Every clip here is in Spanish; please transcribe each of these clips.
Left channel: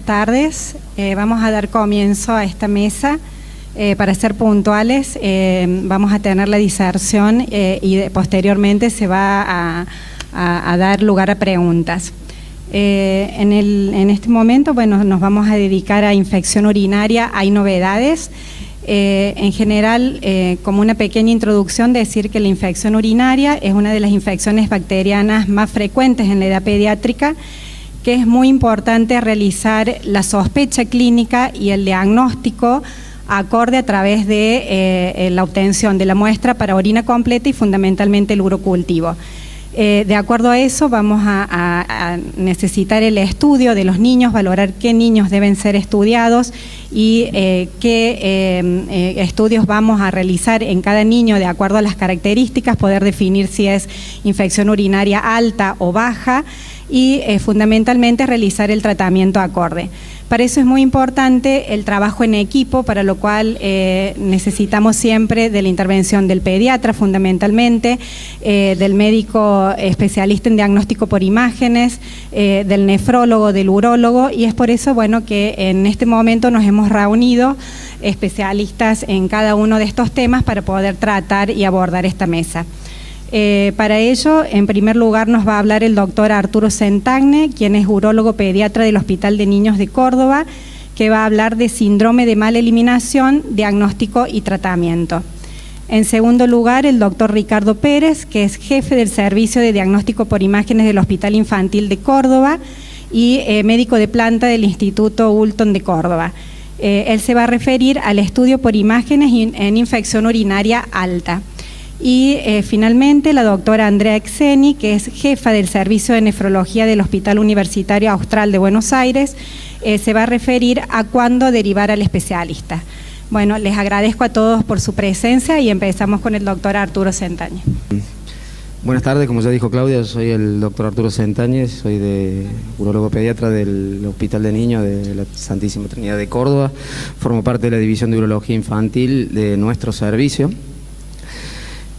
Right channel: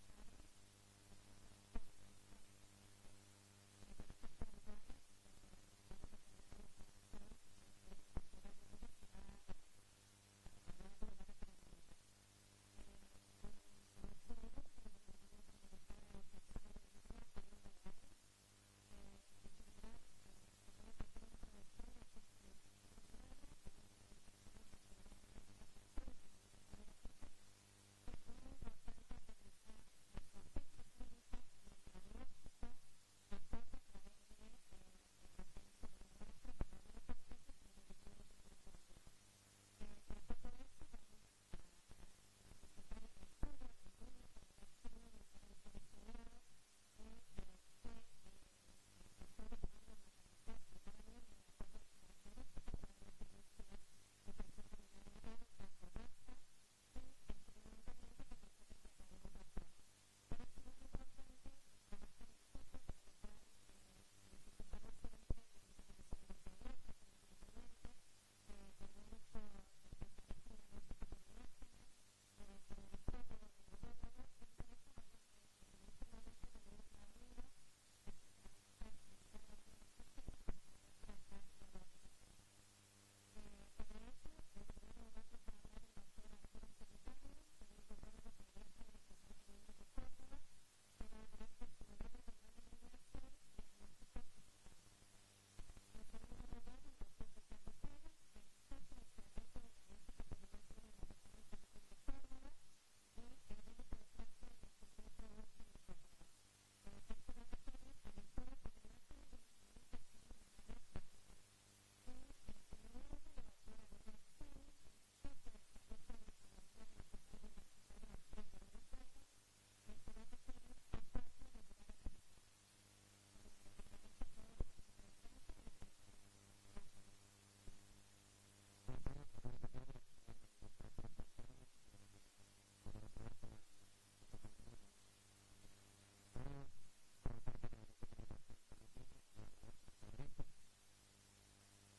buenas tardes. Vamos a dar comienzo a esta mesa. Para ser puntuales, vamos a tener la diserción y posteriormente se va a dar lugar a preguntas. En este momento, bueno, nos vamos a dedicar a infección urinaria. Hay novedades. En general, como una pequeña introducción, decir que la infección urinaria es una de las infecciones bacterianas más frecuentes en la edad pediátrica, que es muy importante realizar la sospecha clínica y el diagnóstico acorde a través de la obtención de la muestra para orina completa y fundamentalmente el urocultivo. De acuerdo a eso vamos a necesitar el estudio de los niños, valorar qué niños deben ser estudiados y qué estudios vamos a realizar en cada niño de acuerdo a las características, poder definir si es infección urinaria alta o baja y fundamentalmente realizar el tratamiento acorde. Para eso es muy importante el trabajo en equipo, para lo cual necesitamos siempre de la intervención del pediatra fundamentalmente, del médico especialista en diagnóstico por imágenes, del nefrólogo, del urólogo, y es por eso, bueno, que en este momento nos hemos reunido especialistas en cada uno de estos temas para poder tratar y abordar esta mesa. Para ello, en primer lugar, nos va a hablar el doctor Arturo Centagne, quien es urólogo pediatra del Hospital de Niños de Córdoba, que va a hablar de síndrome de mala eliminación, diagnóstico y tratamiento. En segundo lugar, el doctor Ricardo Pérez, que es jefe del Servicio de Diagnóstico por Imágenes del Hospital Infantil de Córdoba y médico de planta del Instituto Hulton de Córdoba. Él se va a referir al estudio por imágenes en infección urinaria alta. Y finalmente la doctora Andrea Exeni, que es jefa del Servicio de Nefrología del Hospital Universitario Austral de Buenos Aires, se va a referir a cuándo derivar al especialista. Bueno, les agradezco a todos por su presencia y empezamos con el doctor Arturo Centagne. Buenas tardes, como ya dijo Claudia, soy el doctor Arturo Centagne, soy urólogo pediatra del Hospital de Niños de la Santísima Trinidad de Córdoba, formo parte de la División de Urología Infantil de nuestro servicio.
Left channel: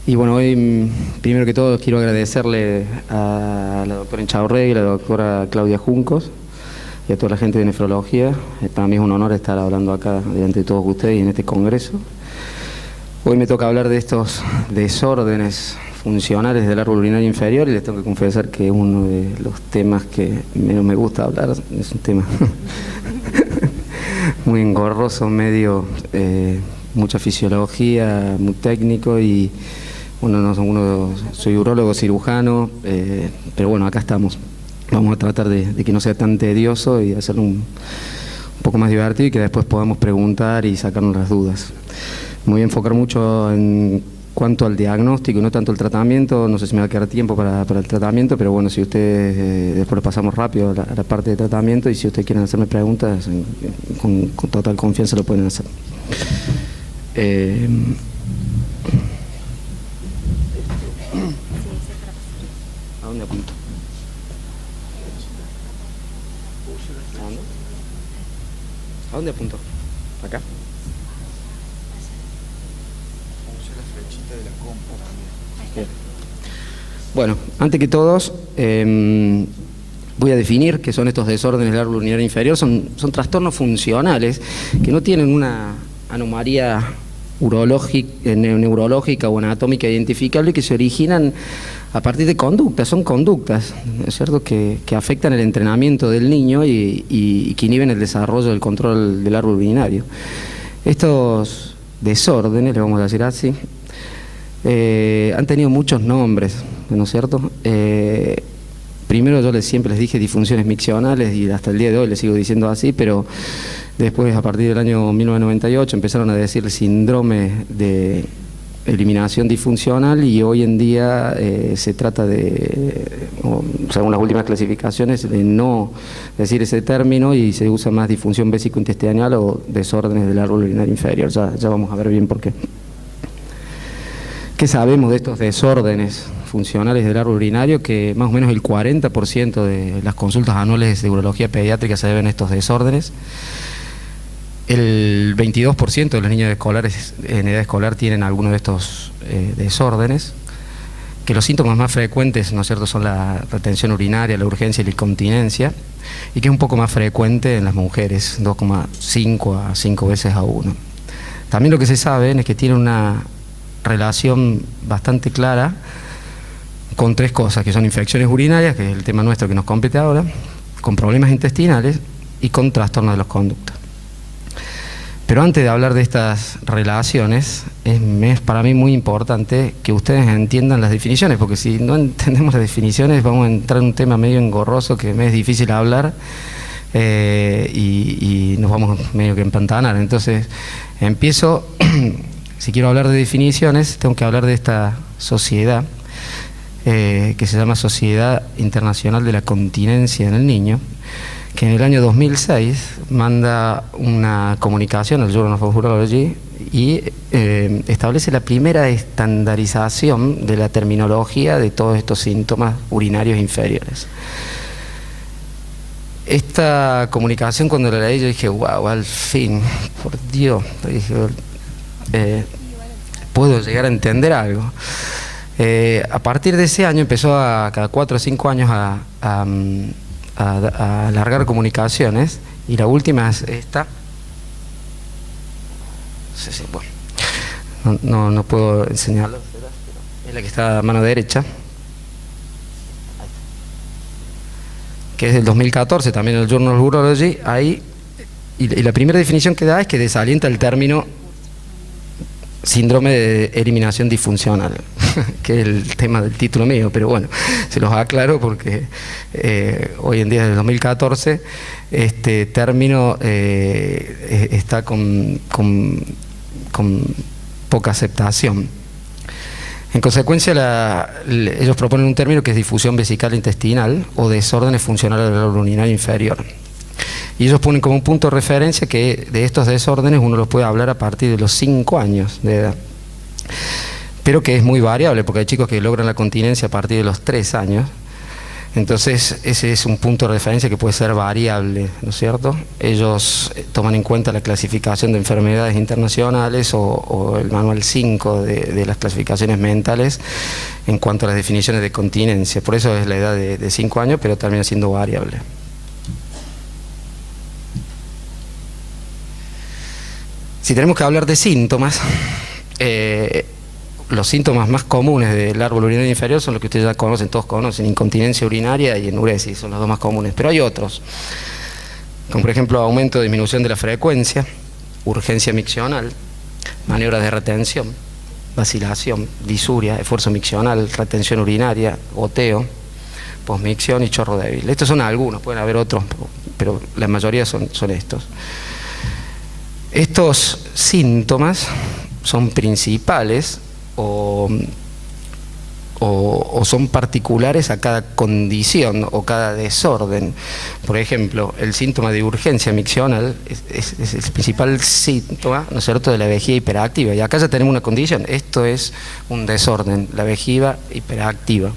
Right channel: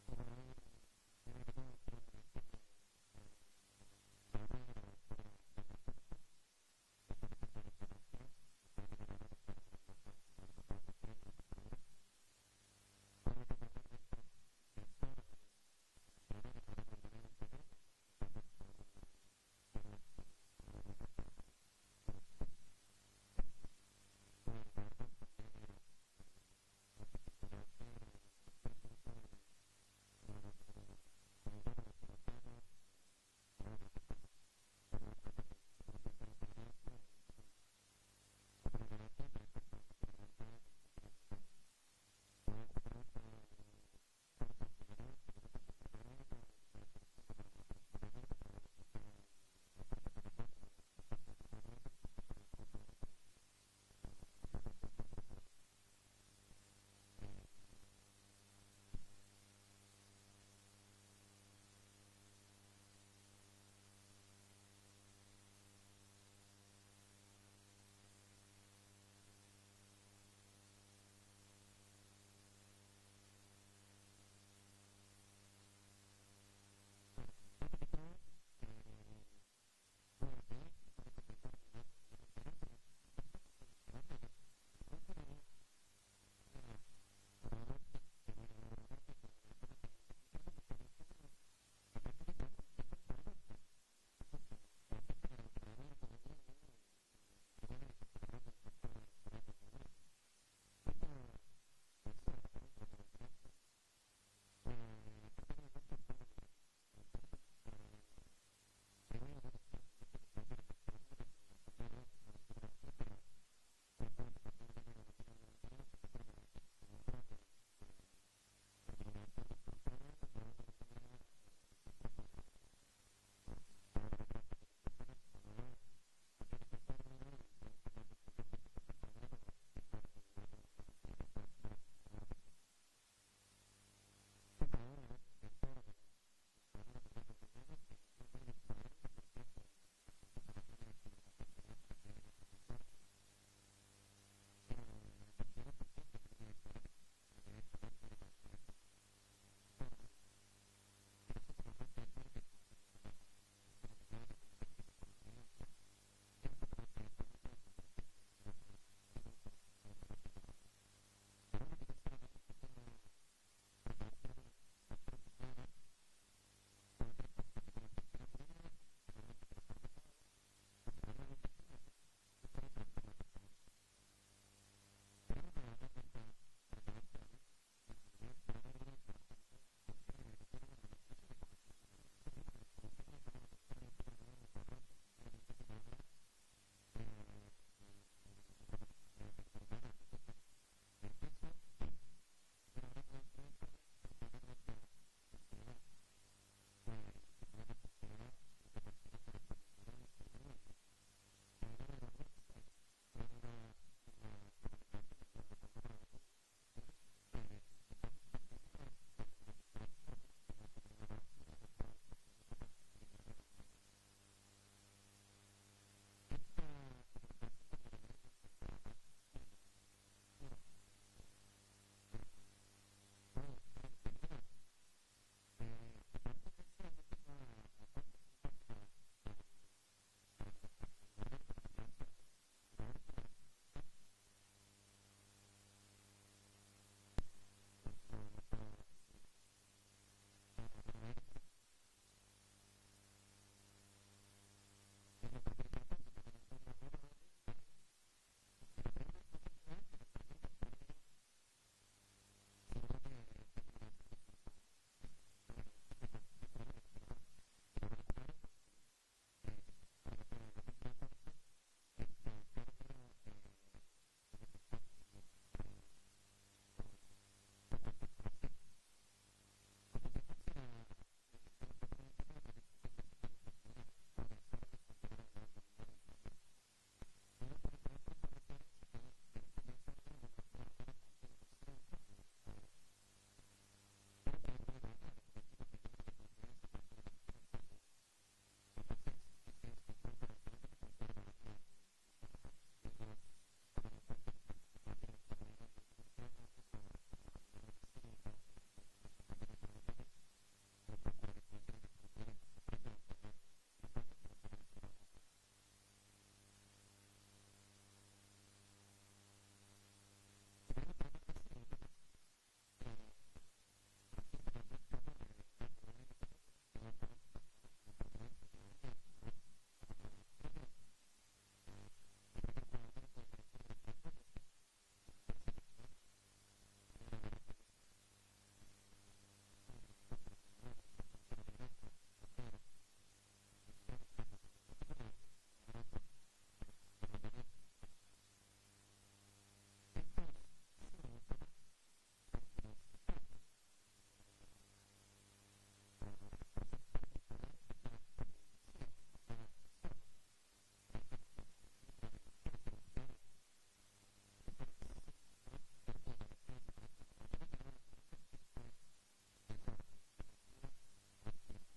Y bueno, hoy primero que todo quiero agradecerle a la doctora Inchaurregui y a la doctora Claudia Juncos y a toda la gente de nefrología. Para mí es un honor estar hablando acá delante de todos ustedes y en este congreso. Hoy me toca hablar de estos desórdenes funcionales del árbol urinario inferior y les tengo que confesar que es uno de los temas que menos me gusta hablar. Es un tema muy engorroso, medio mucha fisiología, muy técnico y soy urólogo cirujano, pero bueno, acá estamos. Vamos a tratar de que no sea tan tedioso y hacerlo un poco más divertido y que después podamos preguntar y sacarnos las dudas. Me voy a enfocar mucho en cuanto al diagnóstico y no tanto el tratamiento. No sé si me va a quedar tiempo para el tratamiento, pero bueno, si ustedes después lo pasamos rápido a la parte de tratamiento y si ustedes quieren hacerme preguntas, con total confianza lo pueden hacer. ¿A dónde apunto? ¿A dónde apunto? ¿Acá? Bien. Bueno, antes que todos, voy a definir qué son estos desórdenes del árbol urinario inferior. Son trastornos funcionales que no tienen una anomalía neurológica o anatómica identificable, que se originan a partir de conductas, son conductas, ¿es cierto?, que afectan el entrenamiento del niño y que inhiben el desarrollo del control del árbol urinario. Estos desórdenes, le vamos a decir así, han tenido muchos nombres, ¿no es cierto? Primero yo siempre les dije disfunciones miccionales y hasta el día de hoy les sigo diciendo así, pero después, a partir del año 1998, empezaron a decir síndrome de eliminación disfuncional y hoy en día se trata según las últimas clasificaciones, de no decir ese término y se usa más disfunción vésico-intestinal o desórdenes del árbol urinario inferior. Ya vamos a ver bien por qué. ¿Qué sabemos de estos desórdenes funcionales del árbol urinario? Que más o menos el 40% de las consultas anuales de urología pediátrica se deben a estos desórdenes. El 22% de los niños escolares en edad escolar tienen alguno de estos desórdenes. que los síntomas más frecuentes, ¿no es cierto?, son la retención urinaria, la urgencia y la incontinencia, y que es un poco más frecuente en las mujeres, 2,5 a 5 veces a 1. También lo que se sabe es que tiene una relación bastante clara con 3 cosas, que son infecciones urinarias, que es el tema nuestro que nos compete ahora, con problemas intestinales y con trastornos de los conductos. Pero antes de hablar de estas relaciones, es para mí muy importante que ustedes entiendan las definiciones, porque si no entendemos las definiciones vamos a entrar en un tema medio engorroso que me es difícil hablar y nos vamos medio que empantanar. Entonces empiezo, si quiero hablar de definiciones, tengo que hablar de esta sociedad que se llama Sociedad Internacional de la Continencia en el Niño, que en el año 2006 manda una comunicación al Journal of Urology y establece la primera estandarización de la terminología de todos estos síntomas urinarios inferiores. Esta comunicación, cuando la leí, yo dije, wow, al fin, por Dios, dije, puedo llegar a entender algo. A partir de ese año empezó cada 4 o 5 años a alargar comunicaciones, y la última es esta. Sí, bueno, no puedo enseñarlo, es la que está a mano derecha, que es del 2014, también en el Journal of Urology. Ahí, y la primera definición que da es que desalienta el término síndrome de eliminación disfuncional, que es el tema del título mío, pero bueno, se los aclaro porque hoy en día, desde el 2014, este término está con poca aceptación. En consecuencia, ellos proponen un término que es difusión vesical intestinal o desórdenes funcionales del árbol urinario inferior. Y ellos ponen como un punto de referencia que de estos desórdenes uno los puede hablar a partir de los 5 años de edad. Pero que es muy variable, porque hay chicos que logran la continencia a partir de los 3 años. Entonces, ese es un punto de referencia que puede ser variable, ¿no es cierto? Ellos toman en cuenta la clasificación de enfermedades internacionales o el manual 5 de las clasificaciones mentales en cuanto a las definiciones de continencia. Por eso es la edad de 5 años, pero termina siendo variable. Si tenemos que hablar de síntomas, los síntomas más comunes del árbol urinario inferior son los que ustedes ya conocen, todos conocen: incontinencia urinaria y enuresis, son los 2 más comunes. Pero hay otros, como por ejemplo aumento o disminución de la frecuencia, urgencia miccional, maniobras de retención, vacilación, disuria, esfuerzo miccional, retención urinaria, goteo, posmicción y chorro débil. Estos son algunos, pueden haber otros, pero la mayoría son estos. Estos síntomas son principales o son particulares a cada condición o cada desorden. Por ejemplo, el síntoma de urgencia miccional es el principal síntoma, ¿no es cierto?, de la vejiga hiperactiva. Y acá ya tenemos una condición: esto es un desorden, la vejiga hiperactiva.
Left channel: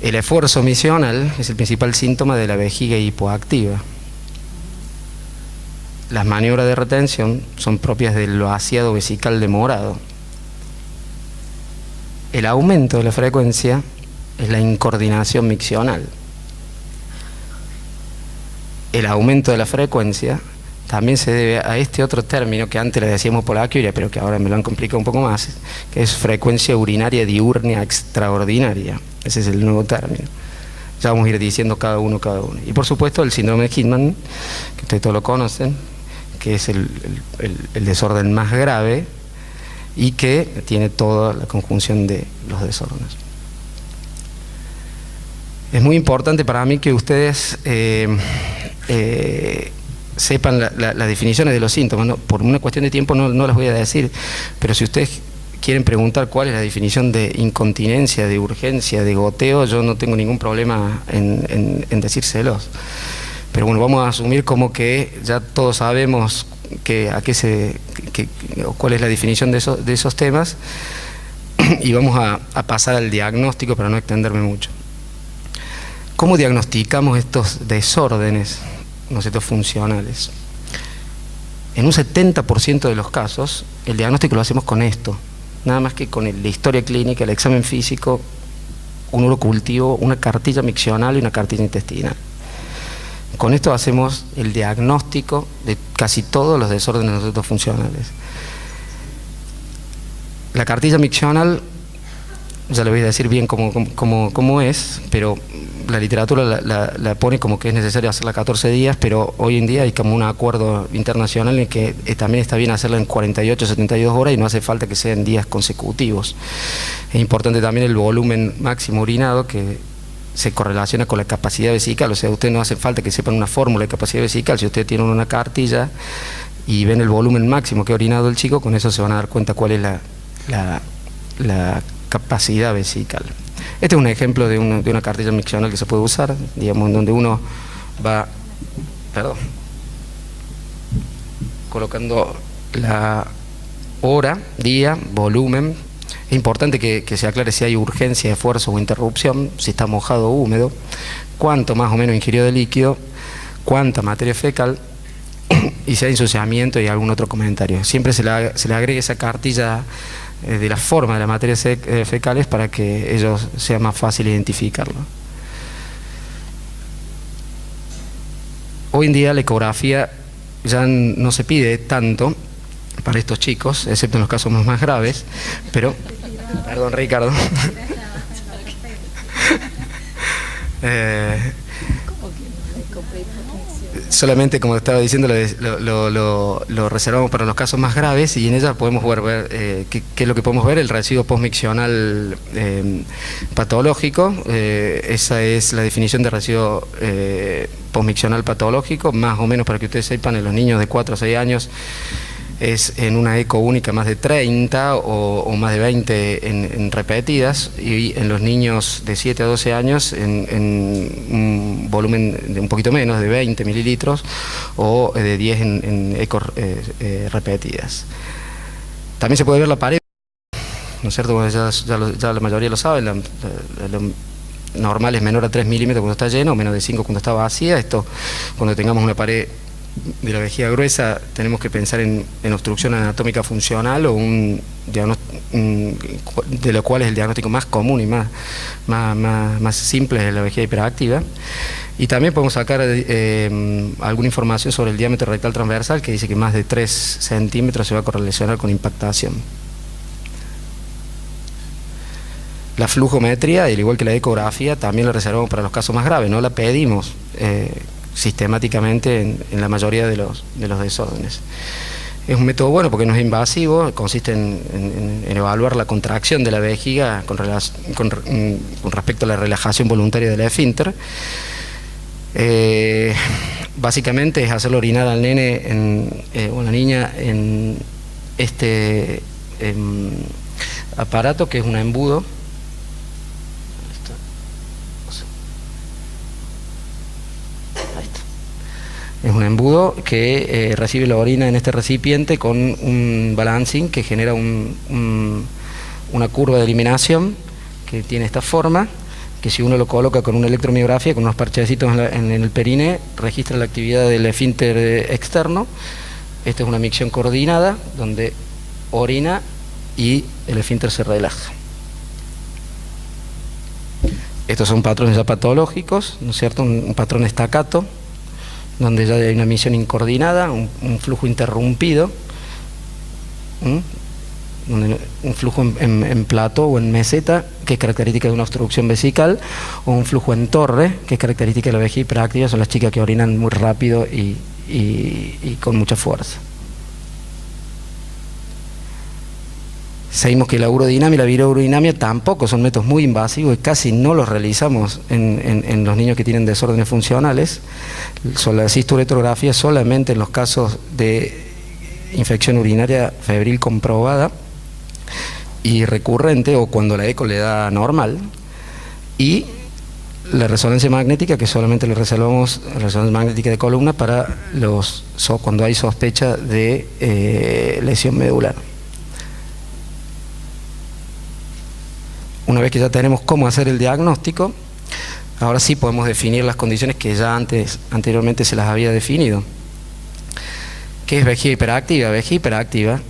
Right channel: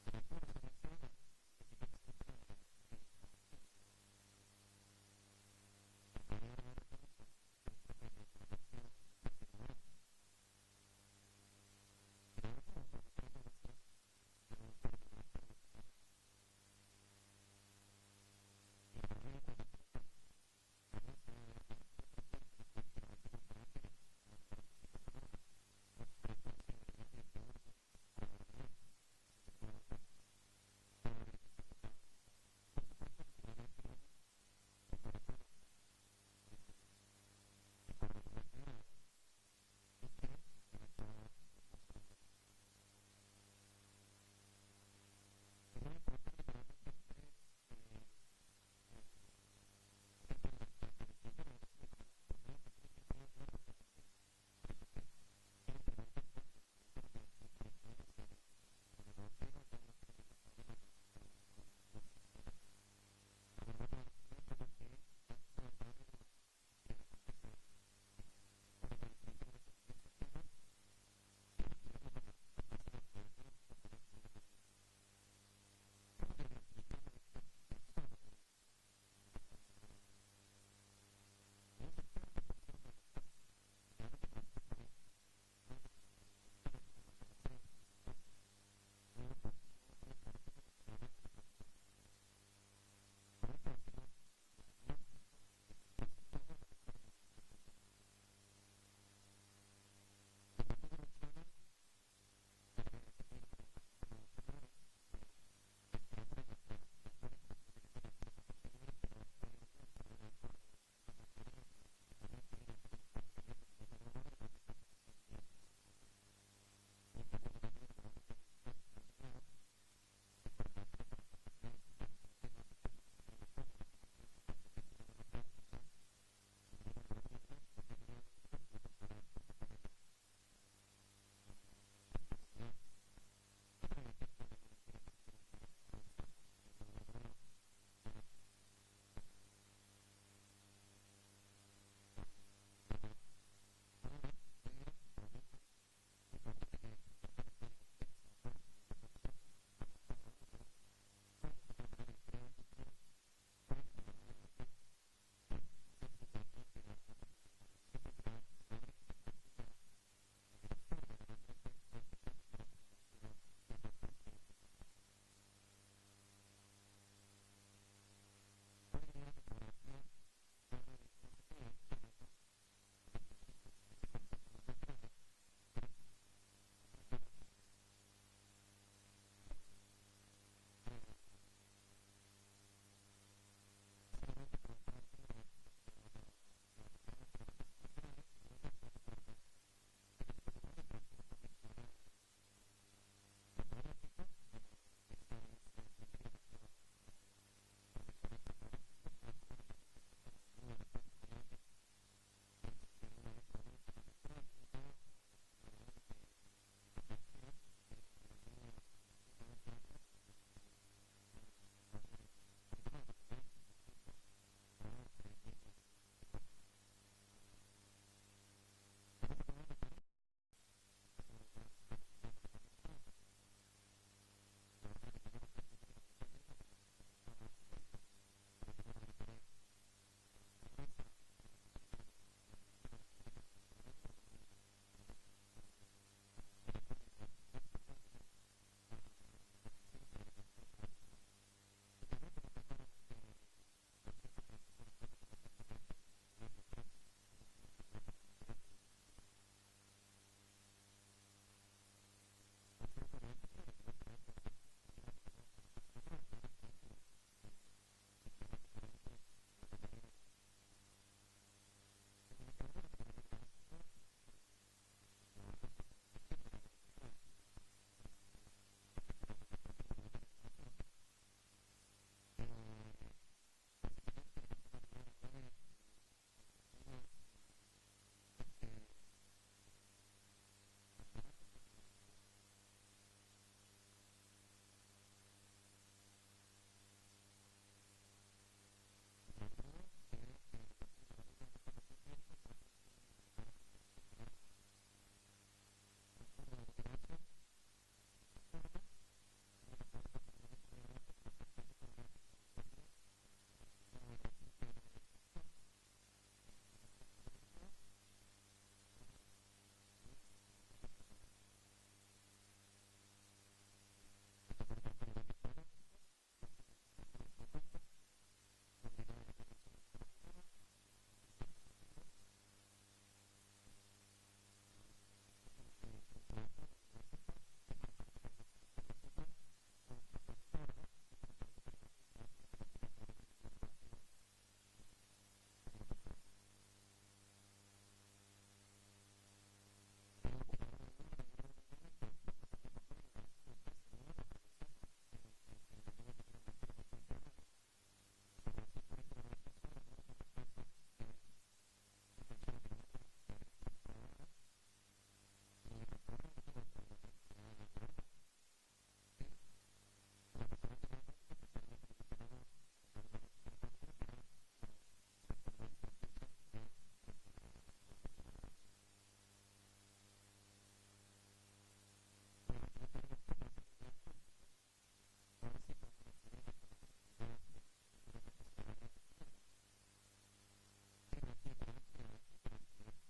El esfuerzo miccional es el principal síntoma de la vejiga hipoactiva. Las maniobras de retención son propias del vaciado vesical demorado. El aumento de la frecuencia es la incoordinación miccional. El aumento de la frecuencia también se debe a este otro término que antes le decíamos polaquiuria, pero que ahora me lo han complicado un poco más, que es frecuencia urinaria diurnia extraordinaria. Ese es el nuevo término. Ya vamos a ir diciendo cada uno. Y por supuesto el síndrome de Kidman, que ustedes todos lo conocen, que es el desorden más grave y que tiene toda la conjunción de los desórdenes. Es muy importante para mí que ustedes sepan las definiciones de los síntomas, ¿no? Por una cuestión de tiempo no las voy a decir, pero si ustedes quieren preguntar cuál es la definición de incontinencia, de urgencia, de goteo, yo no tengo ningún problema en decírselos. Pero bueno, vamos a asumir como que ya todos sabemos cuál es la definición de esos temas, y vamos a pasar al diagnóstico para no extenderme mucho. ¿Cómo diagnosticamos estos desórdenes, ¿no es cierto?, funcionales? En un 70% de los casos, el diagnóstico lo hacemos con esto. nada más que con la historia clínica, el examen físico, un urocultivo, una cartilla miccional y una cartilla intestinal. Con esto hacemos el diagnóstico de casi todos los desórdenes funcionales. La cartilla miccional, ya le voy a decir bien cómo es, pero la literatura la pone como que es necesario hacerla 14 días, pero hoy en día hay como un acuerdo internacional en que también está bien hacerla en 48, 72 horas y no hace falta que sean días consecutivos. Es importante también el volumen máximo urinado, que se correlaciona con la capacidad vesical, o sea, usted no hace falta que sepan una fórmula de capacidad vesical. Si usted tiene una cartilla y ven el volumen máximo que ha orinado el chico, con eso se van a dar cuenta cuál es la capacidad vesical. Este es un ejemplo de una cartilla miccional que se puede usar, digamos, en donde uno va, colocando la hora, día, volumen. Es importante que se aclare si hay urgencia, esfuerzo o interrupción, si está mojado o húmedo, cuánto más o menos ingirió de líquido, cuánta materia fecal y si hay ensuciamiento y algún otro comentario. Siempre se le agrega esa cartilla de la forma de las materias fecales para que ellos sea más fácil identificarlo. Hoy en día la ecografía ya no se pide tanto para estos chicos, excepto en los casos más graves, pero... Perdón, Ricardo. Solamente, como estaba diciendo, lo reservamos para los casos más graves y en ella podemos ver qué es lo que podemos ver, el residuo postmiccional patológico. Esa es la definición de residuo postmiccional patológico, más o menos para que ustedes sepan, en los niños de 4 a 6 años es en una eco única más de 30 o más de 20 en repetidas, y en los niños de 7 a 12 años en un volumen de un poquito menos, de 20 mililitros o de 10 en ecos repetidas. También se puede ver la pared, ¿no es cierto? Bueno, ya la mayoría lo sabe, lo normal es menor a 3 milímetros cuando está lleno, menos de 5 cuando está vacía. Esto, cuando tengamos una pared de la vejiga gruesa, tenemos que pensar en obstrucción anatómica funcional o de lo cual es el diagnóstico más común y más simple de la vejiga hiperactiva. Y también podemos sacar alguna información sobre el diámetro rectal transversal, que dice que más de 3 centímetros se va a correlacionar con impactación. La flujometría, al igual que la ecografía, también la reservamos para los casos más graves, no la pedimos sistemáticamente en la mayoría de los desórdenes. Es un método bueno porque no es invasivo, consiste en evaluar la contracción de la vejiga con respecto a la relajación voluntaria del esfínter. Básicamente es hacerlo orinar al nene o a la niña en este aparato, que es un embudo. Es un embudo que recibe la orina en este recipiente con un balancing que genera una curva de eliminación que tiene esta forma, que si uno lo coloca con una electromiografía, con unos parchecitos en el perine, registra la actividad del esfínter externo. Esta es una micción coordinada donde orina y el esfínter se relaja. Estos son patrones ya patológicos, ¿no es cierto? Un patrón estacato, donde ya hay una misión incoordinada, un flujo interrumpido, un flujo en plato o en meseta, que es característica de una obstrucción vesical, o un flujo en torre, que es característica de la vejiga hiperactiva. Son las chicas que orinan muy rápido y con mucha fuerza. Seguimos que la urodinamia y la virourodinamia tampoco son métodos muy invasivos y casi no los realizamos en los niños que tienen desórdenes funcionales. La cisturetrografía solamente en los casos de infección urinaria febril comprobada y recurrente, o cuando la eco le da normal, y la resonancia magnética, que solamente le reservamos resonancia magnética de columna para cuando hay sospecha de lesión medular. Una vez que ya tenemos cómo hacer el diagnóstico, ahora sí podemos definir las condiciones que ya anteriormente se las había definido. ¿Qué es vejiga hiperactiva? Vejiga hiperactiva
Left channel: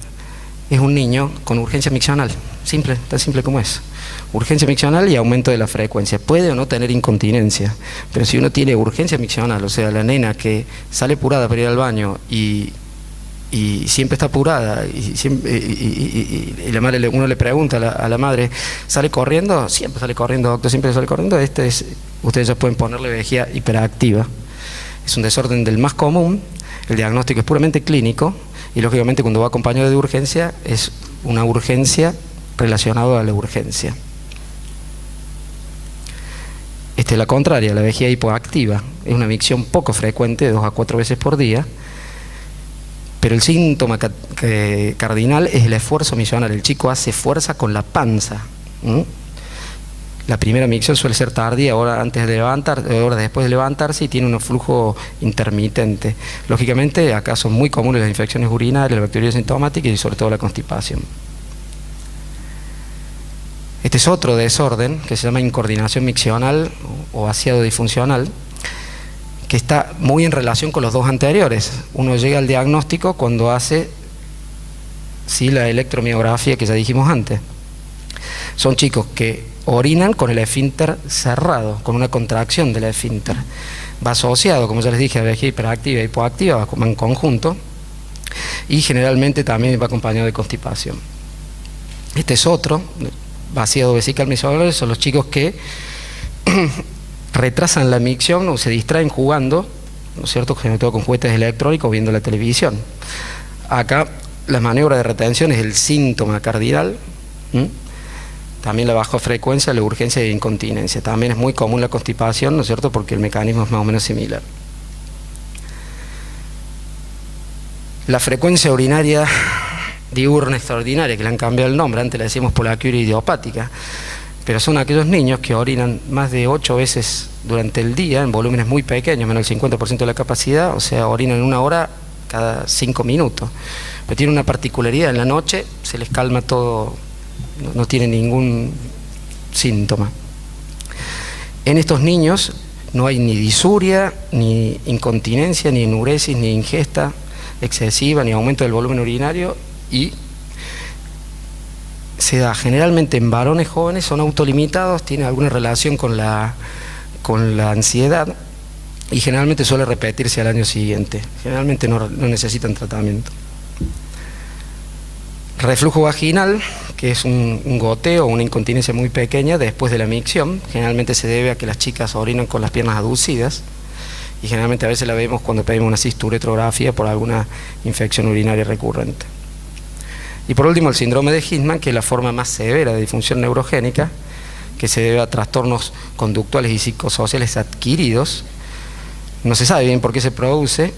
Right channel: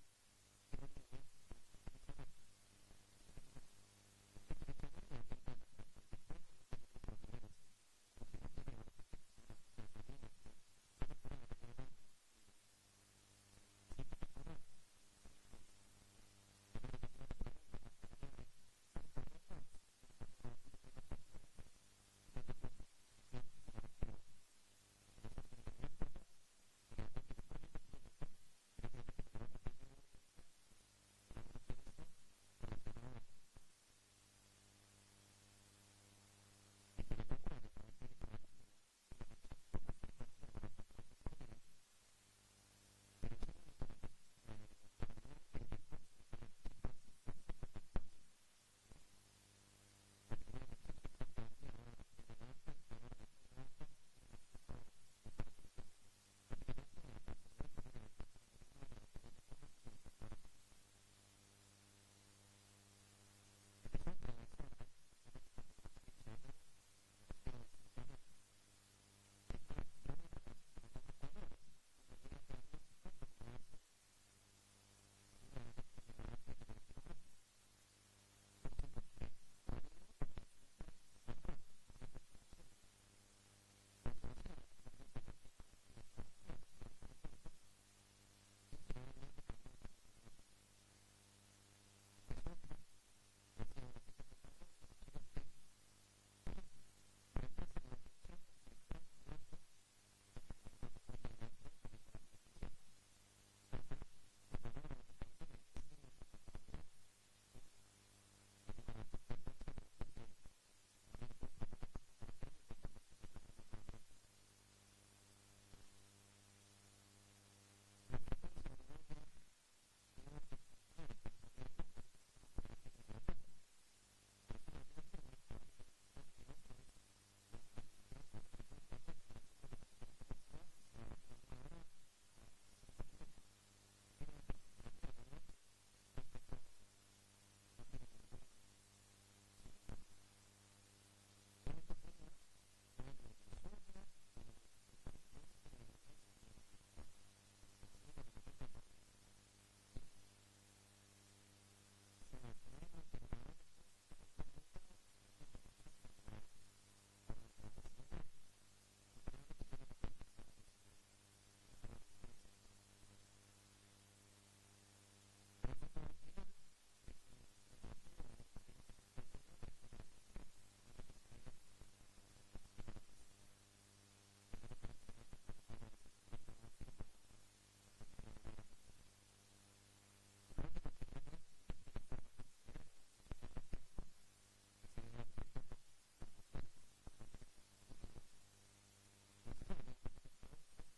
es un niño con urgencia miccional, simple, tan simple como es. Urgencia miccional y aumento de la frecuencia. Puede o no tener incontinencia, pero si uno tiene urgencia miccional, o sea, la nena que sale apurada para ir al baño y siempre está apurada, y la madre, uno le pregunta a la madre, ¿sale corriendo? Siempre sale corriendo, doctor, siempre sale corriendo. Ustedes ya pueden ponerle vejiga hiperactiva. Es un desorden del más común, el diagnóstico es puramente clínico, y lógicamente cuando va acompañado de urgencia, es una urgencia relacionada a la urgencia. La contraria, la vejiga hipoactiva, es una micción poco frecuente, 2 a 4 veces por día, pero el síntoma cardinal es el esfuerzo miccional. El chico hace fuerza con la panza. La primera micción suele ser tardía, horas antes de levantar, horas después de levantarse, y tiene un flujo intermitente. Lógicamente, acá son muy comunes las infecciones urinarias, la bacteriología sintomática y sobre todo la constipación. Este es otro desorden que se llama incoordinación miccional o vaciado disfuncional, que está muy en relación con los dos anteriores. Uno llega al diagnóstico cuando hace la electromiografía que ya dijimos antes. Son chicos que orinan con el esfínter cerrado, con una contracción del esfínter. Va asociado, como ya les dije, a vejiga hiperactiva e hipoactiva, va en conjunto, y generalmente también va acompañado de constipación. Este es otro, vaciado vesical miccional, son los chicos que retrasan la micción o se distraen jugando, ¿no es cierto?, sobre todo con juguetes electrónicos, viendo la televisión. Acá la maniobra de retención es el síntoma cardinal. También la baja frecuencia, la urgencia e incontinencia. También es muy común la constipación, ¿no es cierto?, porque el mecanismo es más o menos similar. La frecuencia urinaria diurna extraordinaria, que le han cambiado el nombre, antes le decíamos poliaquia idiopática, pero son aquellos niños que orinan más de 8 veces durante el día, en volúmenes muy pequeños, menos del 50% de la capacidad, o sea, orinan en 1 hora cada 5 minutos. Pero tiene una particularidad, en la noche se les calma todo, no tiene ningún síntoma. En estos niños no hay ni disuria, ni incontinencia, ni enuresis, ni ingesta excesiva, ni aumento del volumen urinario, y se da generalmente en varones jóvenes, son autolimitados, tiene alguna relación con la ansiedad, y generalmente suele repetirse al año siguiente. Generalmente no necesitan tratamiento. Reflujo vaginal, que es un goteo o una incontinencia muy pequeña después de la micción. Generalmente se debe a que las chicas orinan con las piernas aducidas, y generalmente a veces la vemos cuando pedimos una cisturetrografía por alguna infección urinaria recurrente. Y por último, el síndrome de Hirschman, que es la forma más severa de disfunción neurogénica, que se debe a trastornos conductuales y psicosociales adquiridos. No se sabe bien por qué se produce.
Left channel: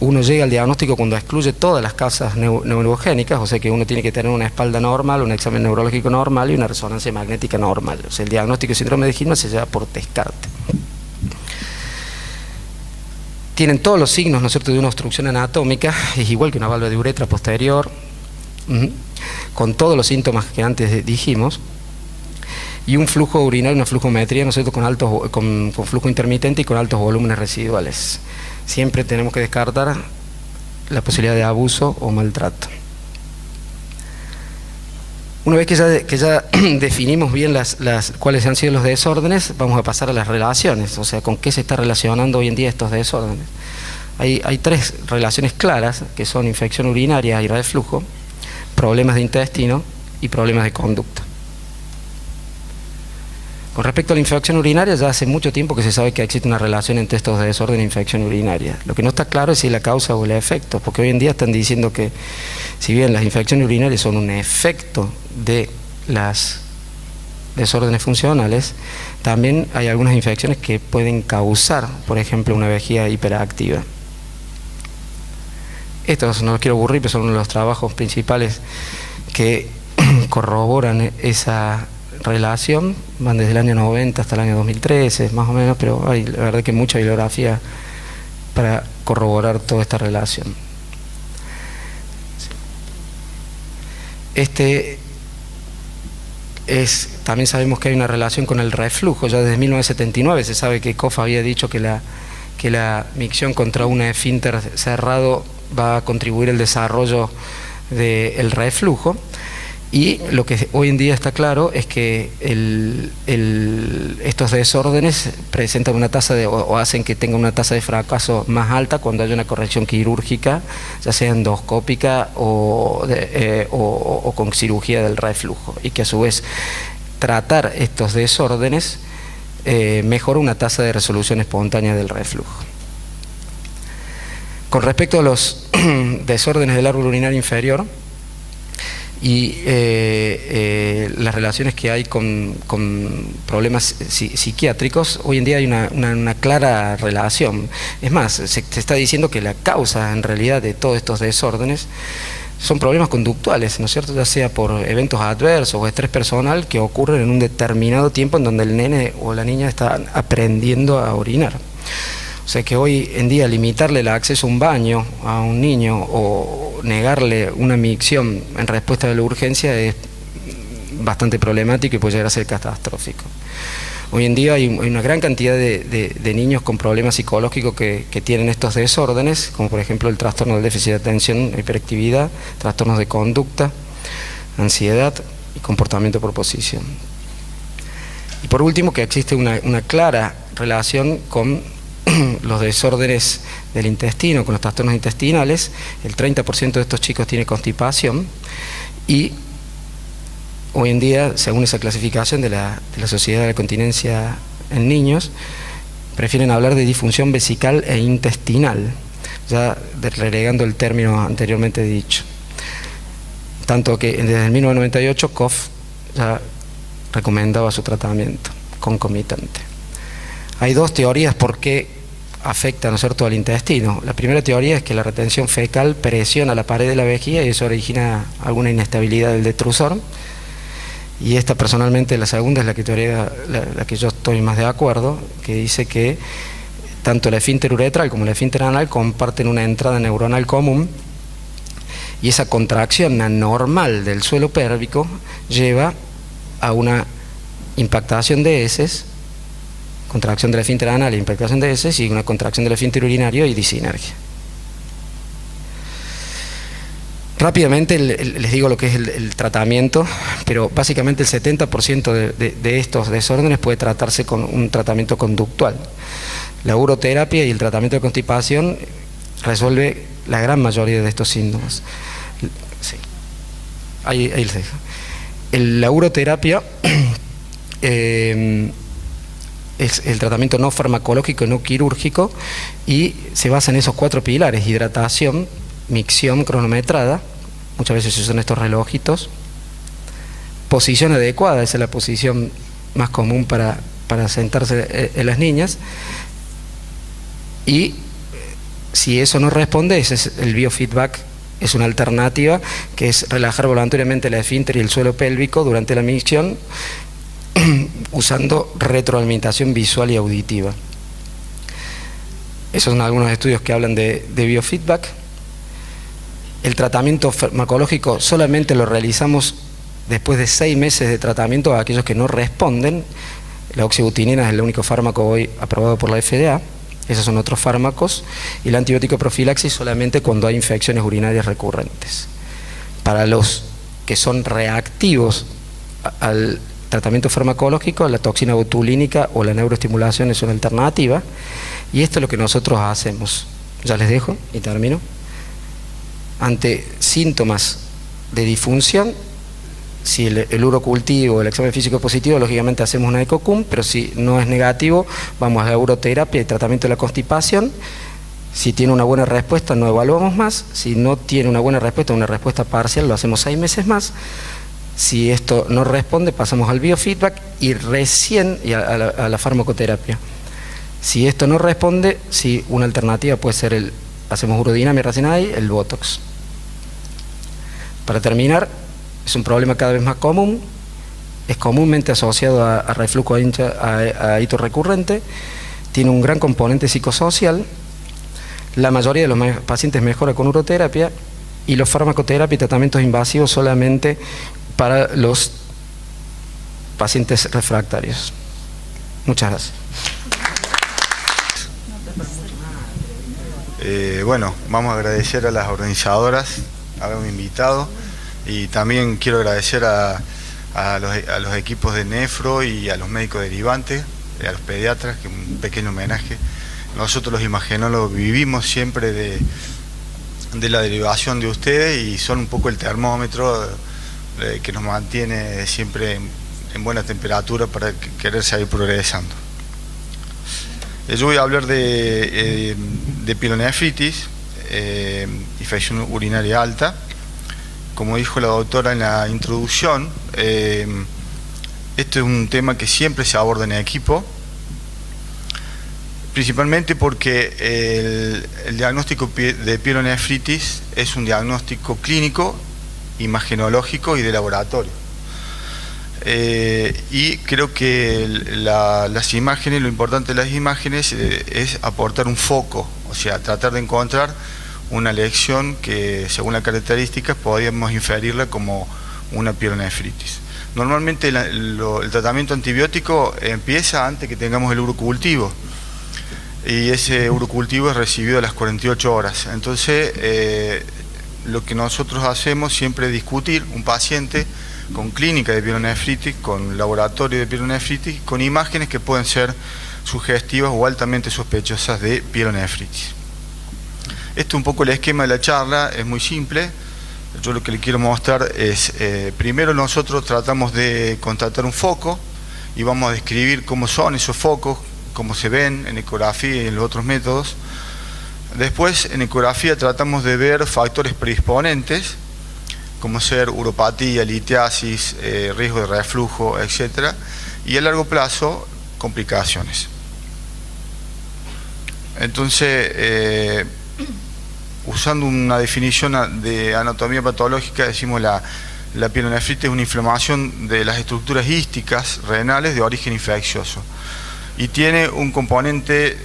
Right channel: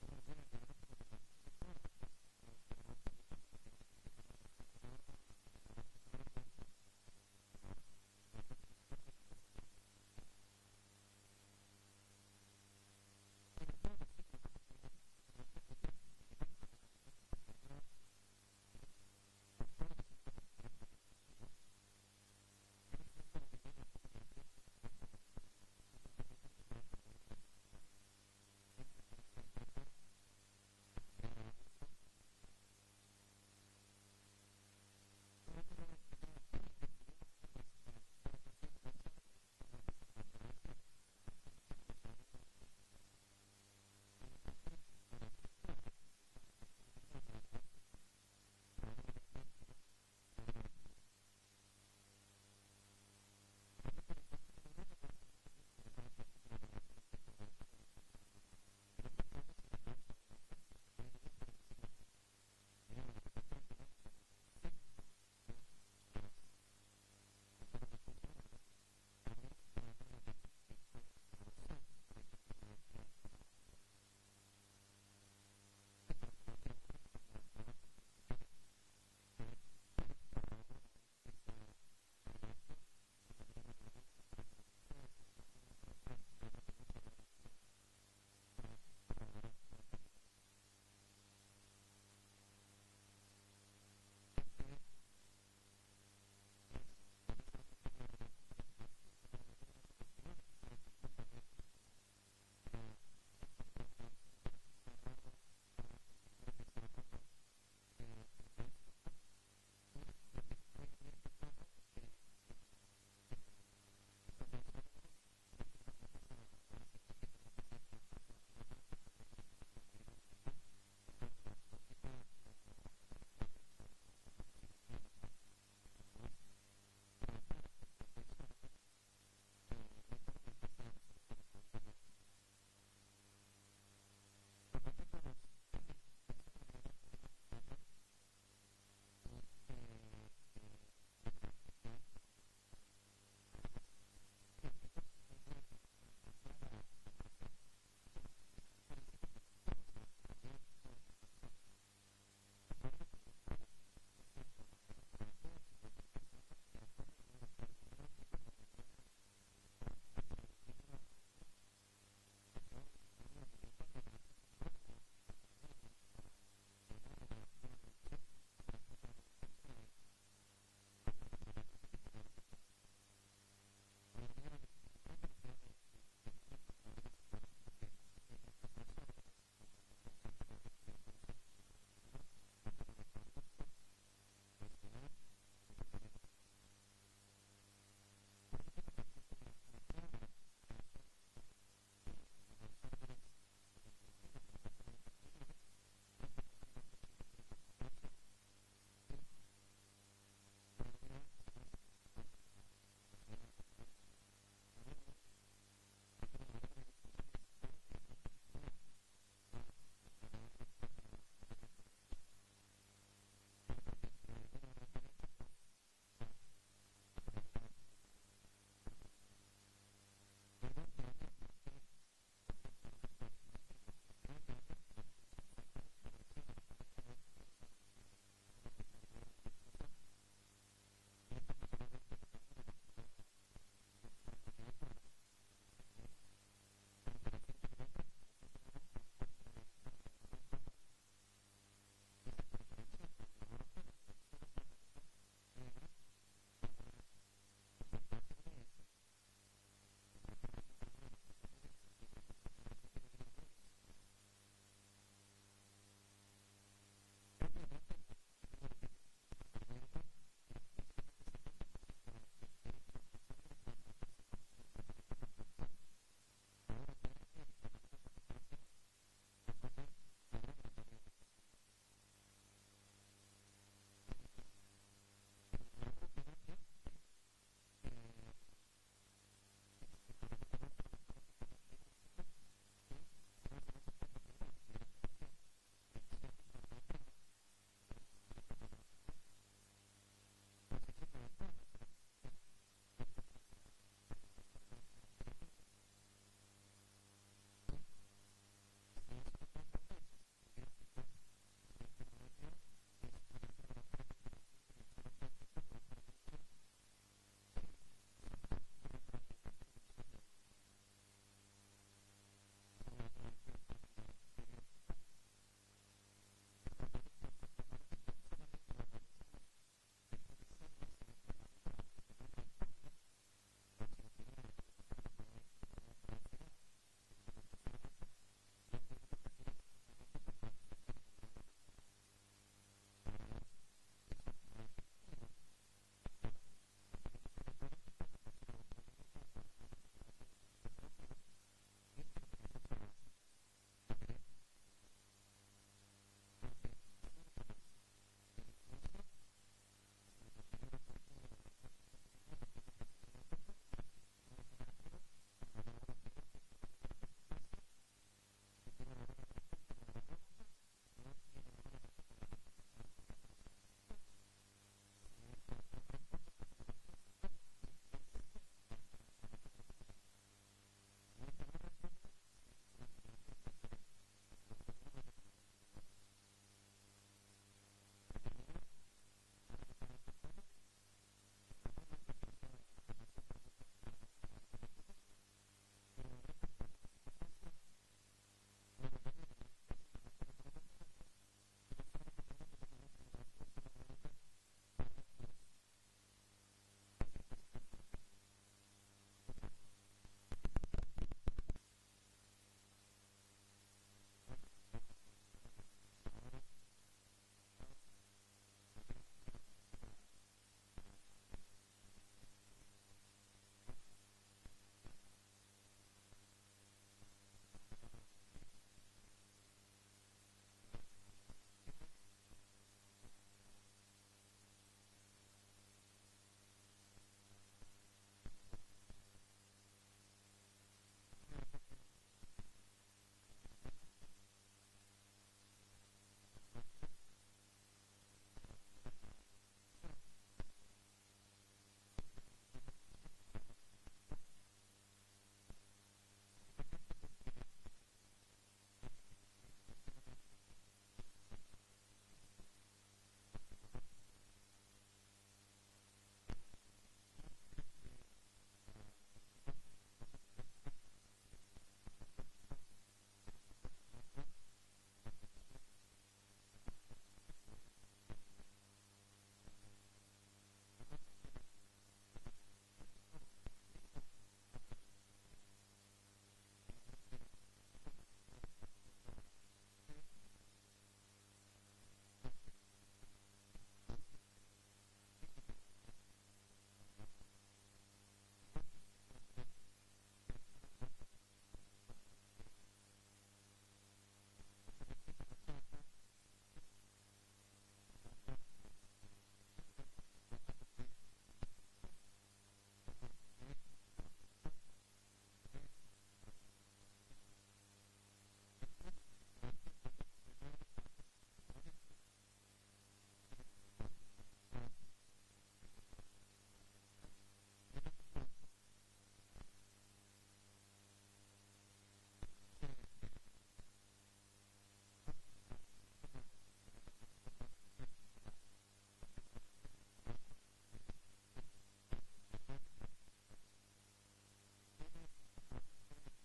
Uno llega al diagnóstico cuando excluye todas las causas neurogénicas, o sea que uno tiene que tener una espalda normal, un examen neurológico normal y una resonancia magnética normal. O sea, el diagnóstico de síndrome de Hirschman se lleva por descarte. Tienen todos los signos, ¿no es cierto?, de una obstrucción anatómica, es igual que una válvula de uretra posterior, con todos los síntomas que antes dijimos, y un flujo urinario, una flujometría, ¿no es cierto?, con flujo intermitente y con altos volúmenes residuales. Siempre tenemos que descartar la posibilidad de abuso o maltrato. Una vez que ya definimos bien cuáles han sido los desórdenes, vamos a pasar a las relaciones, o sea, con qué se está relacionando hoy en día estos desórdenes. Hay 3 relaciones claras, que son infección urinaria y reflujo, problemas de intestino y problemas de conducta. Con respecto a la infección urinaria, ya hace mucho tiempo que se sabe que existe una relación entre estos desórdenes e infección urinaria. Lo que no está claro es si la causa o el efecto, porque hoy en día están diciendo que si bien las infecciones urinarias son un efecto de las desórdenes funcionales, también hay algunas infecciones que pueden causar, por ejemplo, una vejiga hiperactiva. Estos no los quiero aburrir, pero son uno de los trabajos principales que corroboran esa relación. Van desde el año 90 hasta el año 2013, más o menos, pero hay la verdad que mucha bibliografía para corroborar toda esta relación. También sabemos que hay una relación con el reflujo. Ya desde 1979 se sabe que Koff había dicho que la micción contra un esfínter cerrado va a contribuir al desarrollo del reflujo. Y lo que hoy en día está claro es que estos desórdenes presentan una tasa o hacen que tenga una tasa de fracaso más alta cuando hay una corrección quirúrgica, ya sea endoscópica o con cirugía del reflujo, y que a su vez tratar estos desórdenes mejora una tasa de resolución espontánea del reflujo. Con respecto a los desórdenes del árbol urinario inferior y las relaciones que hay con problemas psiquiátricos, hoy en día hay una clara relación. Es más, se está diciendo que la causa en realidad de todos estos desórdenes son problemas conductuales, ¿no es cierto?, ya sea por eventos adversos o estrés personal que ocurren en un determinado tiempo en donde el nene o la niña están aprendiendo a orinar. O sea que hoy en día limitarle el acceso a un baño a un niño o negarle una micción en respuesta a la urgencia es bastante problemático y puede llegar a ser catastrófico. Hoy en día hay una gran cantidad de niños con problemas psicológicos que tienen estos desórdenes, como por ejemplo el trastorno del déficit de atención, hiperactividad, trastornos de conducta, ansiedad y comportamiento por posición. Y por último, que existe una clara relación con los desórdenes del intestino, con los trastornos intestinales. El 30% de estos chicos tiene constipación y hoy en día, según esa clasificación de la Sociedad de la Continencia en Niños, prefieren hablar de disfunción vesical e intestinal, ya relegando el término anteriormente dicho. Tanto que desde el 1998 COF ya recomendaba su tratamiento concomitante. Hay dos teorías por qué afecta, ¿no es cierto?, al intestino. La primera teoría es que la retención fecal presiona la pared de la vejiga y eso origina alguna inestabilidad del detrusor. Y esta personalmente, la segunda, es la que yo estoy más de acuerdo, que dice que tanto el esfínter uretral como el esfínter anal comparten una entrada neuronal común y esa contracción anormal del suelo pélvico lleva a una impactación de heces, contracción del esfínter anal e impactación de heces, y una contracción del esfínter urinario y disinergia. Rápidamente les digo lo que es el tratamiento, pero básicamente el 70% de estos desórdenes puede tratarse con un tratamiento conductual. La uroterapia y el tratamiento de constipación resuelve la gran mayoría de estos síntomas. Sí. Ahí les dejo. La uroterapia es el tratamiento no farmacológico y no quirúrgico y se basa en esos 4 pilares: hidratación, micción cronometrada, muchas veces se usan estos relojitos, posición adecuada, esa es la posición más común para sentarse en las niñas, y si eso no responde, ese es el biofeedback, es una alternativa que es relajar voluntariamente el esfínter y el suelo pélvico durante la micción usando retroalimentación visual y auditiva. Esos son algunos estudios que hablan de biofeedback. El tratamiento farmacológico solamente lo realizamos después de 6 meses de tratamiento a aquellos que no responden. La oxybutinina es el único fármaco hoy aprobado por la FDA. Esos son otros fármacos. Y la antibiótico profilaxis solamente cuando hay infecciones urinarias recurrentes. Para los que son reactivos al tratamiento farmacológico, la toxina botulínica o la neuroestimulación es una alternativa, y esto es lo que nosotros hacemos. Ya les dejo y termino. Ante síntomas de disfunción, si el urocultivo, el examen físico positivo, lógicamente hacemos una ECOCUM, pero si no es negativo, vamos a la uroterapia y tratamiento de la constipación. Si tiene una buena respuesta, no evaluamos más. Si no tiene una buena respuesta, una respuesta parcial, lo hacemos 6 meses más. Si esto no responde, pasamos al biofeedback y recién a la farmacoterapia. Si esto no responde, sí, una alternativa puede ser hacemos urodinamia racemada y el Botox. Para terminar, es un problema cada vez más común, es comúnmente asociado a reflujo a hito recurrente, tiene un gran componente psicosocial, la mayoría de los pacientes mejora con uroterapia, y los farmacoterapia y tratamientos invasivos solamente para los pacientes refractarios. Muchas gracias. Bueno, vamos a agradecer a las organizadoras haberme invitado, y también quiero agradecer a los equipos de nefro y a los médicos derivantes, a los pediatras, que un pequeño homenaje. Nosotros los imagenólogos vivimos siempre de la derivación de ustedes y son un poco el termómetro que nos mantiene siempre en buena temperatura para querer seguir progresando. Yo voy a hablar de pielonefritis, infección urinaria alta. Como dijo la doctora en la introducción, este es un tema que siempre se aborda en equipo, principalmente porque el diagnóstico de pielonefritis es un diagnóstico clínico, imagenológico y de laboratorio. Y creo que las imágenes, lo importante de las imágenes es aportar un foco, o sea, tratar de encontrar una lesión que, según las características, podríamos inferirla como una pielonefritis. Normalmente el tratamiento antibiótico empieza antes que tengamos el urocultivo, y ese urocultivo es recibido a las 48 horas. Entonces, lo que nosotros hacemos siempre es discutir un paciente con clínica de pielonefritis, con laboratorio de pielonefritis, con imágenes que pueden ser sugestivas o altamente sospechosas de pielonefritis. Este es un poco el esquema de la charla, es muy simple. Yo lo que le quiero mostrar es, primero nosotros tratamos de contactar un foco y vamos a describir cómo son esos focos, cómo se ven en ecografía y en los otros métodos. Después, en ecografía tratamos de ver factores predisponentes, como ser uropatía, litiasis, riesgo de reflujo, etc. Y a largo plazo, complicaciones. Entonces, usando una definición de anatomía patológica, decimos la pielonefritis es una inflamación de las estructuras hísticas renales de origen infeccioso. Y tiene un componente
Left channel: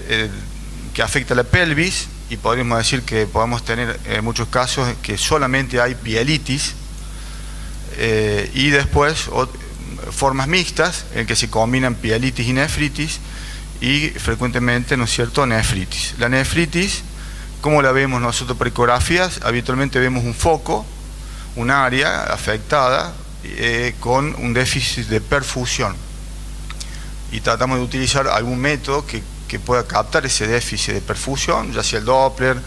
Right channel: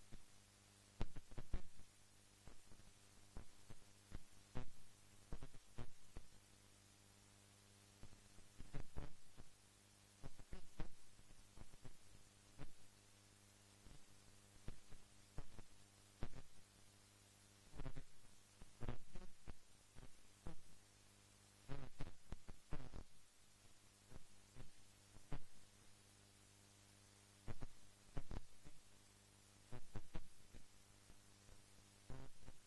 que afecta a la pelvis, y podríamos decir que podemos tener en muchos casos que solamente hay pielitis, y después formas mixtas en que se combinan pielitis y nefritis, y frecuentemente, ¿no es cierto?, nefritis. La nefritis, ¿cómo la vemos nosotros por ecografías? Habitualmente vemos un foco, un área afectada con un déficit de perfusión, y tratamos de utilizar algún método que pueda captar ese déficit de perfusión, ya sea el Doppler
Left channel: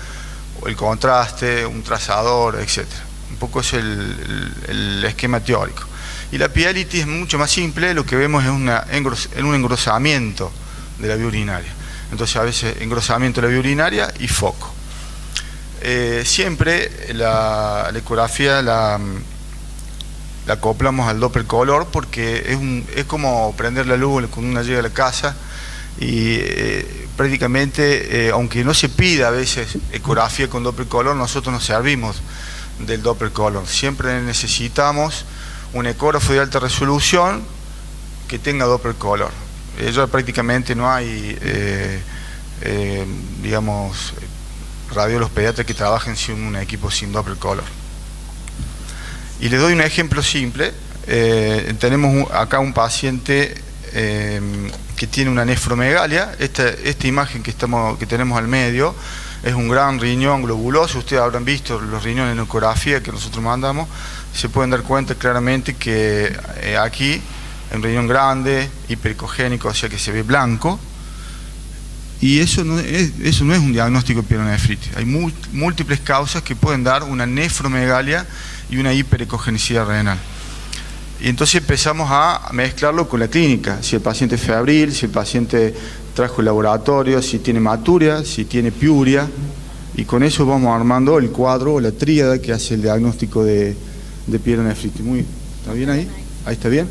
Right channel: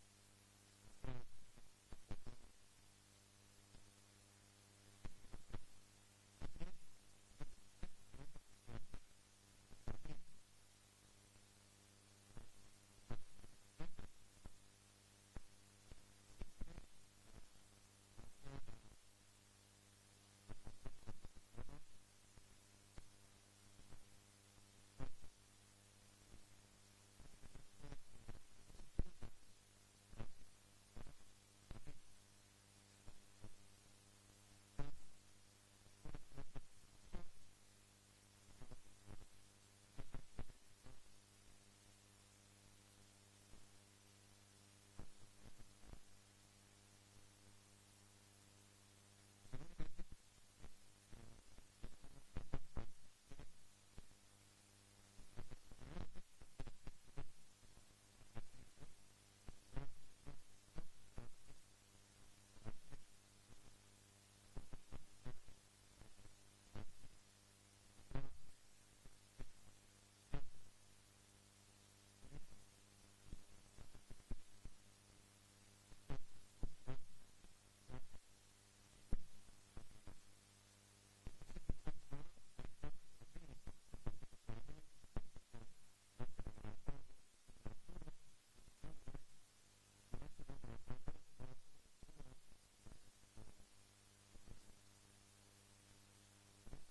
o el contraste, un trazador, etc. Un poco es el esquema teórico. Y la pielitis es mucho más simple, lo que vemos es un engrosamiento de la vía urinaria. Entonces, a veces engrosamiento de la vía urinaria y foco. Siempre la ecografía la acoplamos al Doppler color, porque es como prender la luz cuando uno llega a la casa, y prácticamente, aunque no se pida a veces ecografía con Doppler color, nosotros nos servimos del Doppler color. Siempre necesitamos un ecógrafo de alta resolución que tenga Doppler color. Ya prácticamente no hay, digamos, radiólogos pediatras que trabajen sin un equipo sin Doppler color. Y les doy un ejemplo simple. Tenemos acá un paciente que tiene una nefromegalia. Esta imagen que tenemos al medio es un gran riñón globuloso. Ustedes habrán visto los riñones en ecografía que nosotros mandamos. Se pueden dar cuenta claramente que aquí hay un riñón grande, hipericogénico, o sea que se ve blanco. Y eso no es un diagnóstico de pielonefritis. Hay múltiples causas que pueden dar una nefromegalia y una hiperecogenicidad renal. Y entonces empezamos a mezclarlo con la clínica, si el paciente es febril, si el paciente trajo el laboratorio, si tiene hematuria, si tiene piuria, y con eso vamos armando el cuadro o la tríada que hace el diagnóstico de pielonefritis. ¿Está bien ahí? ¿Ahí está bien?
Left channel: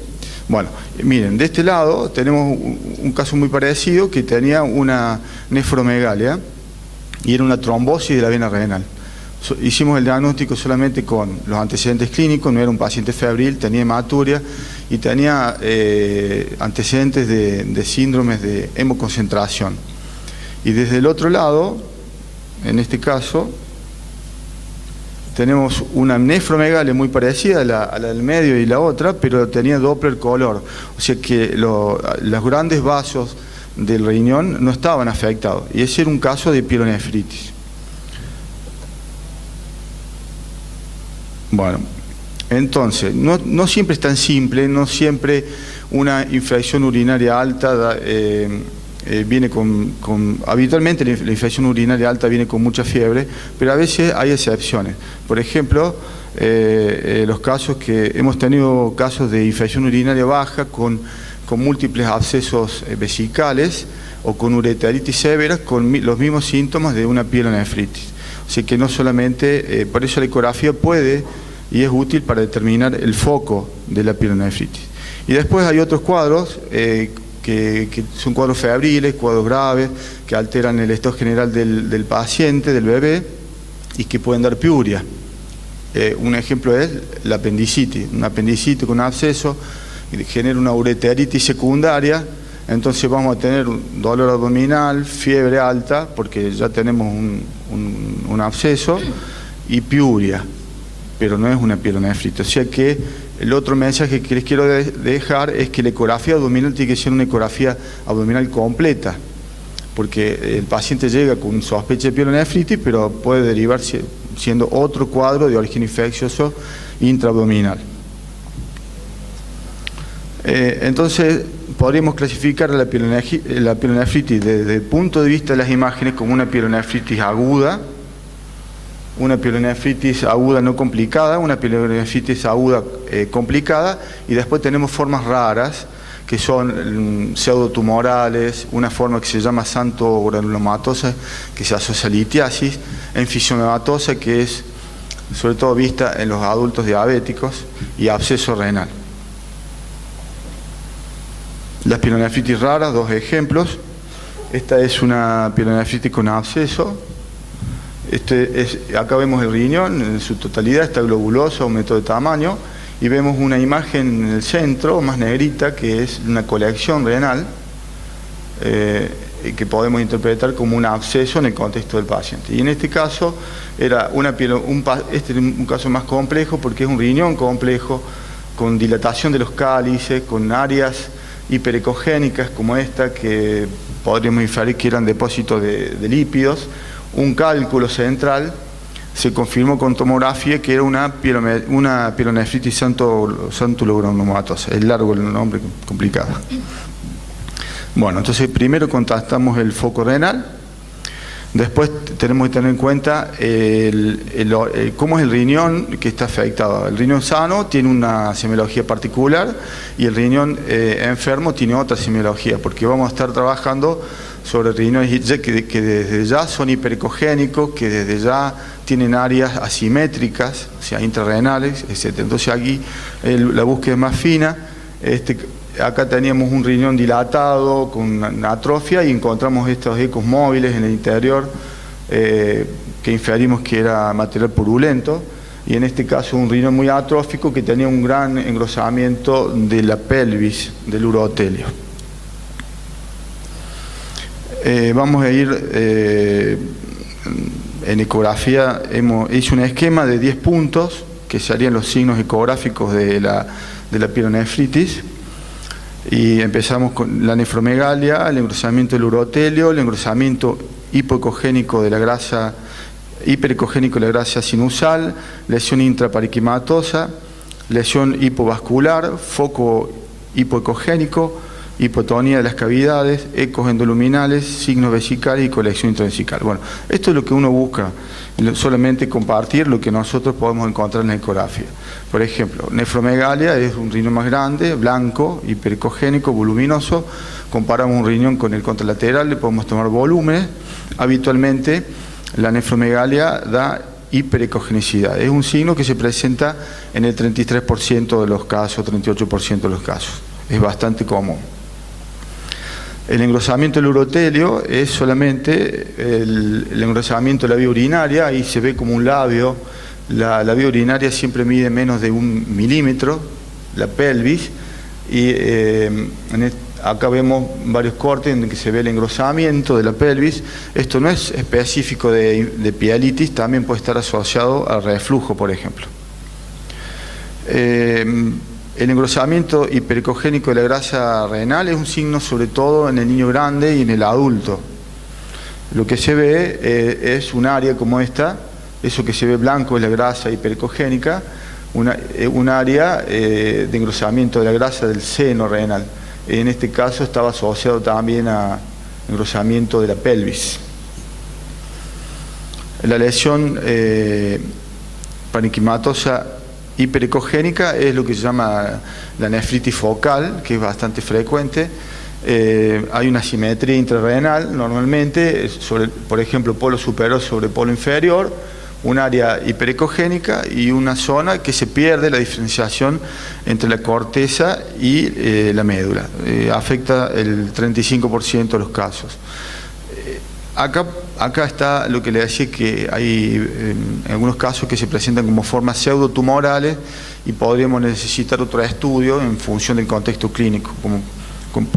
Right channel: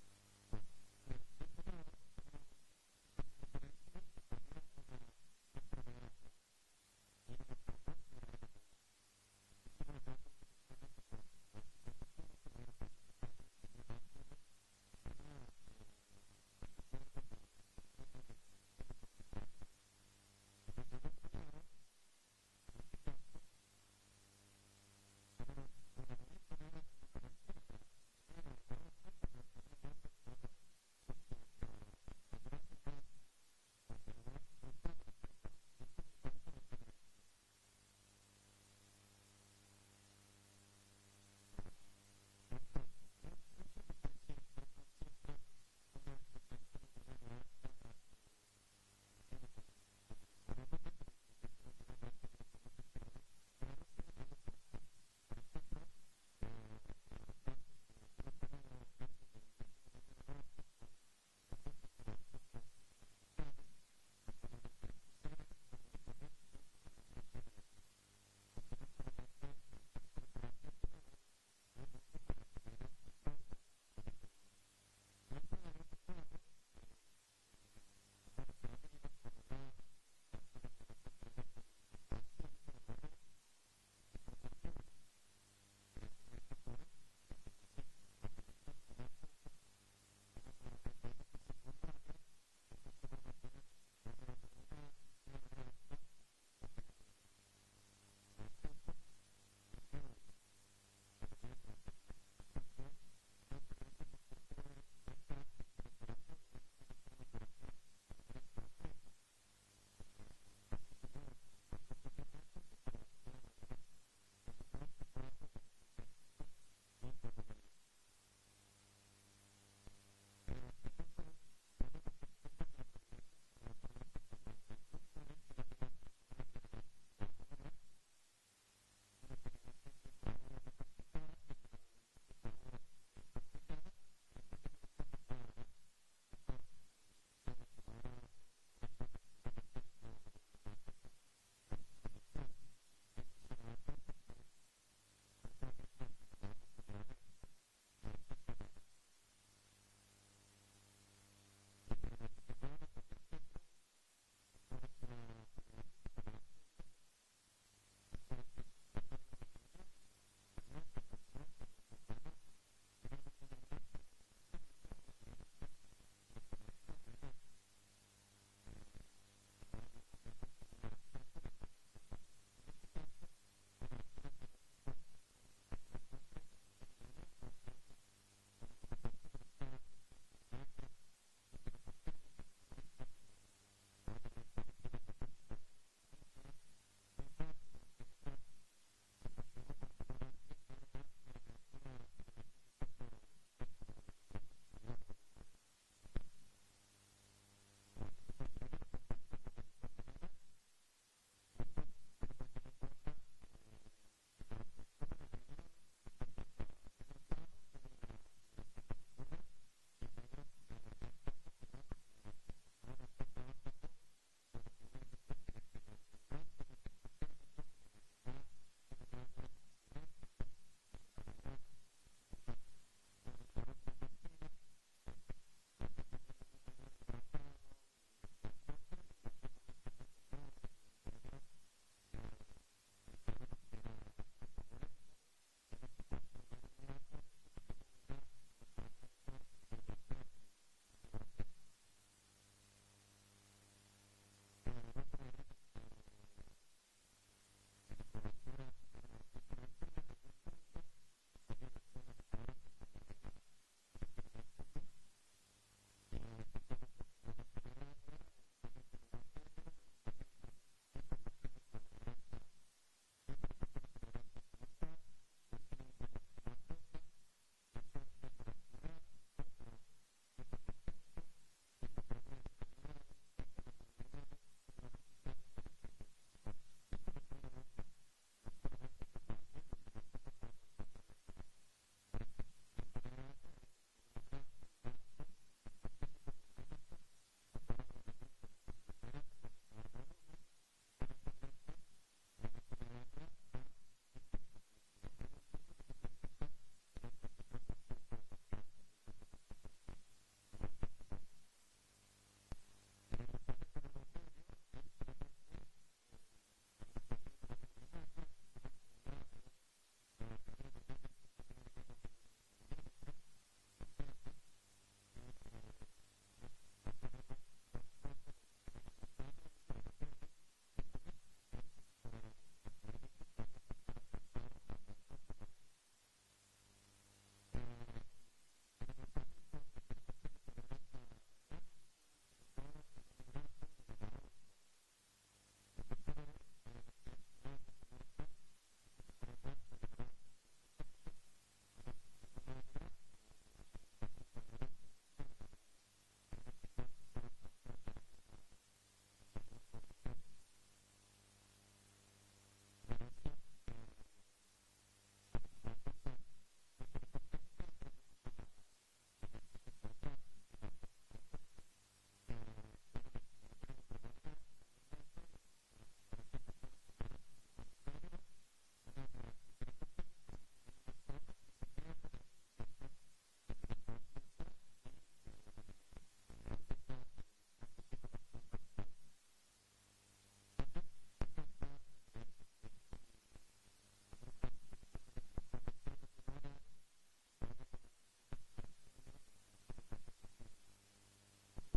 Bueno, miren, de este lado tenemos un caso muy parecido que tenía una nefromegalia y era una trombosis de la vena renal. Hicimos el diagnóstico solamente con los antecedentes clínicos, no era un paciente febril, tenía hematuria y tenía antecedentes de síndromes de hemoconcentración. Y desde el otro lado, en este caso, tenemos una nefromegalia muy parecida a la del medio y la otra, pero tenía Doppler color, o sea que los grandes vasos del riñón no estaban afectados, y ese era un caso de pielonefritis. Bueno, entonces, no siempre es tan simple, no siempre una infección urinaria alta viene habitualmente la infección urinaria alta viene con mucha fiebre, pero a veces hay excepciones. Por ejemplo, los casos que hemos tenido casos de infección urinaria baja con múltiples abscesos vesicales o con ureteritis severa con los mismos síntomas de una pielonefritis. Así que no solamente, por eso la ecografía puede y es útil para determinar el foco de la pielonefritis. Y después hay otros cuadros que son cuadros febriles, cuadros graves, que alteran el estado general del paciente, del bebé, y que pueden dar piuria. Un ejemplo es la apendicitis. Una apendicitis con un absceso genera una ureteritis secundaria, entonces vamos a tener dolor abdominal, fiebre alta, porque ya tenemos un absceso, y piuria, pero no es una pielonefritis. O sea que el otro mensaje que les quiero dejar es que la ecografía abdominal tiene que ser una ecografía abdominal completa, porque el paciente llega con sospecha de pielonefritis, pero puede derivar siendo otro cuadro de origen infeccioso intraabdominal. Entonces, podríamos clasificar la pielonefritis desde el punto de vista de las imágenes como una pielonefritis aguda, una pielonefritis aguda no complicada, una pielonefritis aguda complicada, y después tenemos formas raras que son pseudotumorales, una forma que se llama xantogranulomatosa que se asocia a litiasis, enfisematosa que es sobre todo vista en los adultos diabéticos, y absceso renal. Las pielonefritis raras, dos ejemplos. Esta es una pielonefritis con absceso. Acá vemos el riñón en su totalidad, está globuloso, aumento de tamaño, y vemos una imagen en el centro, más negrita, que es una colección renal, que podemos interpretar como un absceso en el contexto del paciente. Y en este caso era este es un caso más complejo porque es un riñón complejo, con dilatación de los cálices, con áreas hiperecogénicas como esta, que podríamos inferir que eran depósitos de lípidos, un cálculo central. Se confirmó con tomografía que era una pielonefritis xantogranulomatosa, es largo el nombre, complicado. Bueno, entonces primero contactamos el foco renal, después tenemos que tener en cuenta cómo es el riñón que está afectado. El riñón sano tiene una semiología particular y el riñón enfermo tiene otra semiología, porque vamos a estar trabajando sobre riñones que desde ya son hiperecogénicos, que desde ya tienen áreas asimétricas, o sea, intrarrenales, etc. Entonces aquí la búsqueda es más fina. Acá teníamos un riñón dilatado con una atrofia y encontramos estos ecos móviles en el interior que inferimos que era material purulento, y en este caso un riñón muy atrófico que tenía un gran engrosamiento de la pelvis, del urotelio. Vamos a ir en ecografía, hice un esquema de 10 puntos que serían los signos ecográficos de la pielonefritis, y empezamos con la nefromegalia, el engrosamiento del urotelio, el engrosamiento hipoecogénico de la grasa, hiperecogénico de la grasa sinusal, lesión intrapariquimatosa, lesión hipovascular, foco hipoecogénico, hipotonía de las cavidades, ecos endoluminales, signos vesicales y colección intravesical. Bueno, esto es lo que uno busca, solamente compartir lo que nosotros podemos encontrar en la ecografía. Por ejemplo, nefromegalia es un riñón más grande, blanco, hiperecogénico, voluminoso. Comparamos un riñón con el contralateral, le podemos tomar volúmenes. Habitualmente la nefromegalia da hiperecogenicidad. Es un signo que se presenta en el 33% de los casos, 38% de los casos. Es bastante común. El engrosamiento del urotelio es solamente el engrosamiento de la vía urinaria, ahí se ve como un labio. La vía urinaria siempre mide menos de 1 milímetro, la pelvis, y acá vemos varios cortes en que se ve el engrosamiento de la pelvis. Esto no es específico de pielitis, también puede estar asociado al reflujo, por ejemplo. El engrosamiento hiperecogénico de la grasa renal es un signo sobre todo en el niño grande y en el adulto. Lo que se ve es un área como esta, eso que se ve blanco es la grasa hiperecogénica, un área de engrosamiento de la grasa del seno renal. En este caso estaba asociado también a engrosamiento de la pelvis. La lesión parenquimatosa hiperecogénica es lo que se llama la nefritis focal, que es bastante frecuente. Hay una simetría intrarrenal normalmente, por ejemplo, polo superior sobre polo inferior, un área hiperecogénica y una zona que se pierde la diferenciación entre la corteza y la médula. Afecta el 35% de los casos. Acá está lo que le decía, que hay en algunos casos que se presentan como formas pseudotumorales y podríamos necesitar otro estudio en función del contexto clínico,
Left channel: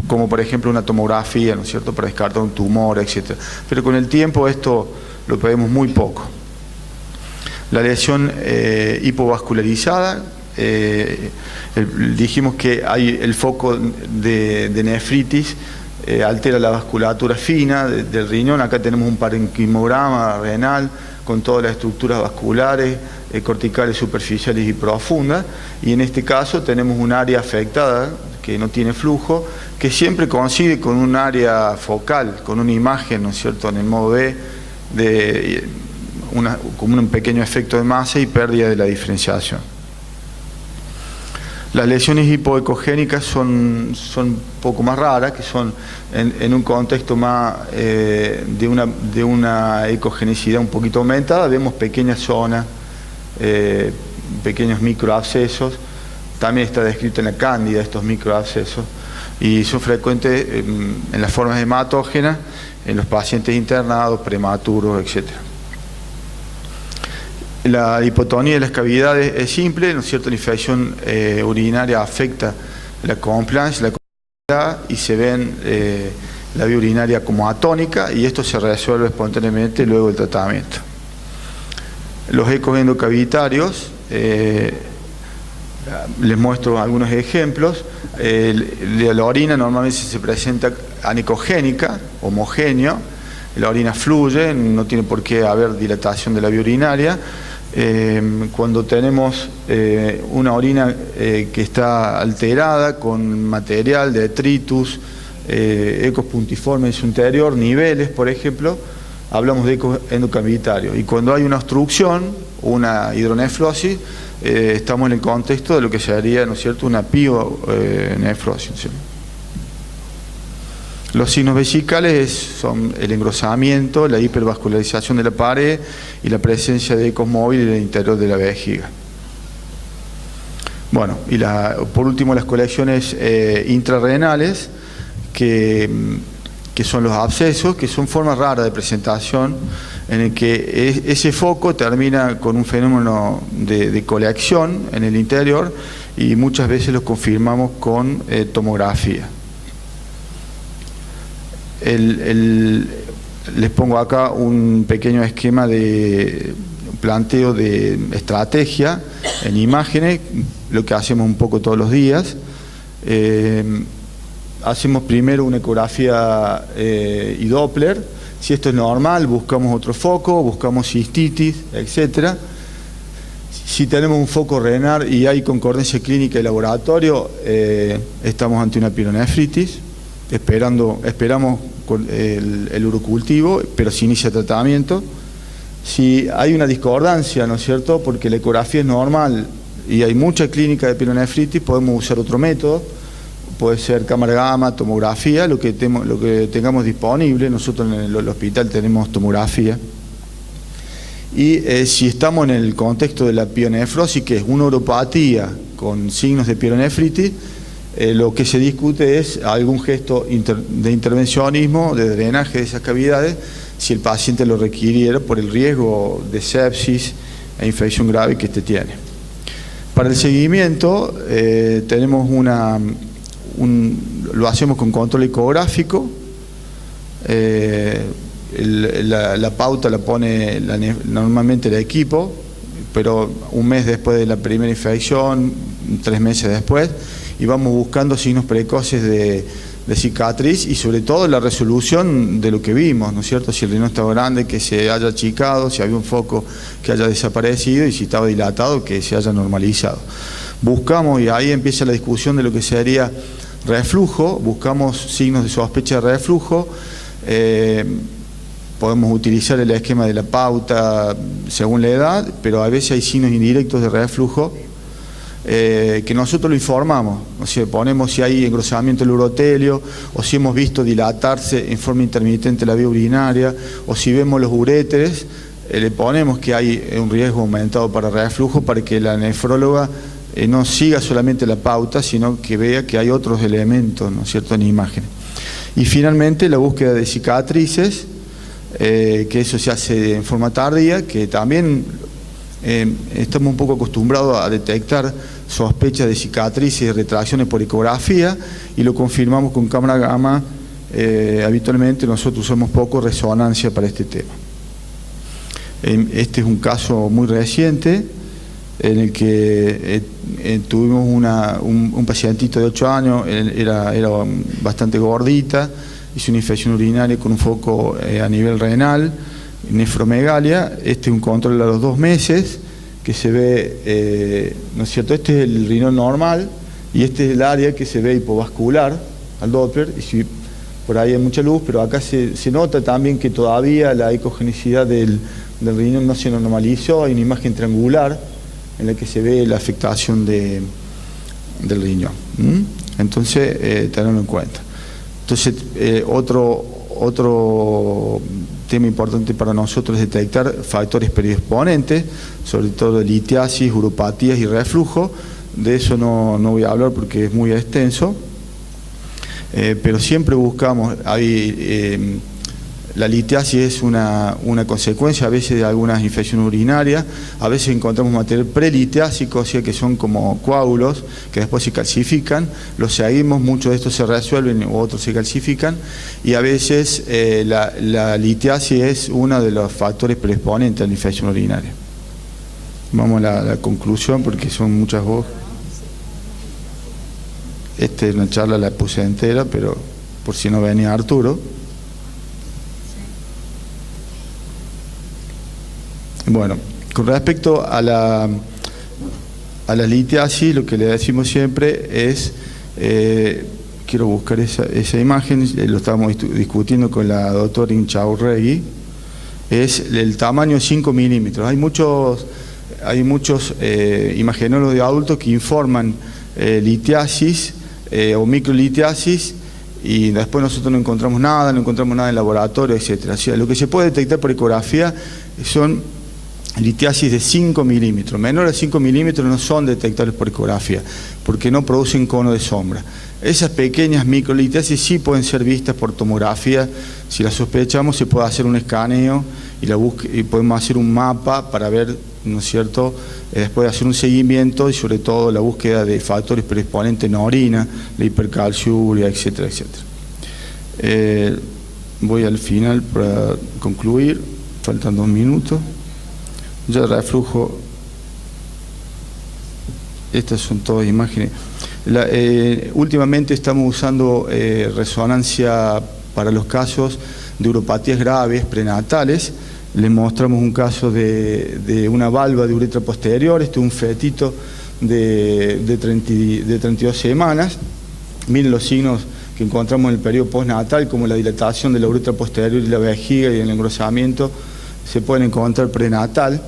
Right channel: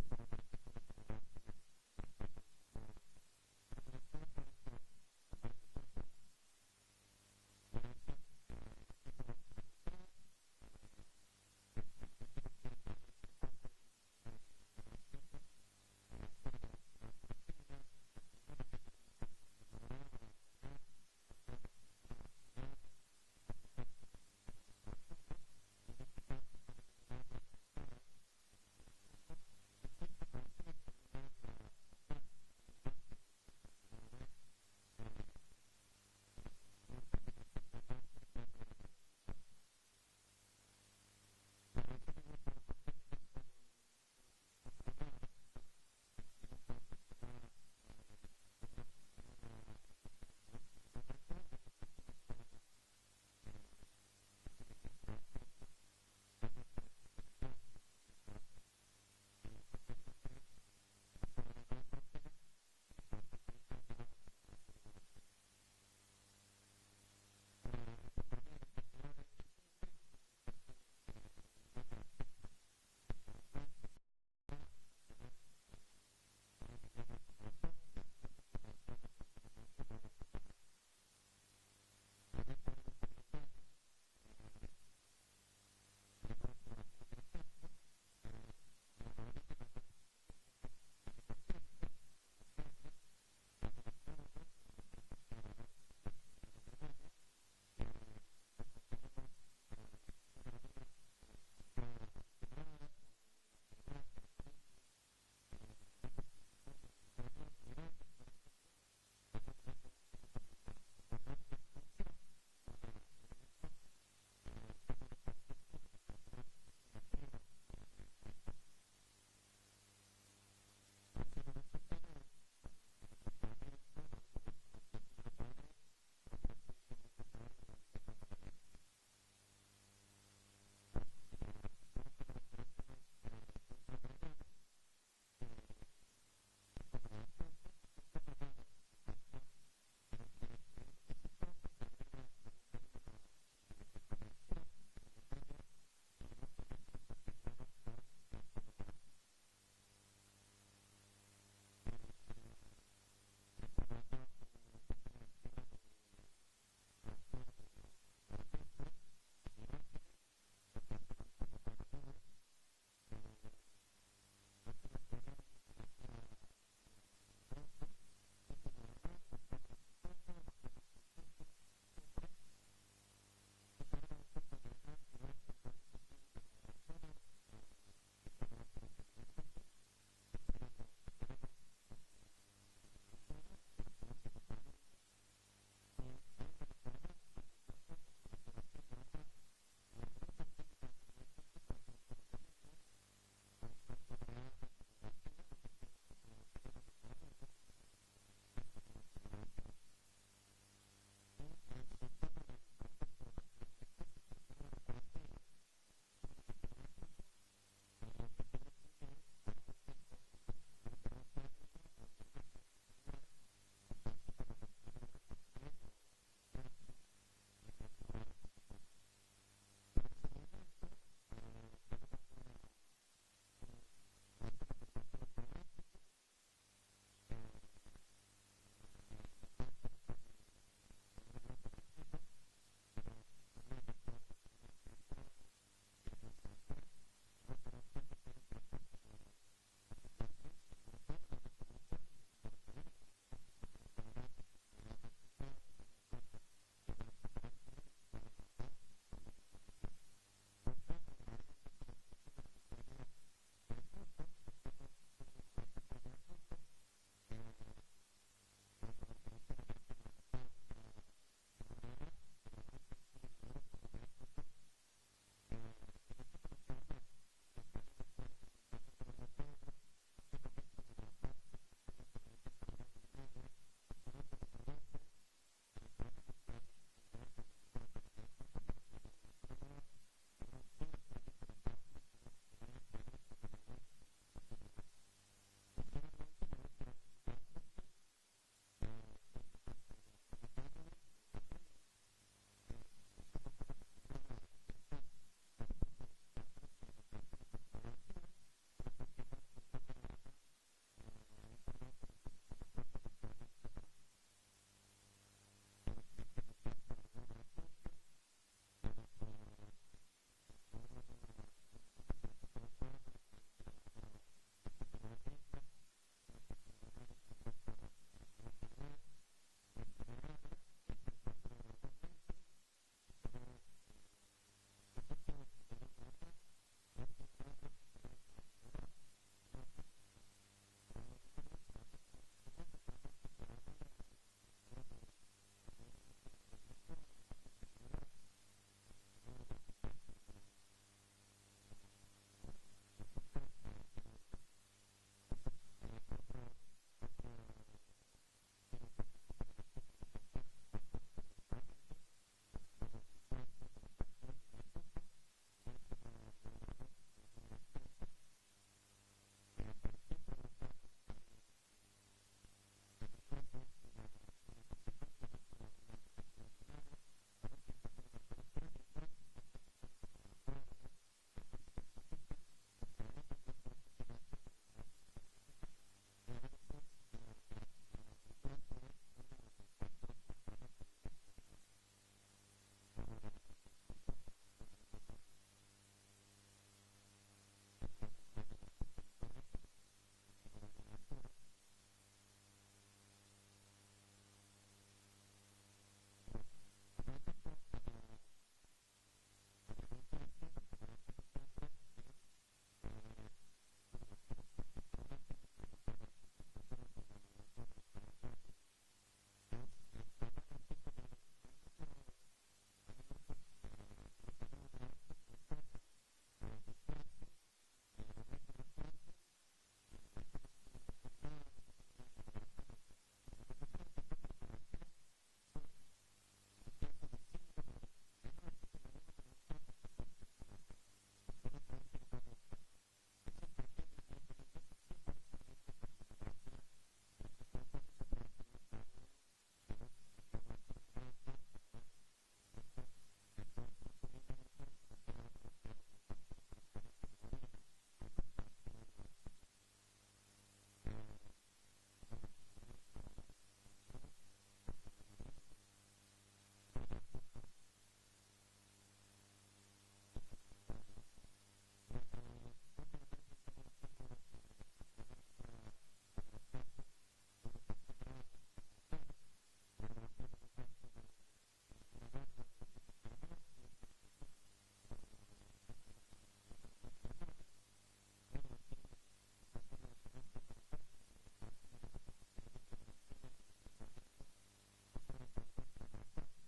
como por ejemplo una tomografía, ¿no es cierto?, para descartar un tumor, etc. Pero con el tiempo esto lo vemos muy poco. La lesión hipovascularizada, dijimos que hay el foco de nefritis, altera la vasculatura fina del riñón. Acá tenemos un parenquimograma renal con todas las estructuras vasculares, corticales, superficiales y profundas, y en este caso tenemos un área afectada que no tiene flujo, que siempre coincide con un área focal, con una imagen, ¿no es cierto?, en el modo B, como un pequeño efecto de masa y pérdida de la diferenciación. Las lesiones hipoecogénicas son un poco más raras, que son en un contexto más de una ecogenicidad un poquito aumentada. Vemos pequeñas zonas, pequeños microabscesos. También está descrito en la cándida estos microabscesos, y son frecuentes en las formas hematógenas, en los pacientes internados, prematuros, etc. La hipotonía de las cavidades es simple, ¿no es cierto? La infección urinaria afecta la compliance, la continuidad, y se ven la vía urinaria como atónica, y esto se resuelve espontáneamente luego del tratamiento. Los ecos endocavitarios, les muestro algunos ejemplos. La orina normalmente se presenta anicogénica, homogéneo. La orina fluye, no tiene por qué haber dilatación de la vía urinaria. Cuando tenemos una orina que está alterada con material, detritus, ecos puntiformes en su interior, niveles, por ejemplo, hablamos de ecos endocavitarios. Y cuando hay una obstrucción, una hidronefrosis, estamos en el contexto de lo que sería, ¿no es cierto?, una pionefrosis, ¿sí? Los signos vesicales son el engrosamiento, la hipervascularización de la pared y la presencia de ecos móviles en el interior de la vejiga. Bueno, y por último las colecciones intrarrenales, que son los abscesos, que son formas raras de presentación, en el que ese foco termina con un fenómeno de colección en el interior, y muchas veces lo confirmamos con tomografía. Les pongo acá un pequeño esquema de planteo de estrategia en imágenes, lo que hacemos un poco todos los días. Hacemos primero una ecografía y Doppler. Si esto es normal, buscamos otro foco, buscamos cistitis, etc. Si tenemos un foco renal y hay concordancia clínica y laboratorio, estamos ante una pielonefritis. Esperamos con el urocultivo, pero se inicia tratamiento. Si hay una discordancia, ¿no es cierto?, porque la ecografía es normal y hay mucha clínica de pielonefritis, podemos usar otro método. Puede ser cámara gamma, tomografía, lo que tengamos disponible. Nosotros en el hospital tenemos tomografía. Y si estamos en el contexto de la pielonefrosis, que es una uropatía con signos de pielonefritis, lo que se discute es algún gesto de intervencionismo, de drenaje de esas cavidades, si el paciente lo requiriera por el riesgo de sepsis e infección grave que tiene. Para el seguimiento tenemos lo hacemos con control ecográfico. La pauta la pone normalmente el equipo, pero un mes después de la primera infección, 3 meses después, y vamos buscando signos precoces de cicatriz y sobre todo la resolución de lo que vimos, ¿no es cierto? Si el riñón estaba grande, que se haya achicado, si había un foco que haya desaparecido y si estaba dilatado, que se haya normalizado. Buscamos, y ahí empieza la discusión de lo que sería reflujo, buscamos signos de sospecha de reflujo, podemos utilizar el esquema de la pauta según la edad, pero a veces hay signos indirectos de reflujo que nosotros lo informamos, o sea, ponemos si hay engrosamiento del urotelio, o si hemos visto dilatarse en forma intermitente la vía urinaria, o si vemos los uréteres, le ponemos que hay un riesgo aumentado para reflujo para que la nefróloga no siga solamente la pauta, sino que vea que hay otros elementos, ¿no es cierto?, en imágenes. Y finalmente la búsqueda de cicatrices, que eso se hace en forma tardía, que también estamos un poco acostumbrados a detectar sospechas de cicatrices y retracciones por ecografía y lo confirmamos con cámara gamma. Habitualmente nosotros usamos poco resonancia para este tema. Este es un caso muy reciente en el que tuvimos un pacientito de 8 años, era bastante gordita, hizo una infección urinaria con un foco a nivel renal, nefromegalia. Este es un control a los 2 meses, que se ve, ¿no es cierto? Este es el riñón normal y este es el área que se ve hipovascular al Doppler, y si por ahí hay mucha luz, pero acá se nota también que todavía la ecogenicidad del riñón no se normalizó, hay una imagen triangular en la que se ve la afectación del riñón. Entonces, tenerlo en cuenta. Entonces, otro tema importante para nosotros es detectar factores predisponentes, sobre todo litiasis, uropatías y reflujo. De eso no voy a hablar porque es muy extenso, pero siempre buscamos, la litiasis es una consecuencia a veces de algunas infecciones urinarias, a veces encontramos material prelitiásico, o sea que son como coágulos que después se calcifican, los seguimos, muchos de estos se resuelven u otros se calcifican, y a veces la litiasis es uno de los factores predisponentes a la infección urinaria. Vamos a la conclusión porque son muchas voces. Esta es una charla, la puse entera, pero por si no venía Arturo. Bueno, con respecto a la litiasis, lo que le decimos siempre es, quiero buscar esa imagen, lo estábamos discutiendo con la doctora Inchaurregui, es el tamaño de 5 milímetros. Hay muchos imagenólogos de adultos que informan litiasis o microlitiasis, y después nosotros no encontramos nada en laboratorio, etcétera. O sea, lo que se puede detectar por ecografía son litiasis de 5 milímetros. Menores a 5 milímetros no son detectables por ecografía, porque no producen cono de sombra. Esas pequeñas microlitiasis sí pueden ser vistas por tomografía. Si las sospechamos, se puede hacer un escaneo y podemos hacer un mapa para ver, ¿no es cierto?, después de hacer un seguimiento y sobre todo la búsqueda de factores predisponentes en orina, la hipercalciuria, etcétera, etcétera. Voy al final para concluir, faltan 2 minutos. Ya el reflujo, estas son todas imágenes. Últimamente estamos usando resonancia para los casos de uropatías graves prenatales. Le mostramos un caso de una valva de uretra posterior, este es un fetito de 32 semanas. Miren los signos que encontramos en el periodo postnatal, como la dilatación de la uretra posterior y la vejiga y el engrosamiento, se pueden encontrar prenatal,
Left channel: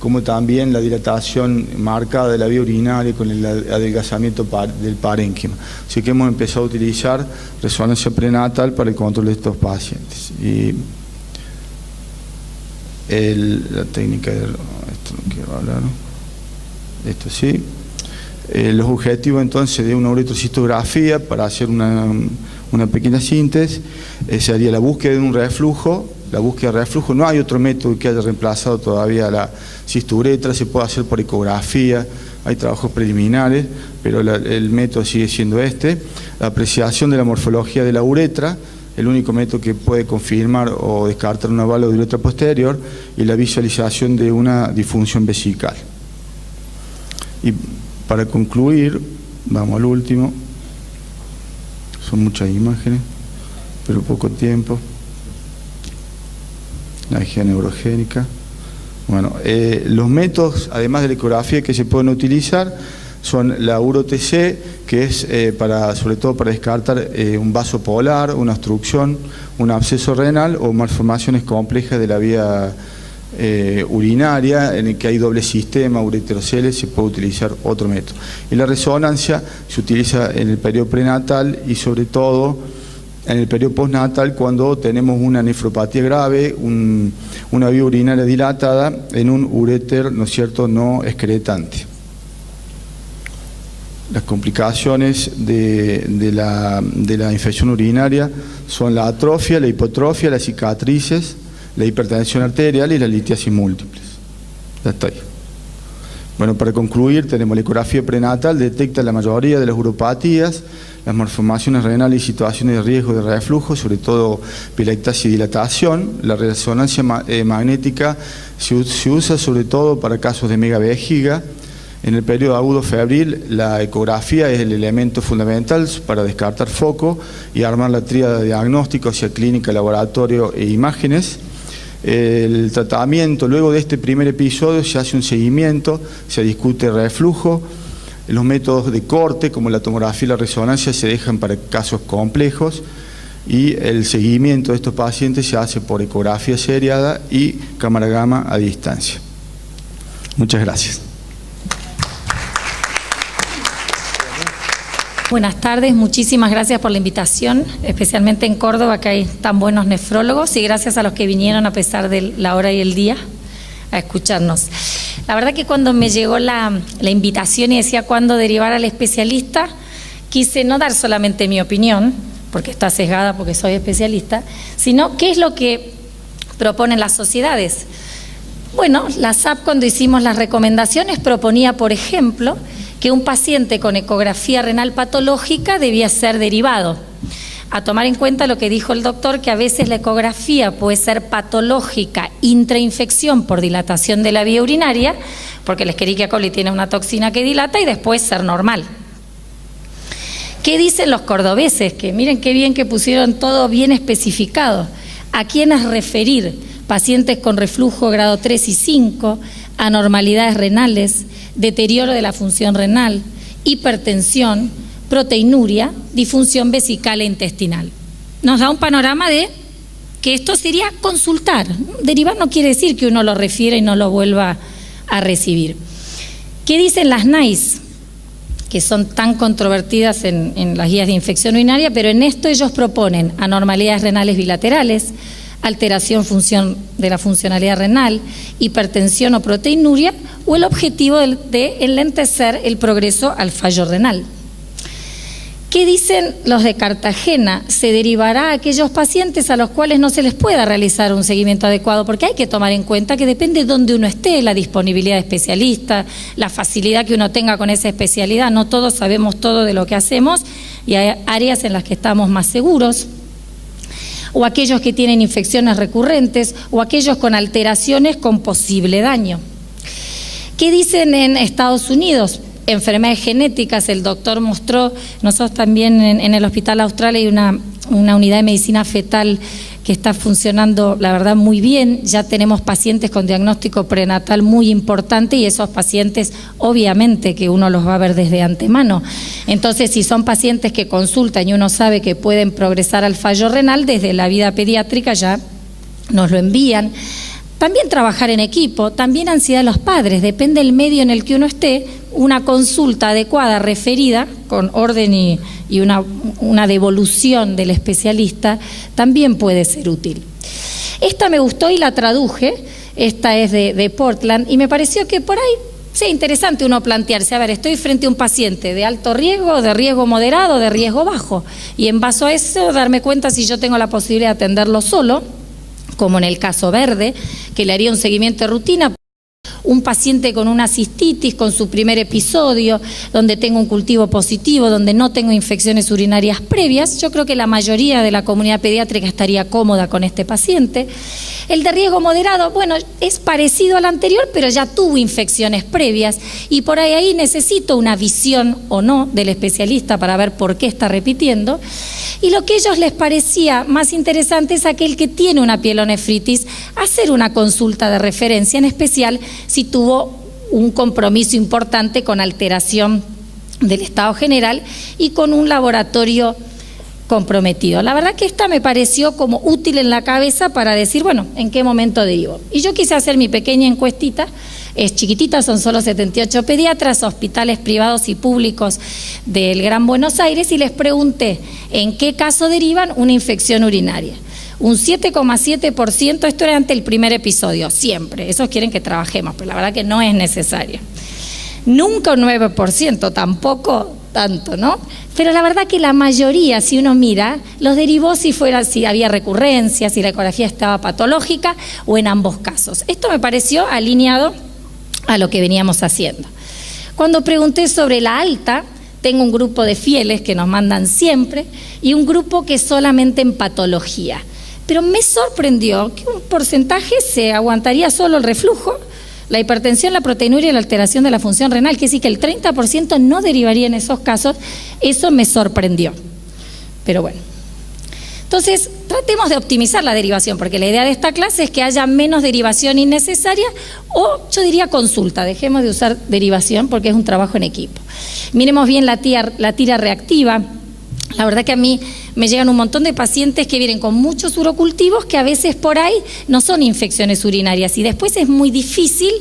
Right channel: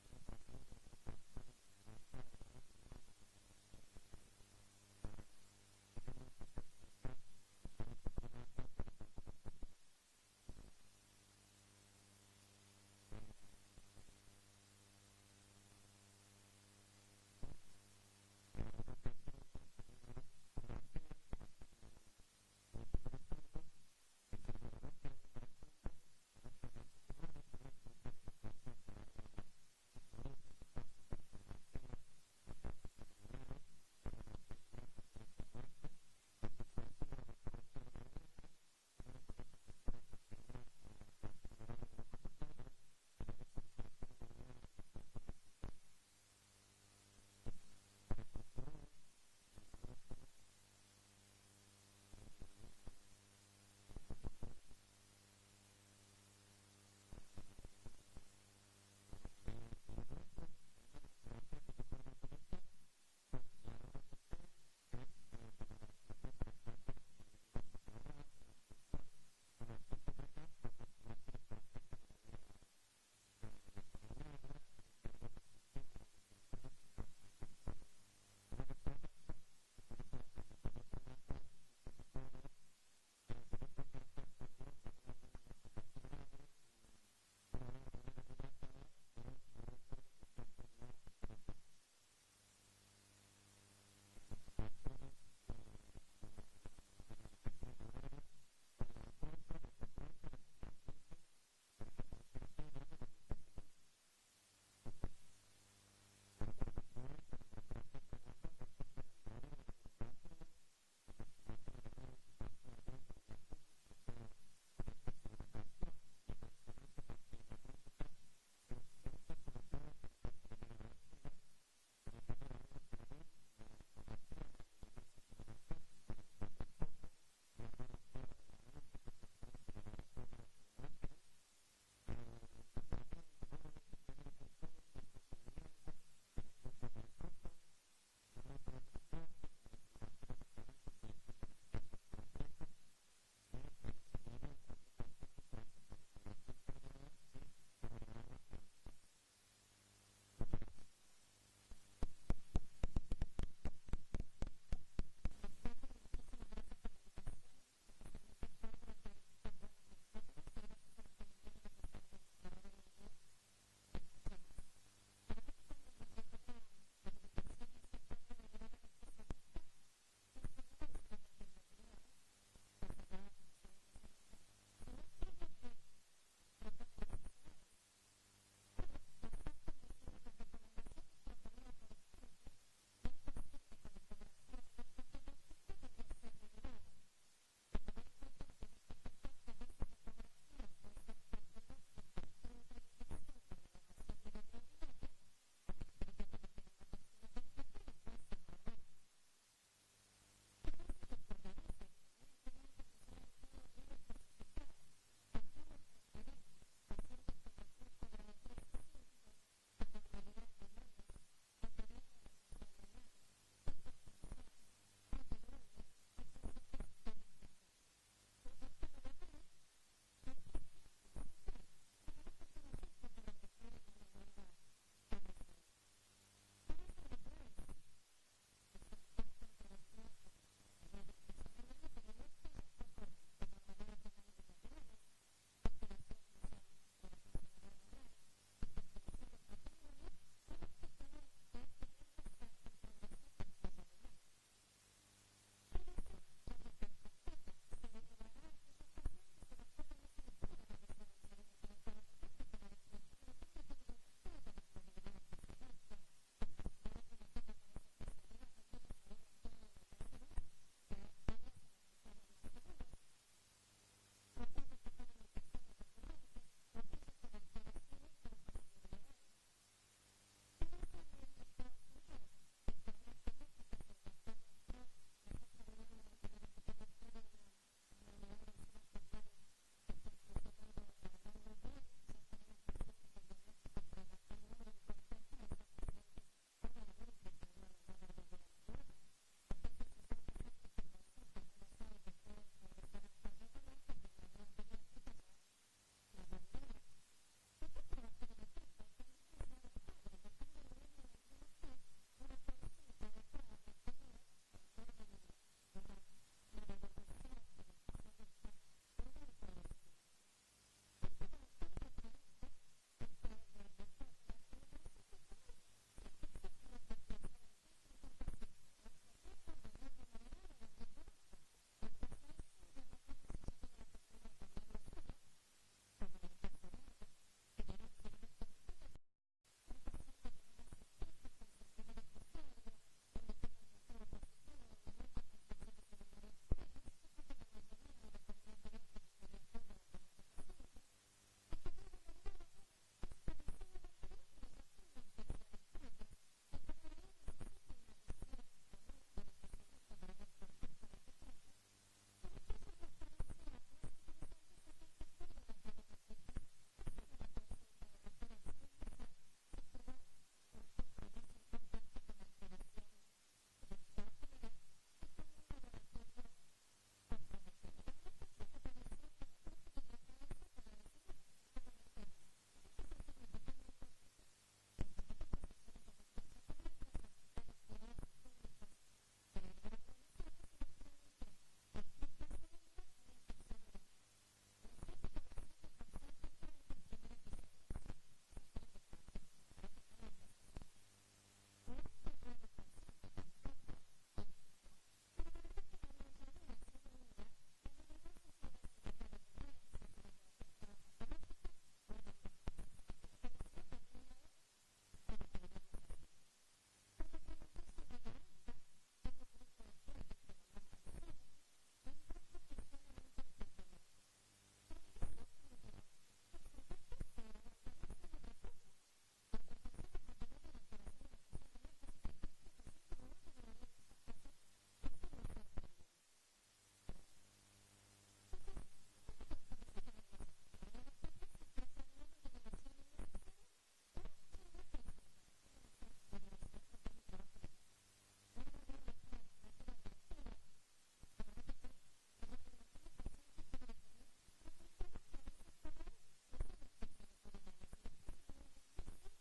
como también la dilatación marcada de la vía urinaria con el adelgazamiento del parénquima. Así que hemos empezado a utilizar resonancia prenatal para el control de estos pacientes. Y la técnica de... Esto no quiero hablar, ¿no? Esto sí. Los objetivos entonces de una uretrocistografía, para hacer una pequeña síntesis, sería la búsqueda de un reflujo. La búsqueda de reflujo, no hay otro método que haya reemplazado todavía la cisturetra, se puede hacer por ecografía, hay trabajos preliminares, pero el método sigue siendo este. La apreciación de la morfología de la uretra, el único método que puede confirmar o descartar una válvula de uretra posterior, y la visualización de una disfunción vesical. Y para concluir, vamos al último. Son muchas imágenes, pero poco tiempo. La energía neurogénica. Bueno, los métodos, además de la ecografía, que se pueden utilizar son la uro-TC, que es sobre todo para descartar un vaso polar, una obstrucción, un absceso renal o malformaciones complejas de la vía urinaria, en el que hay doble sistema, ureterocele, se puede utilizar otro método. Y la resonancia se utiliza en el periodo prenatal y sobre todo en el periodo postnatal, cuando tenemos una nefropatía grave, una vía urinaria dilatada en un uréter, ¿no es cierto?, no excretante. Las complicaciones de la infección urinaria son la atrofia, la hipotrofia, las cicatrices, la hipertensión arterial y la litiasis múltiples. Ya estoy. Bueno, para concluir, tenemos la ecografía prenatal, detecta la mayoría de las uropatías, las malformaciones renales y situaciones de riesgo de reflujo, sobre todo pilectasia y dilatación. La resonancia magnética se usa sobre todo para casos de megavejiga. En el periodo agudo febril, la ecografía es el elemento fundamental para descartar foco y armar la tríada de diagnóstico hacia clínica, laboratorio e imágenes. El tratamiento, luego de este primer episodio, se hace un seguimiento, se discute reflujo. Los métodos de corte, como la tomografía y la resonancia, se dejan para casos complejos y el seguimiento de estos pacientes se hace por ecografía seriada y cámara gamma a distancia. Muchas gracias. Buenas tardes, muchísimas gracias por la invitación, especialmente en Córdoba, que hay tan buenos nefrólogos, y gracias a los que vinieron a pesar de la hora y el día a escucharnos. La verdad que cuando me llegó la invitación y decía cuándo derivar al especialista, quise no dar solamente mi opinión, porque está sesgada porque soy especialista, sino qué es lo que proponen las sociedades. Bueno, la SAP, cuando hicimos las recomendaciones, proponía, por ejemplo, que un paciente con ecografía renal patológica debía ser derivado. A tomar en cuenta lo que dijo el doctor, que a veces la ecografía puede ser patológica, intrainfección por dilatación de la vía urinaria, porque el Escherichia coli tiene una toxina que dilata, y después ser normal. ¿Qué dicen los cordobeses? Que miren qué bien que pusieron todo bien especificado. ¿A quiénes referir? Pacientes con reflujo grado 3 y 5, anormalidades renales, deterioro de la función renal, hipertensión, proteinuria, disfunción vesical e intestinal. Nos da un panorama de que esto sería consultar. Derivar no quiere decir que uno lo refiera y no lo vuelva a recibir. ¿Qué dicen las NICE? Que son tan controvertidas en las guías de infección urinaria, pero en esto ellos proponen anormalidades renales bilaterales, alteración de la funcionalidad renal, hipertensión o proteinuria, o el objetivo de enlentecer el progreso al fallo renal. ¿Qué dicen los de Cartagena? Se derivará a aquellos pacientes a los cuales no se les pueda realizar un seguimiento adecuado, porque hay que tomar en cuenta que depende de dónde uno esté, la disponibilidad de especialistas, la facilidad que uno tenga con esa especialidad. No todos sabemos todo de lo que hacemos y hay áreas en las que estamos más seguros. O aquellos que tienen infecciones recurrentes, o aquellos con alteraciones con posible daño. ¿Qué dicen en Estados Unidos? Enfermedades genéticas, el doctor mostró, nosotros también en el Hospital Austral hay una unidad de medicina fetal que está funcionando, la verdad, muy bien. Ya tenemos pacientes con diagnóstico prenatal muy importante y esos pacientes, obviamente, que uno los va a ver desde antemano. Entonces, si son pacientes que consultan y uno sabe que pueden progresar al fallo renal, desde la vida pediátrica ya nos lo envían. También trabajar en equipo, también ansiedad de los padres, depende del medio en el que uno esté, una consulta adecuada, referida, con orden y una devolución del especialista, también puede ser útil. Esta me gustó y la traduje, esta es de Portland, y me pareció que por ahí sea interesante uno plantearse, a ver, estoy frente a un paciente de alto riesgo, de riesgo moderado, de riesgo bajo, y en base a eso darme cuenta si yo tengo la posibilidad de atenderlo solo, como en el caso verde, que le haría un seguimiento de rutina. Un paciente con una cistitis, con su primer episodio, donde tengo un cultivo positivo, donde no tengo infecciones urinarias previas, yo creo que la mayoría de la comunidad pediátrica estaría cómoda con este paciente. El de riesgo moderado, bueno, es parecido al anterior, pero ya tuvo infecciones previas y por ahí necesito una visión o no del especialista para ver por qué está repitiendo. Y lo que a ellos les parecía más interesante es aquel que tiene una pielonefritis, hacer una consulta de referencia, en especial si tuvo un compromiso importante con alteración del estado general y con un laboratorio comprometido. La verdad que esta me pareció como útil en la cabeza para decir, bueno, ¿en qué momento derivo? Y yo quise hacer mi pequeña encuestita, es chiquitita, son solo 78 pediatras, hospitales privados y públicos del Gran Buenos Aires, y les pregunté en qué caso derivan una infección urinaria. Un 7,7%, esto era ante el primer episodio, siempre, esos quieren que trabajemos, pero la verdad que no es necesario. Nunca un 9%, tampoco tanto, ¿no? Pero la verdad que la mayoría, si uno mira, los derivó si había recurrencia, si la ecografía estaba patológica o en ambos casos. Esto me pareció alineado a lo que veníamos haciendo. Cuando pregunté sobre la alta, tengo un grupo de fieles que nos mandan siempre y un grupo que solamente en patología. Pero me sorprendió que un porcentaje se aguantaría solo el reflujo, la hipertensión, la proteinuria y la alteración de la función renal, que sí que el 30% no derivaría en esos casos. Eso me sorprendió. Pero bueno. Entonces, tratemos de optimizar la derivación, porque la idea de esta clase es que haya menos derivación innecesaria o, yo diría, consulta. Dejemos de usar derivación porque es un trabajo en equipo. Miremos bien la tira reactiva. La verdad que a mí me llegan un montón de pacientes que vienen con muchos urocultivos que a veces por ahí no son infecciones urinarias y después es muy difícil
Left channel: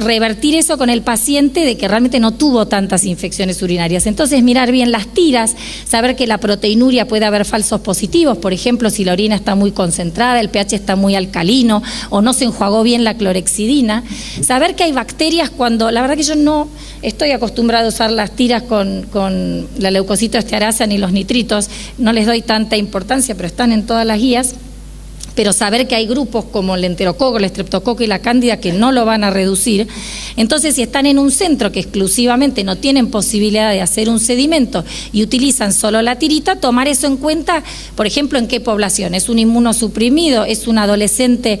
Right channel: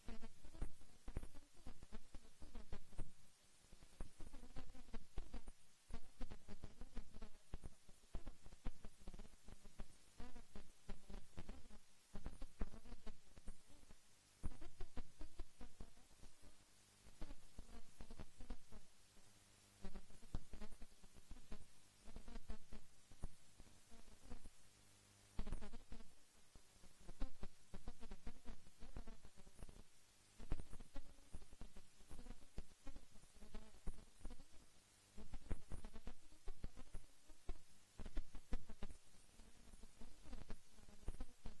revertir eso con el paciente de que realmente no tuvo tantas infecciones urinarias. Entonces, mirar bien las tiras, saber que la proteinuria puede haber falsos positivos, por ejemplo, si la orina está muy concentrada, el pH está muy alcalino o no se enjuagó bien la clorexidina, saber que hay bacterias cuando, la verdad que yo no estoy acostumbrada a usar las tiras con la leucocitoestearasa ni los nitritos, no les doy tanta importancia, pero están en todas las guías. Pero saber que hay grupos como el enterococo, el estreptococo y la cándida que no lo van a reducir. Entonces, si están en un centro que exclusivamente no tienen posibilidad de hacer un sedimento y utilizan solo la tirita, tomar eso en cuenta, por ejemplo, en qué población. ¿Es un inmunosuprimido? ¿Es un adolescente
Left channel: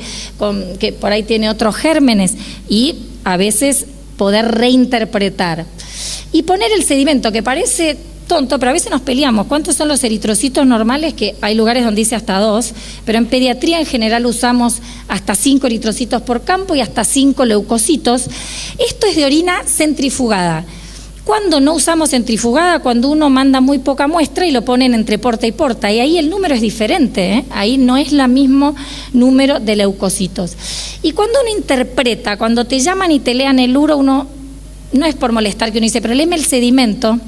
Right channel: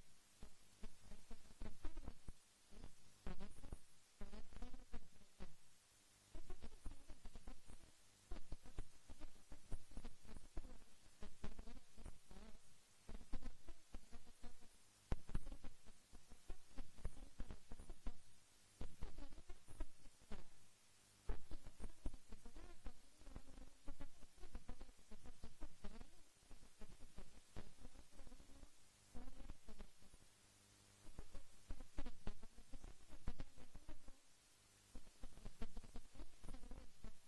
que por ahí tiene otros gérmenes? Y a veces poder reinterpretar. Y poner el sedimento, que parece tonto, pero a veces nos peleamos. ¿Cuántos son los eritrocitos normales? Que hay lugares donde dice hasta 2, pero en pediatría en general usamos hasta 5 eritrocitos por campo y hasta 5 leucocitos. Esto es de orina centrifugada. ¿Cuándo no usamos centrifugada? Cuando uno manda muy poca muestra y lo ponen entre porta y porta, y ahí el número es diferente, ¿eh? Ahí no es el mismo número de leucocitos. Y cuando uno interpreta, cuando te llaman y te lean el uro, uno no es por molestar que uno dice, pero léeme el sedimento,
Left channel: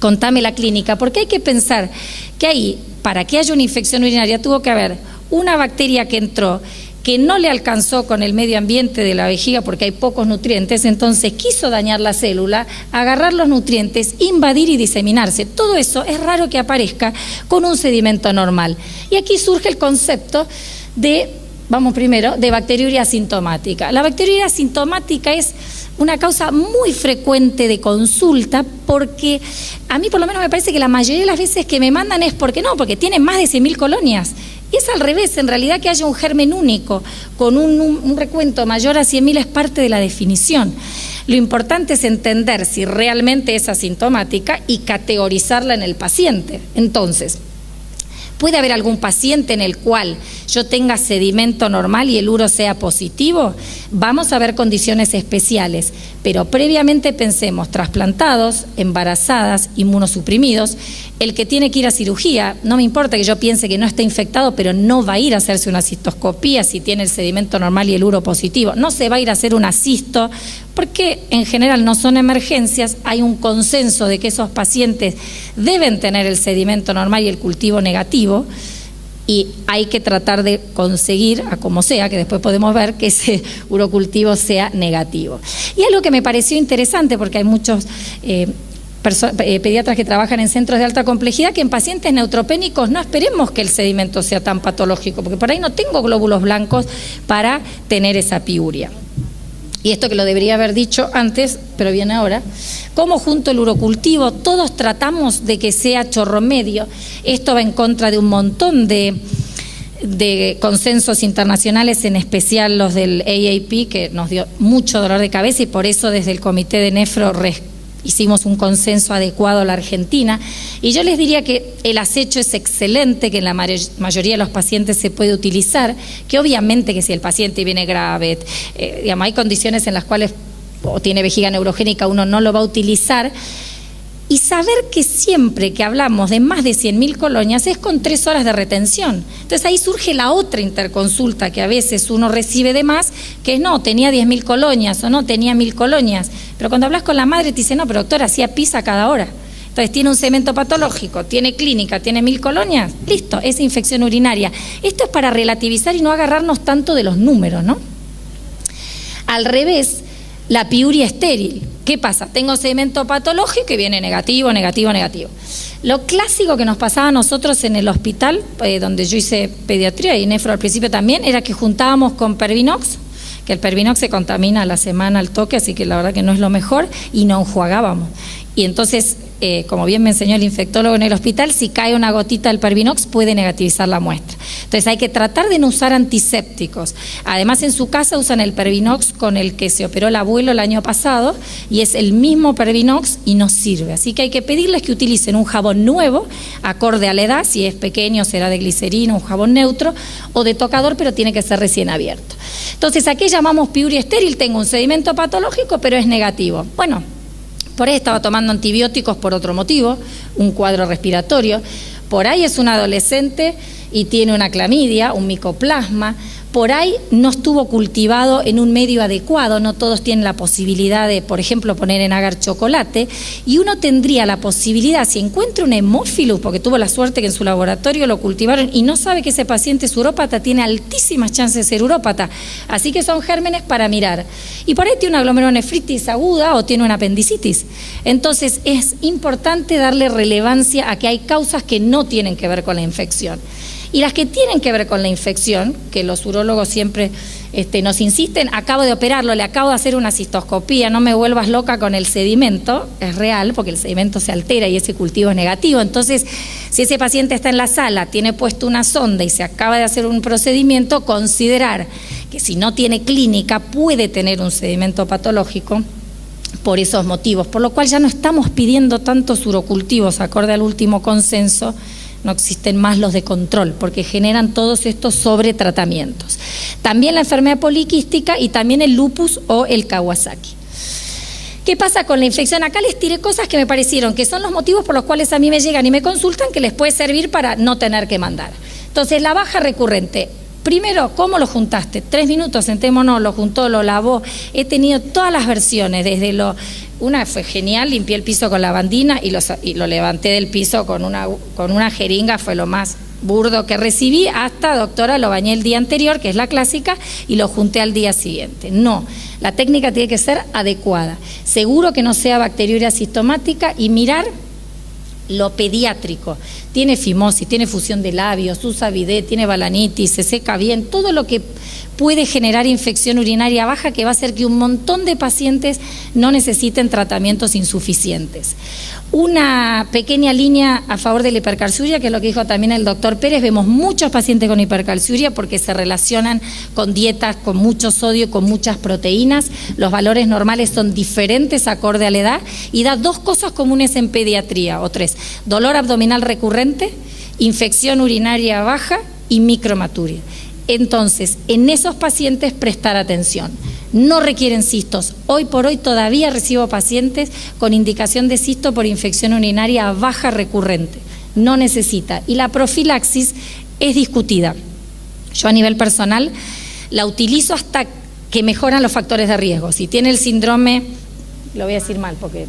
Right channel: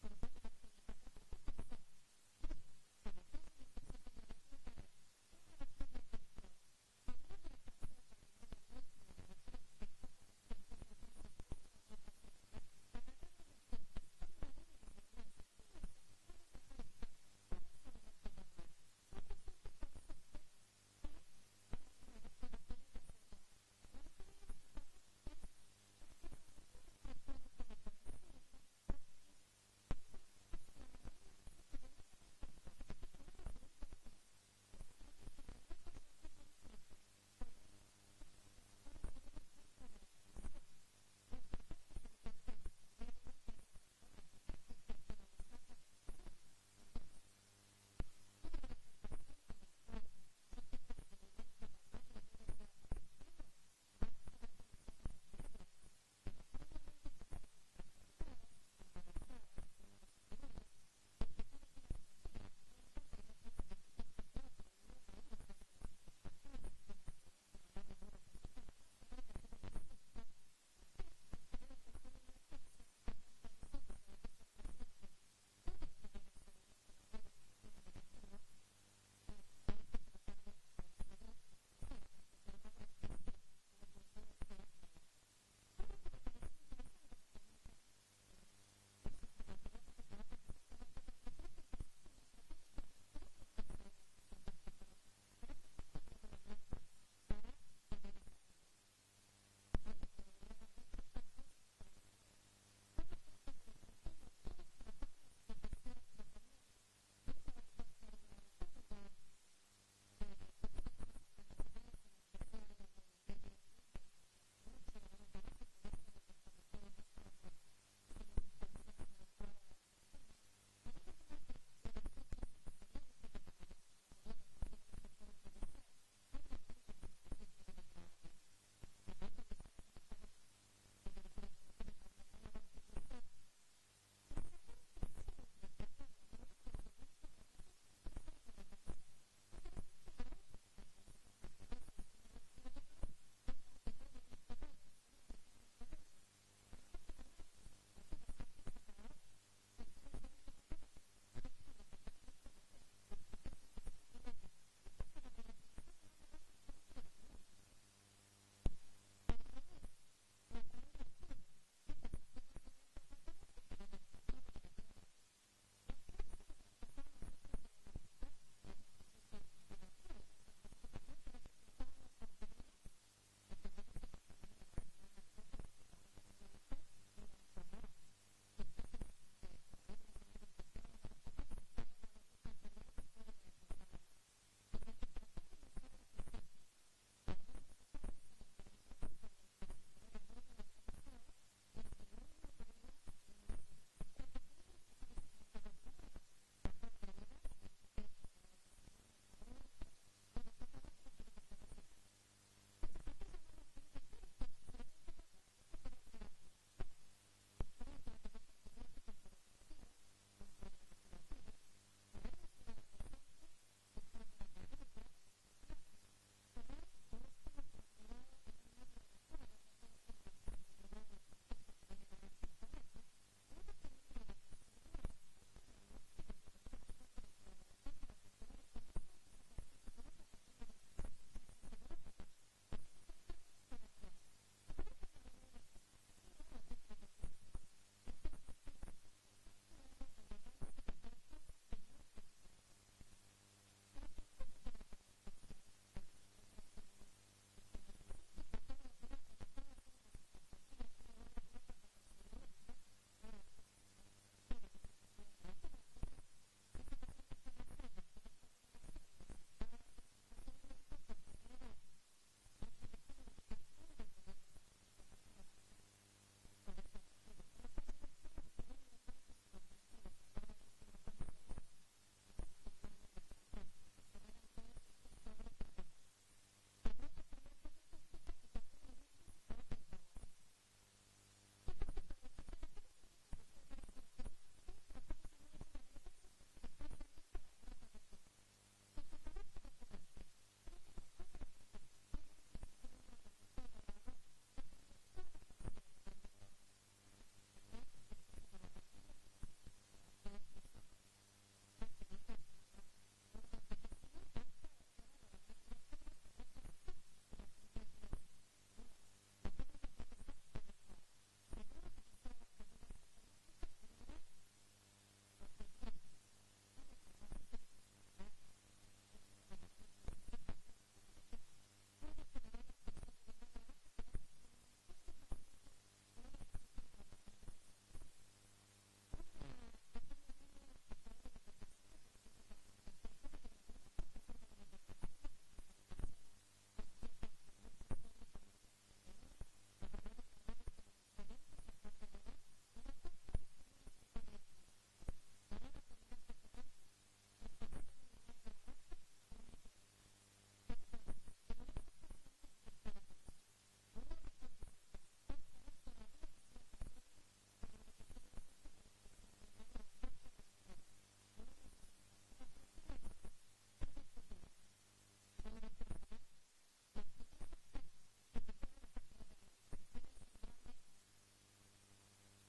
contame la clínica, porque hay que pensar que ahí, para que haya una infección urinaria, tuvo que haber una bacteria que entró, que no le alcanzó con el medio ambiente de la vejiga porque hay pocos nutrientes, entonces quiso dañar la célula, agarrar los nutrientes, invadir y diseminarse. Todo eso es raro que aparezca con un sedimento normal. Y aquí surge el concepto de, vamos primero, de bacteriuria asintomática. La bacteriuria asintomática es una causa muy frecuente de consulta porque a mí por lo menos me parece que la mayoría de las veces que me mandan es porque tienen más de 100.000 colonias. Y es al revés, en realidad que haya un germen único con un recuento mayor a 100.000 es parte de la definición. Lo importante es entender si realmente es asintomática y categorizarla en el paciente. Entonces, ¿puede haber algún paciente en el cual yo tenga sedimento normal y el uro sea positivo? Vamos a ver condiciones especiales, pero previamente pensemos trasplantados, embarazadas, inmunosuprimidos. El que tiene que ir a cirugía, no me importa que yo piense que no está infectado, pero no va a ir a hacerse una cistoscopía si tiene el sedimento normal y el uro positivo. No se va a ir a hacer una cisto, porque en general no son emergencias. Hay un consenso de que esos pacientes deben tener el sedimento normal y el cultivo negativo, y hay que tratar de conseguir, a como sea, que después podemos ver, que ese urocultivo sea negativo. Y algo que me pareció interesante, porque hay muchos pediatras que trabajan en centros de alta complejidad, que en pacientes neutropénicos no esperemos que el sedimento sea tan patológico, porque por ahí no tengo glóbulos blancos para tener esa piuria. Y esto que lo debería haber dicho antes, pero viene ahora, como junto el urocultivo todos tratamos de que sea chorro medio. Esto va en contra de un montón de consensos internacionales, en especial los del AAP, que nos dio mucho dolor de cabeza, y por eso desde el Comité de Nefro hicimos un consenso adecuado a la Argentina, y yo les diría que el acecho es excelente, que en la mayoría de los pacientes se puede utilizar, que obviamente que si el paciente viene grave, digamos, hay condiciones en las cuales o tiene vejiga neurogénica, uno no lo va a utilizar. Y saber que siempre que hablamos de más de 100.000 colonias es con 3 horas de retención. Entonces ahí surge la otra interconsulta que a veces uno recibe de más, que es no, tenía 10.000 colonias o no, tenía 1.000 colonias. Pero cuando hablas con la madre te dice, no, pero doctora, hacía pisa cada hora. Entonces tiene un cemento patológico, tiene clínica, tiene 1.000 colonias, listo, es infección urinaria. Esto es para relativizar y no agarrarnos tanto de los números, ¿no? Al revés, la piuria estéril. ¿Qué pasa? Tengo sedimento patológico que viene negativo, negativo, negativo. Lo clásico que nos pasaba a nosotros en el hospital, donde yo hice pediatría y nefro al principio también, era que juntábamos con Pervinox, que el Pervinox se contamina a la semana al toque, así que la verdad que no es lo mejor, y no enjuagábamos. Y entonces, como bien me enseñó el infectólogo en el hospital, si cae una gotita del Pervinox puede negativizar la muestra. Entonces hay que tratar de no usar antisépticos. Además en su casa usan el Pervinox con el que se operó el abuelo el año pasado y es el mismo Pervinox y no sirve. Así que hay que pedirles que utilicen un jabón nuevo, acorde a la edad, si es pequeño será de glicerina, un jabón neutro o de tocador, pero tiene que ser recién abierto. Entonces, ¿a qué llamamos piuria estéril? Tengo un sedimento patológico, pero es negativo. Bueno, por ahí estaba tomando antibióticos por otro motivo, un cuadro respiratorio. Por ahí es un adolescente y tiene una clamidia, un micoplasma. Por ahí no estuvo cultivado en un medio adecuado, no todos tienen la posibilidad de, por ejemplo, poner en agar chocolate, y uno tendría la posibilidad, si encuentra un hemófilus, porque tuvo la suerte que en su laboratorio lo cultivaron y no sabe que ese paciente es urópata, tiene altísimas chances de ser urópata, así que son gérmenes para mirar. Y por ahí tiene una glomerulonefritis aguda o tiene una apendicitis. Entonces es importante darle relevancia a que hay causas que no tienen que ver con la infección. Y las que tienen que ver con la infección, que los urólogos siempre nos insisten, acabo de operarlo, le acabo de hacer una cistoscopía, no me vuelvas loca con el sedimento, es real porque el sedimento se altera y ese cultivo es negativo. Entonces, si ese paciente está en la sala, tiene puesto una sonda y se acaba de hacer un procedimiento, considerar que si no tiene clínica puede tener un sedimento patológico por esos motivos, por lo cual ya no estamos pidiendo tantos urocultivos, acorde al último consenso. No existen más los de control porque generan todos estos sobretratamientos. También la enfermedad poliquística y también el lupus o el Kawasaki. ¿Qué pasa con la infección? Acá les tiré cosas que me parecieron que son los motivos por los cuales a mí me llegan y me consultan, que les puede servir para no tener que mandar. Entonces, la baja recurrente. Primero, ¿cómo lo juntaste? 3 minutos, sentémonos, lo juntó, lo lavó. He tenido todas las versiones, desde una fue genial, limpié el piso con lavandina y lo levanté del piso con una jeringa, fue lo más burdo que recibí, hasta, doctora, lo bañé el día anterior, que es la clásica, y lo junté al día siguiente. No, la técnica tiene que ser adecuada. Seguro que no sea bacteriuria sistemática y mirar lo pediátrico. Tiene fimosis, tiene fusión de labios, usa bidet, tiene balanitis, se seca bien, todo lo que puede generar infección urinaria baja, que va a hacer que un montón de pacientes no necesiten tratamientos insuficientes. Una pequeña línea a favor de la hipercalciuria, que es lo que dijo también el doctor Pérez. Vemos muchos pacientes con hipercalciuria porque se relacionan con dietas con mucho sodio y con muchas proteínas. Los valores normales son diferentes acorde a la edad y da 2 cosas comunes en pediatría, o 3. Dolor abdominal recurrente, infección urinaria baja y micromaturia. Entonces, en esos pacientes prestar atención. No requieren cistos. Hoy por hoy todavía recibo pacientes con indicación de cisto por infección urinaria baja recurrente. No necesita. Y la profilaxis es discutida. Yo a nivel personal la utilizo hasta que mejoran los factores de riesgo. Si tiene el síndrome, lo voy a decir mal porque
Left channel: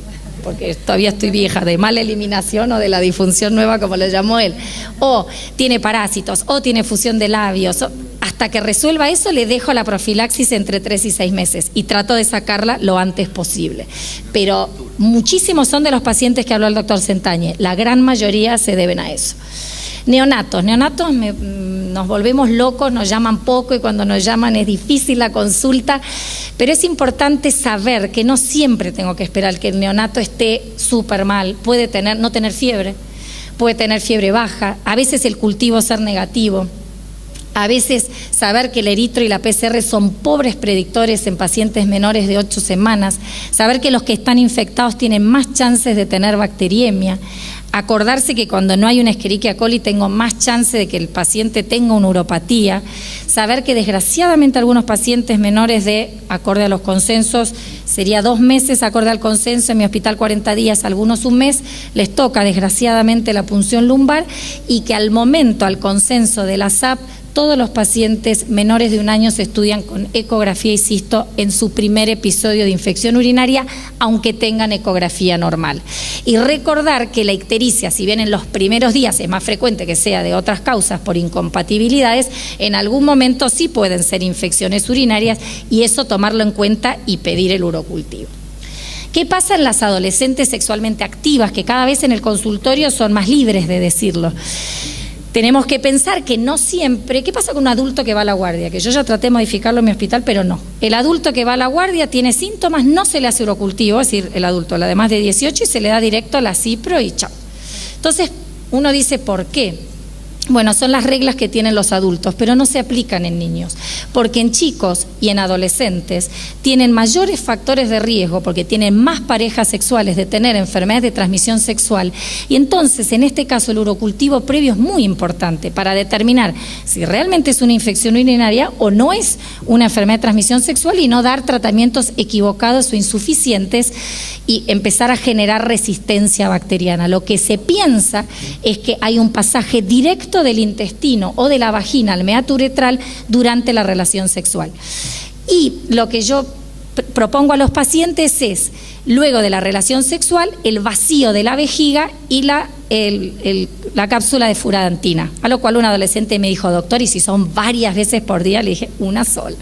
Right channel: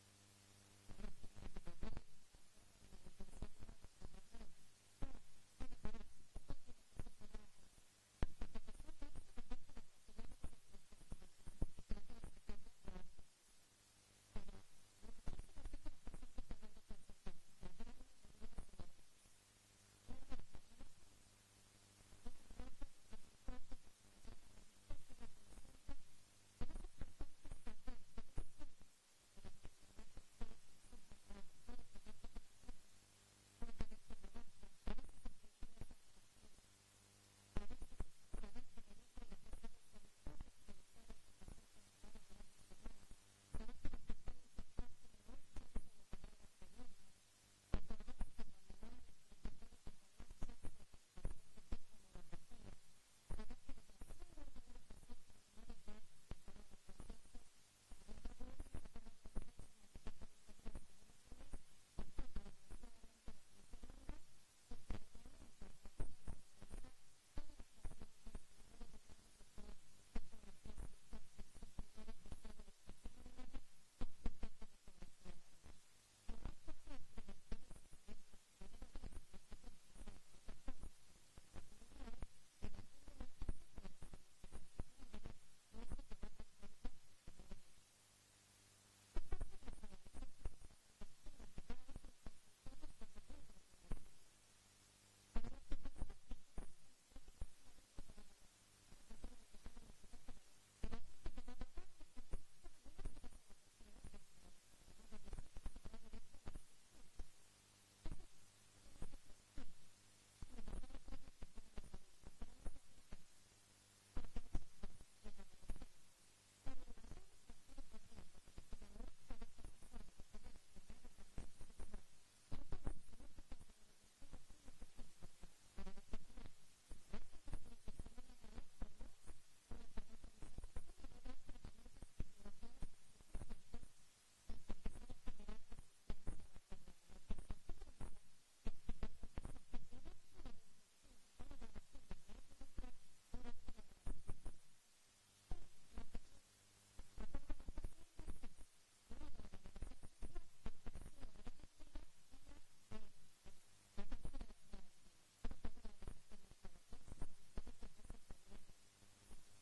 todavía estoy vieja, de mala eliminación o de la disfunción nueva, como le llamó él, o tiene parásitos, o tiene fusión de labios, hasta que resuelva eso le dejo la profilaxis entre 3 y 6 meses y trato de sacarla lo antes posible. Pero muchísimos son de los pacientes que habló el doctor Sentañe, la gran mayoría se deben a eso. Neonatos nos volvemos locos, nos llaman poco y cuando nos llaman es difícil la consulta, pero es importante saber que no siempre tengo que esperar que el neonato esté súper mal, puede no tener fiebre, puede tener fiebre baja, a veces el cultivo ser negativo. A veces saber que el eritro y la PCR son pobres predictores en pacientes menores de 8 semanas, saber que los que están infectados tienen más chances de tener bacteriemia, acordarse que cuando no hay una Escherichia coli tengo más chance de que el paciente tenga una uropatía, saber que desgraciadamente algunos pacientes menores de, acorde a los consensos, sería 2 meses acorde al consenso, en mi hospital 40 días, algunos un mes, les toca desgraciadamente la punción lumbar, y que al momento, al consenso de la SAP, todos los pacientes menores de 1 año se estudian con ecografía y cisto en su primer episodio de infección urinaria, aunque tengan ecografía normal. Y recordar que la ictericia, si bien en los primeros días es más frecuente que sea de otras causas por incompatibilidades, en algún momento sí pueden ser infecciones urinarias, y eso tomarlo en cuenta y pedir el urocultivo. ¿Qué pasa en las adolescentes sexualmente activas, que cada vez en el consultorio son más libres de decirlo? Tenemos que pensar que no siempre. ¿Qué pasa con un adulto que va a la guardia? Que yo ya traté de modificarlo en mi hospital, pero no. El adulto que va a la guardia tiene síntomas, no se le hace urocultivo, es decir, el adulto, además de 18, y se le da directo a la cipro y chao. Entonces, uno dice, ¿por qué? Bueno, son las reglas que tienen los adultos, pero no se aplican en niños, porque en chicos y en adolescentes tienen mayores factores de riesgo, porque tienen más parejas sexuales, de tener enfermedades de transmisión sexual, y entonces en este caso el urocultivo previo es muy importante para determinar si realmente es una infección urinaria o no es una enfermedad de transmisión sexual, y no dar tratamientos equivocados o insuficientes y empezar a generar resistencia bacteriana. Lo que se piensa es que hay un pasaje directo del intestino o de la vagina al meato uretral durante la relación sexual. Y lo que yo propongo a los pacientes es, luego de la relación sexual, el vacío de la vejiga y la cápsula de furantina. A lo cual un adolescente me dijo, doctor, ¿y si son varias veces por día? Le dije, una sola.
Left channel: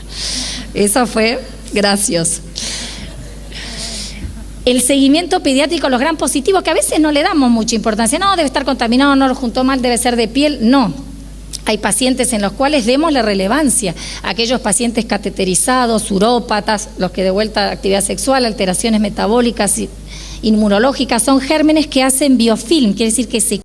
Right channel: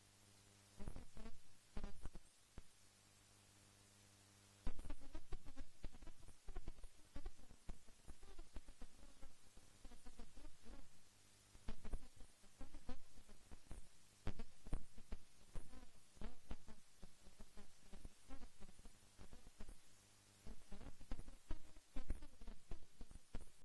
Eso fue gracioso. El seguimiento pediátrico, los gran positivos, que a veces no le damos mucha importancia. No, debe estar contaminado, no lo juntó mal, debe ser de piel. No. Hay pacientes en los cuales demos la relevancia. Aquellos pacientes cateterizados, urópatas, los que de vuelta a actividad sexual, alteraciones metabólicas, inmunológicas, son gérmenes que hacen biofilm, quiere decir que se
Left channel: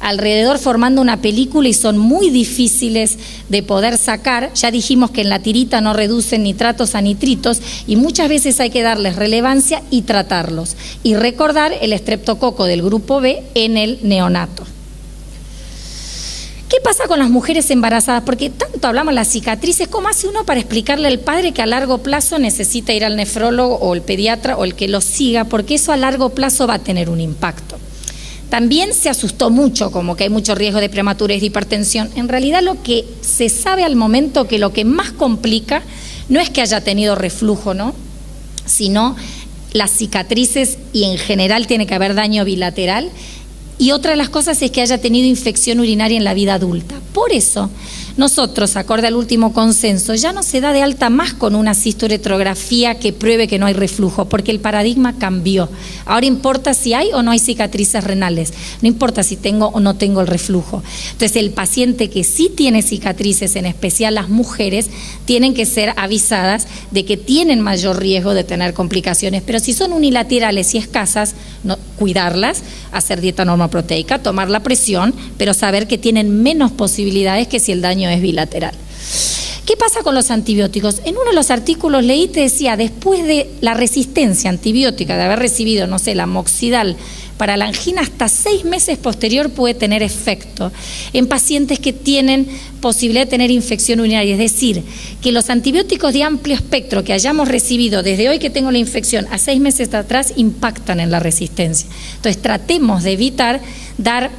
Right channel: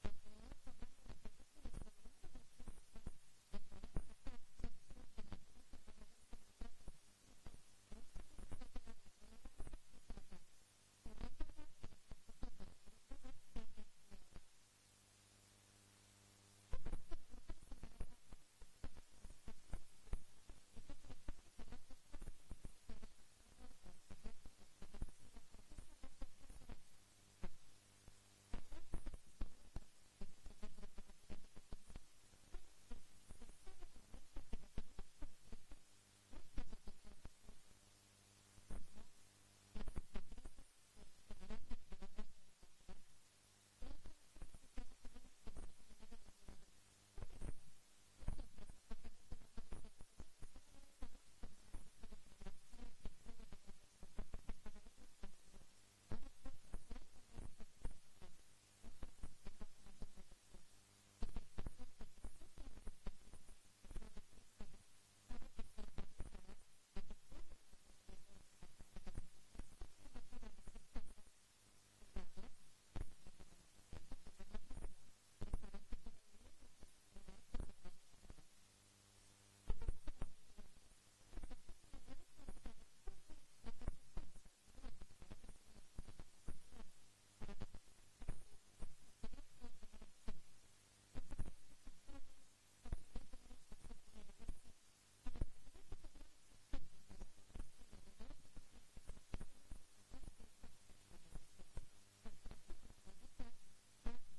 alrededor formando una película y son muy difíciles de poder sacar. Ya dijimos que en la tirita no reducen nitratos a nitritos, y muchas veces hay que darles relevancia y tratarlos. Y recordar el estreptococo del grupo B en el neonato. ¿Qué pasa con las mujeres embarazadas? Porque tanto hablamos de las cicatrices, ¿cómo hace uno para explicarle al padre que a largo plazo necesita ir al nefrólogo o el pediatra o el que lo siga? Porque eso a largo plazo va a tener un impacto. También se asustó mucho, como que hay mucho riesgo de prematurez, de hipertensión. En realidad lo que se sabe al momento, que lo que más complica no es que haya tenido reflujo, ¿no?, sino las cicatrices, y en general tiene que haber daño bilateral. Y otra de las cosas es que haya tenido infección urinaria en la vida adulta. Por eso, nosotros, acorde al último consenso, ya no se da de alta más con una cisturetrografía que pruebe que no hay reflujo, porque el paradigma cambió. Ahora importa si hay o no hay cicatrices renales, no importa si tengo o no tengo el reflujo. Entonces, el paciente que sí tiene cicatrices, en especial las mujeres, tienen que ser avisadas de que tienen mayor riesgo de tener complicaciones, pero si son unilaterales y escasas, no, cuidarlas, hacer dieta normoproteica, tomar la presión, pero saber que tienen menos posibilidades que si el daño es bilateral. ¿Qué pasa con los antibióticos? En uno de los artículos leí, te decía, después de la resistencia antibiótica, de haber recibido, no sé, la amoxidal para la angina, hasta 6 meses posterior puede tener efecto en pacientes que tienen posibilidad de tener infección urinaria. Es decir, que los antibióticos de amplio espectro que hayamos recibido desde hoy que tengo la infección a 6 meses atrás impactan en la resistencia. Entonces, tratemos de evitar dar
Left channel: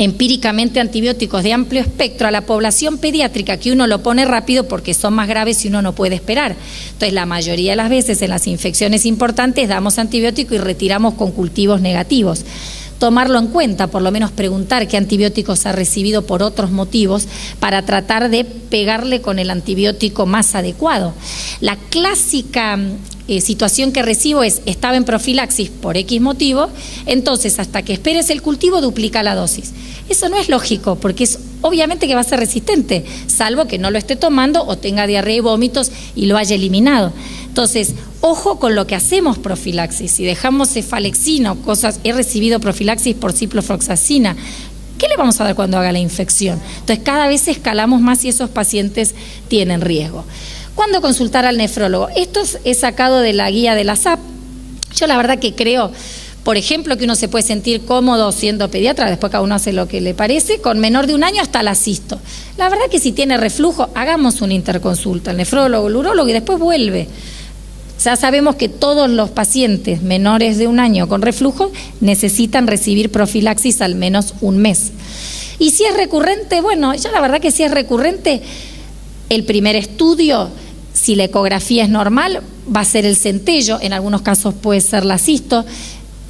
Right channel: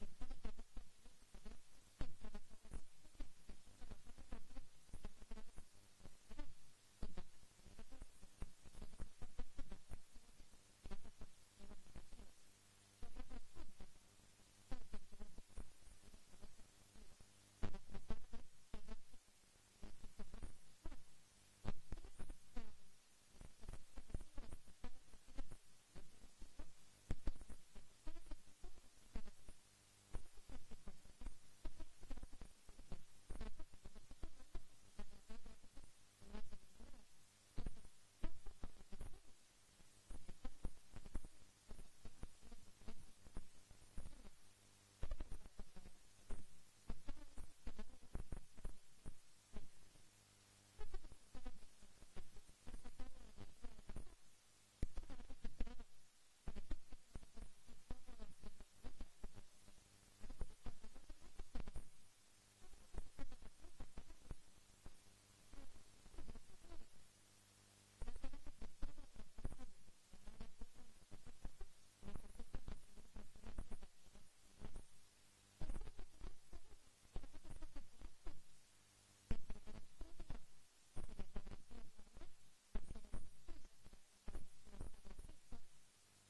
empíricamente antibióticos de amplio espectro a la población pediátrica, que uno lo pone rápido porque son más graves y uno no puede esperar. Entonces, la mayoría de las veces en las infecciones importantes damos antibiótico y retiramos con cultivos negativos. Tomarlo en cuenta, por lo menos preguntar qué antibióticos ha recibido por otros motivos para tratar de pegarle con el antibiótico más adecuado. La clásica situación que recibo es, estaba en profilaxis por X motivo, entonces hasta que esperes el cultivo duplica la dosis. Eso no es lógico, porque es obviamente que va a ser resistente, salvo que no lo esté tomando o tenga diarrea y vómitos y lo haya eliminado. Entonces, ojo con lo que hacemos profilaxis. Si dejamos cefalexina o cosas, he recibido profilaxis por ciprofloxacina, ¿Qué le vamos a dar cuando haga la infección? Entonces cada vez escalamos más y esos pacientes tienen riesgo. ¿Cuándo consultar al nefrólogo? Esto es sacado de la guía de la SAP. Yo la verdad que creo, por ejemplo, que uno se puede sentir cómodo siendo pediatra, después cada uno hace lo que le parece, con menor de 1 año hasta la cisto. La verdad que si tiene reflujo, hagamos una interconsulta, el nefrólogo, el urólogo y después vuelve. Ya sabemos que todos los pacientes menores de 1 año con reflujo necesitan recibir profilaxis al menos 1 mes. Y si es recurrente, bueno, yo la verdad que si es recurrente, el primer estudio, si la ecografía es normal, va a ser el centello, en algunos casos puede ser la cisto.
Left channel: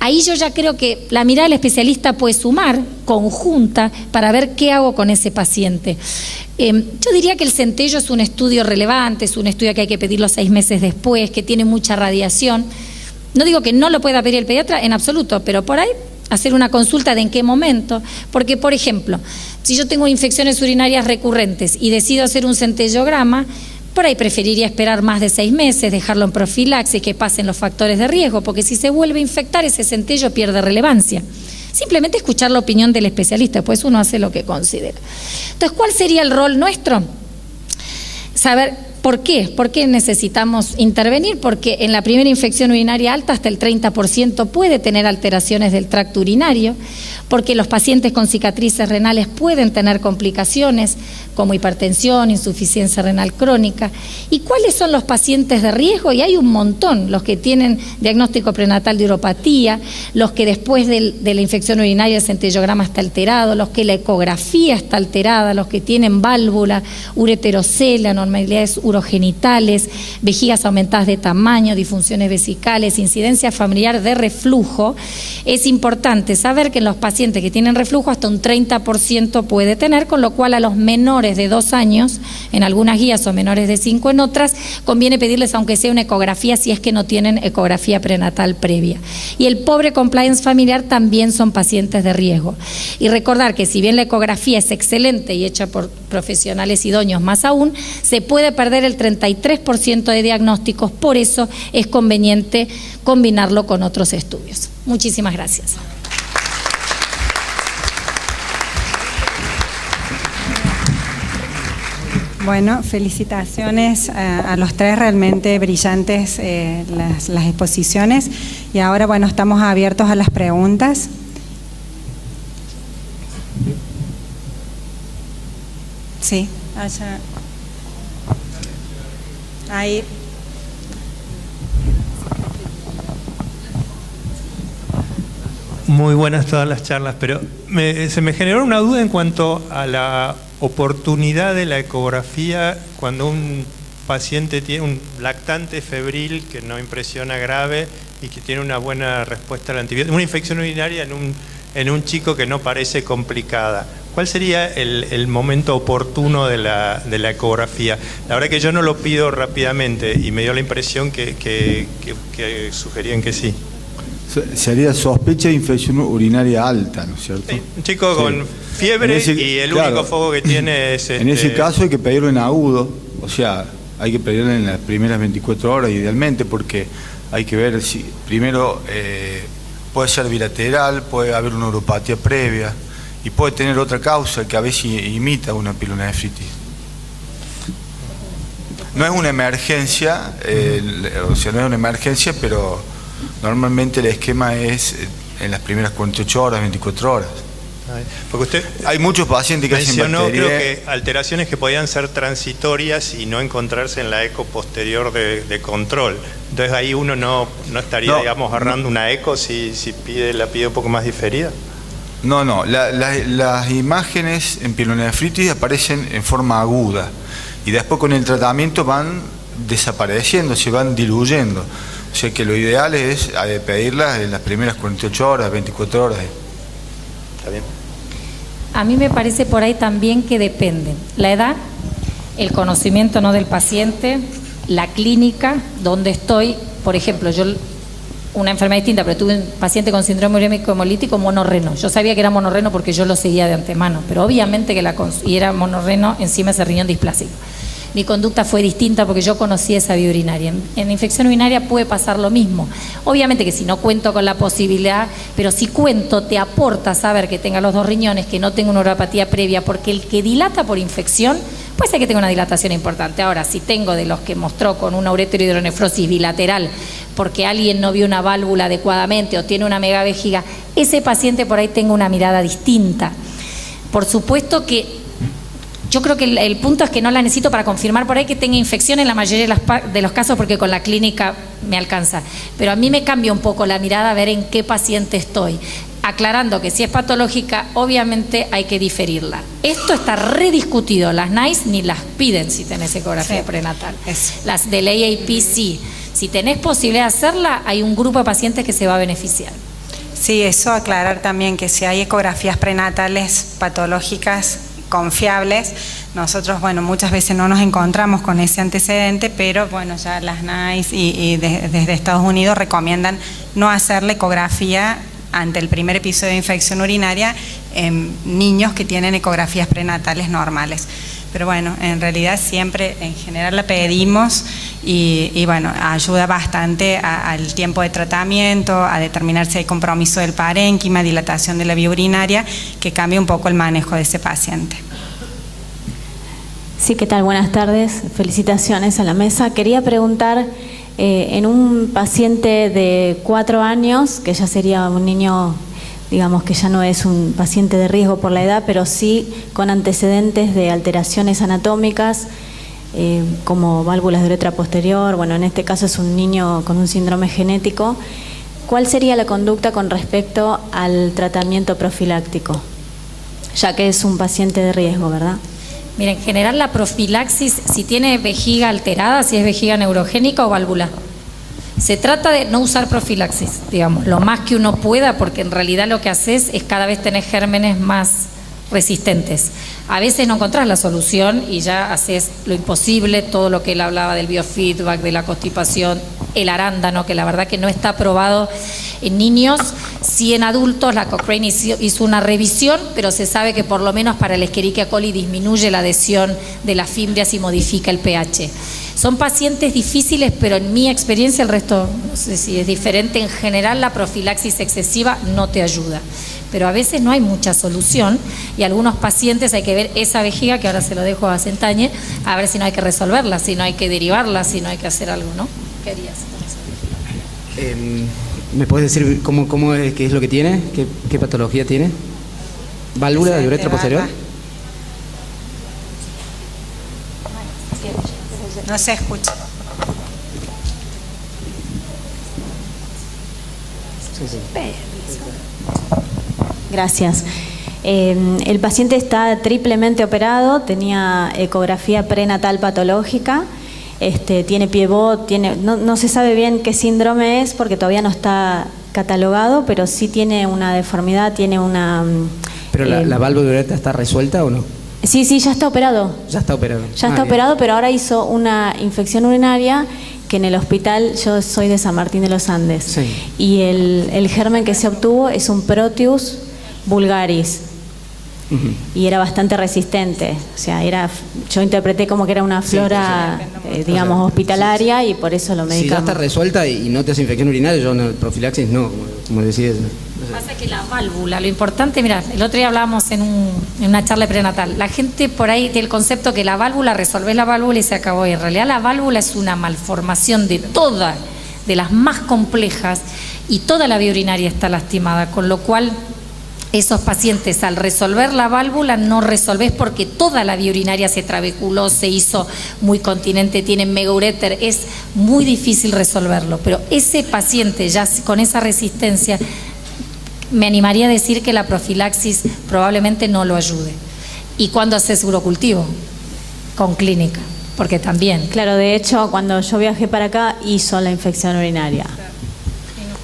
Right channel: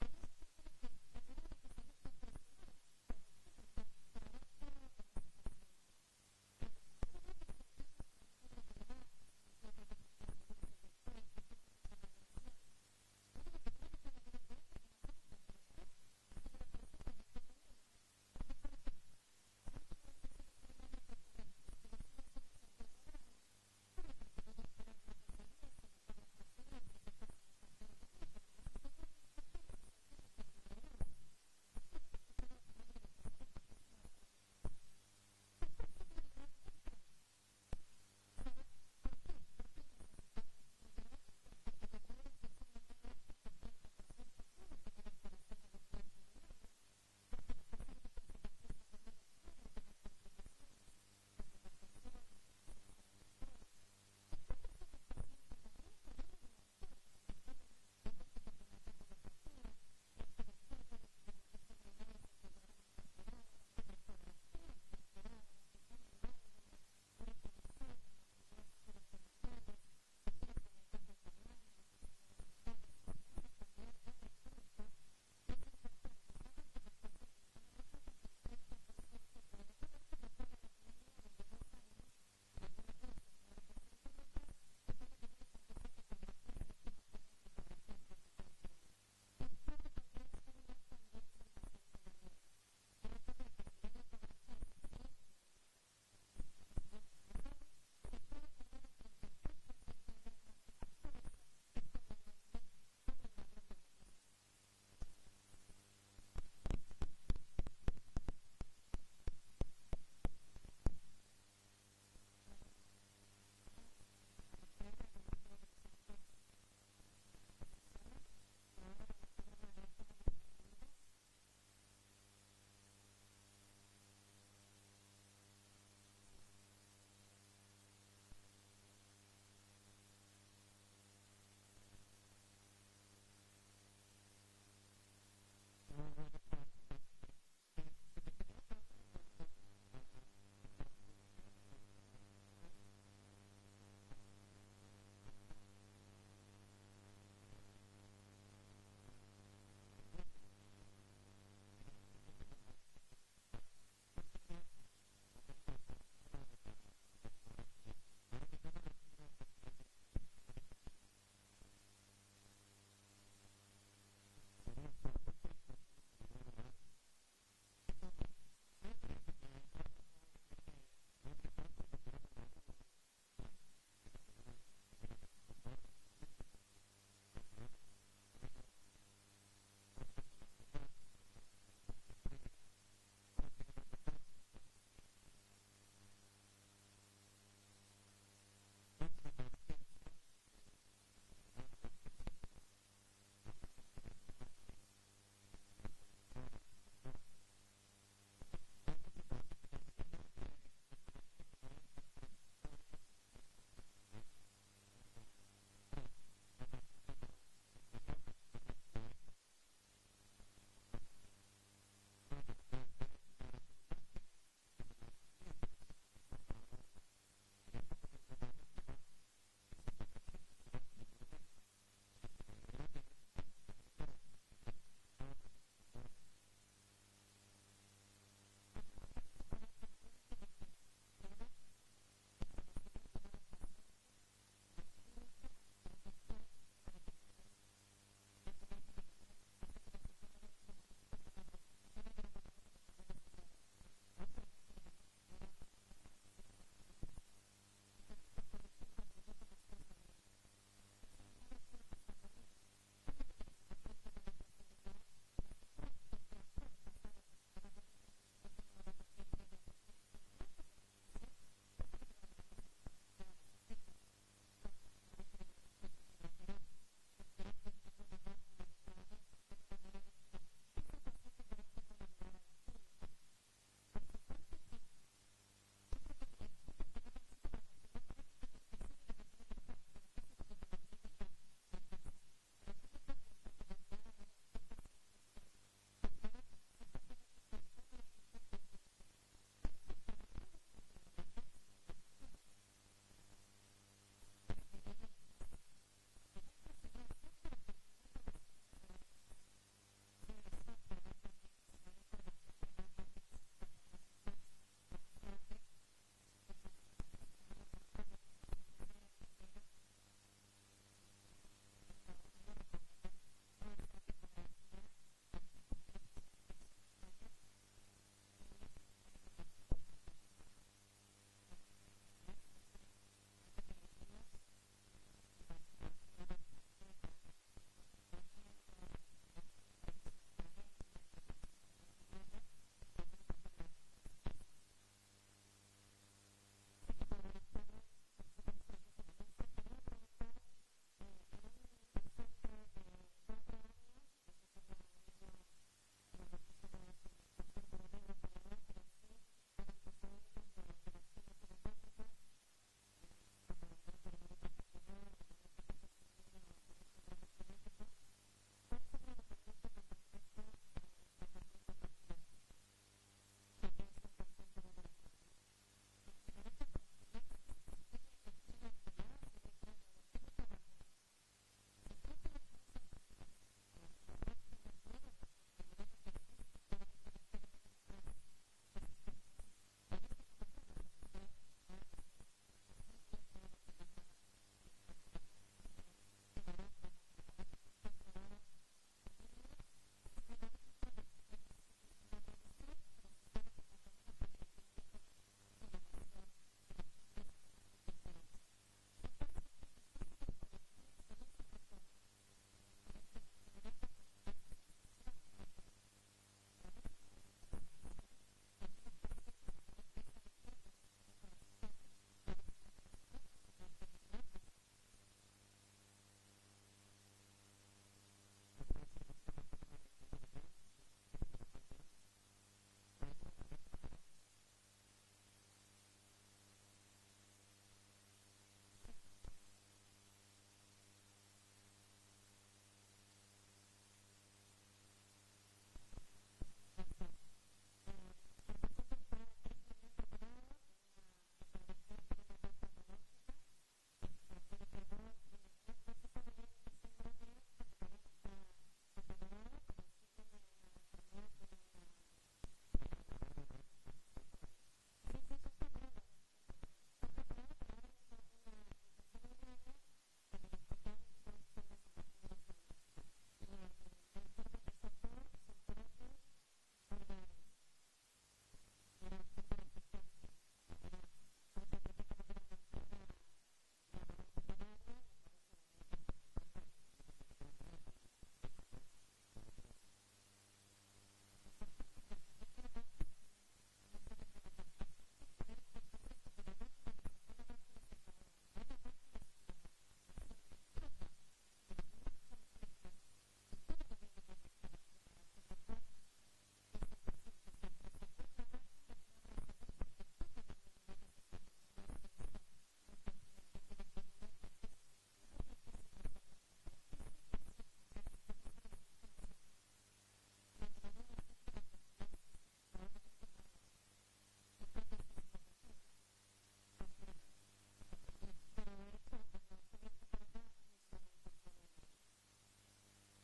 Ahí yo ya creo que la mirada del especialista puede sumar, conjunta, para ver qué hago con ese paciente. Yo diría que el centello es un estudio relevante, es un estudio que hay que pedirlo 6 meses después, que tiene mucha radiación. No digo que no lo pueda pedir el pediatra en absoluto, pero por ahí hacer una consulta de en qué momento. Porque, por ejemplo, si yo tengo infecciones urinarias recurrentes y decido hacer un centellograma, por ahí preferiría esperar más de 6 meses, dejarlo en profilaxis, que pasen los factores de riesgo, porque si se vuelve a infectar, ese centello pierde relevancia. Simplemente escuchar la opinión del especialista, pues uno hace lo que considera. Entonces, ¿cuál sería el rol nuestro? Saber por qué necesitamos intervenir, porque en la primera infección urinaria alta hasta el 30% puede tener alteraciones del tracto urinario, porque los pacientes con cicatrices renales pueden tener complicaciones como hipertensión, insuficiencia renal crónica. ¿Y cuáles son los pacientes de riesgo? Y hay un montón, los que tienen diagnóstico prenatal de uropatía, los que después de la infección urinaria el centellograma está alterado, los que la ecografía está alterada, los que tienen válvula, ureterocele, anormalidades urogenitales, vejigas aumentadas de tamaño, disfunciones vesicales, incidencia familiar de reflujo. Es importante saber que en los pacientes que tienen reflujo hasta un 30% puede tener, con lo cual a los menores de 2 años, en algunas guías, o menores de 5 en otras, conviene pedirles aunque sea una ecografía si es que no tienen ecografía prenatal previa. Y el pobre compliance familiar también son pacientes de riesgo. Y recordar que si bien la ecografía es excelente y hecha por profesionales idóneos más aún, se puede perder el 33% de diagnósticos, por eso es conveniente combinarlo con otros estudios. Muchísimas gracias. Bueno, felicitaciones a los 3, realmente brillantes las exposiciones. Y ahora, bueno, estamos abiertos a las preguntas. Sí, allá. Ahí. Muy buenas todas las charlas, pero se me generó una duda en cuanto a la oportunidad de la ecografía cuando un paciente tiene un lactante febril que no impresiona grave y que tiene una buena respuesta al antibiótico, una infección urinaria en un chico que no parece complicada. ¿Cuál sería el momento oportuno de la ecografía? La verdad que yo no lo pido rápidamente y me dio la impresión que sugerían que sí. Sería sospecha de infección urinaria alta, ¿no es cierto? Sí, un chico con fiebre y el único foco que tiene es... En ese caso hay que pedirlo en agudo, o sea, hay que pedirlo en las primeras 24 horas idealmente, porque hay que ver si primero puede ser bilateral, puede haber una uropatía previa y puede tener otra causa que a veces imita una pielonefritis. No es una emergencia, o sea, no es una emergencia, pero normalmente el esquema es en las primeras 48 horas, 24 horas. Porque usted hay muchos pacientes que mencionó, hacen creo que alteraciones que podían ser transitorias y no encontrarse en la eco posterior de control. Entonces ahí uno no estaría, digamos, agarrando una eco si la pide un poco más diferida. No, las imágenes en pielonefritis aparecen en forma aguda y después con el tratamiento van desapareciendo, se van diluyendo. O sea que lo ideal es pedirlas en las primeras 48 horas, 24 horas. ¿Está bien? A mí me parece por ahí también que depende. La edad, el conocimiento no del paciente, la clínica, donde estoy. Por ejemplo, yo, una enfermedad distinta, pero tuve un paciente con síndrome urémico hemolítico monorreno. Yo sabía que era monorreno porque yo lo seguía de antemano, pero obviamente que y era monorreno encima ese riñón displásico. mi conducta fue distinta porque yo conocí esa vía urinaria. En infección urinaria puede pasar lo mismo. Obviamente que si no cuento con la posibilidad, pero si cuento te aporta saber que tenga los 2 riñones, que no tenga una uropatía previa, porque el que dilata por infección puede ser que tenga una dilatación importante. Ahora, si tengo de los que mostró con una ureterohidronefrosis bilateral porque alguien no vio una válvula adecuadamente o tiene una megavejiga, ese paciente por ahí tenga una mirada distinta. Por supuesto que yo creo que el punto es que no la necesito para confirmar por ahí que tenga infección en la mayoría de los casos, porque con la clínica me alcanza. Pero a mí me cambia un poco la mirada a ver en qué paciente estoy. Aclarando que si es patológica, obviamente hay que diferirla. Esto está rediscutido. Las NICE ni las piden si tenés ecografía prenatal. Las del AAP sí. Si tenés posibilidad de hacerla, hay un grupo de pacientes que se va a beneficiar. Sí, eso aclarar también que si hay ecografías prenatales patológicas confiables, nosotros, bueno, muchas veces no nos encontramos con ese antecedente, pero bueno, ya las NICE y desde Estados Unidos recomiendan no hacer la ecografía ante el primer episodio de infección urinaria en niños que tienen ecografías prenatales normales. Pero bueno, en realidad siempre en general la pedimos y bueno, ayuda bastante al tiempo de tratamiento, a determinar si hay compromiso del parénquima, dilatación de la vía urinaria, que cambie un poco el manejo de ese paciente. Sí, ¿qué tal? Buenas tardes. Felicitaciones a la mesa. Quería preguntar, en un paciente de 4 años, que ya sería un niño, digamos que ya no es un paciente de riesgo por la edad, pero sí con antecedentes de alteraciones anatómicas, como válvulas de uretra posterior, bueno, en este caso es un niño con un síndrome genético. ¿Cuál sería la conducta con respecto al tratamiento profiláctico? Ya que es un paciente de riesgo, ¿verdad? Mira, en general la profilaxis, si tiene vejiga alterada, si es vejiga neurogénica o válvula, se trata de no usar profilaxis, digamos, lo más que uno pueda, porque en realidad lo que haces es cada vez tener gérmenes más resistentes. A veces no encontrás la solución y ya haces lo imposible, todo lo que él hablaba del biofeedback, de la constipación, el arándano, que la verdad que no está aprobado en niños. Sí, en adultos la Cochrane hizo una revisión, pero se sabe que por lo menos para el Escherichia coli disminuye la adhesión de las fimbrias y modifica el pH. Son pacientes difíciles, pero en mi experiencia, el resto no sé si es diferente, en general la profilaxis excesiva no te ayuda. Pero a veces no hay mucha solución y algunos pacientes hay que ver esa vejiga, que ahora se lo dejo a Sentañe, a ver si no hay que resolverla, si no hay que derivarla, si no hay que hacer algo, ¿no? ¿Qué harías con esa vejiga? ¿Me puedes decir cómo es, qué es lo que tiene? ¿Qué patología tiene? ¿Válvula de uretra posterior? No se escucha. Gracias. El paciente está triplemente operado, tenía ecografía prenatal patológica, tiene piebot, no se sabe bien qué síndrome es porque todavía no está catalogado, pero sí tiene una deformidad, tiene una... ¿Pero la válvula de uretra está resuelta o no? Sí, ya está operado. Ya está operado. Ya está operado, pero ahora hizo una infección urinaria que en el hospital, yo soy de San Martín de los Andes, sí. Y el germen que se obtuvo es un Proteus vulgaris. Y era bastante resistente, o sea, yo interpreté como que era una flora, digamos, hospitalaria, y por eso lo medicamos. Si ya está resuelta y no te hace infección urinaria, yo no, profilaxis no, como decías. Pasa que la válvula, lo importante, mira, el otro día hablábamos en una charla prenatal, la gente por ahí tiene el concepto que la válvula, resolvés la válvula y se acabó, y en realidad la válvula es una malformación de todas, de las más complejas, y toda la vía urinaria está lastimada, con lo cual esos pacientes al resolver la válvula no resolvés porque toda la vía urinaria se trabeculó, se hizo muy continente, tienen megaureter, es muy difícil resolverlo, pero ese paciente ya con esa resistencia, me animaría a decir que la profilaxis probablemente no lo ayude. ¿Y cuándo haces urocultivo? Con clínica, porque también. Claro, de hecho, cuando yo viajé para acá, hizo la infección urinaria.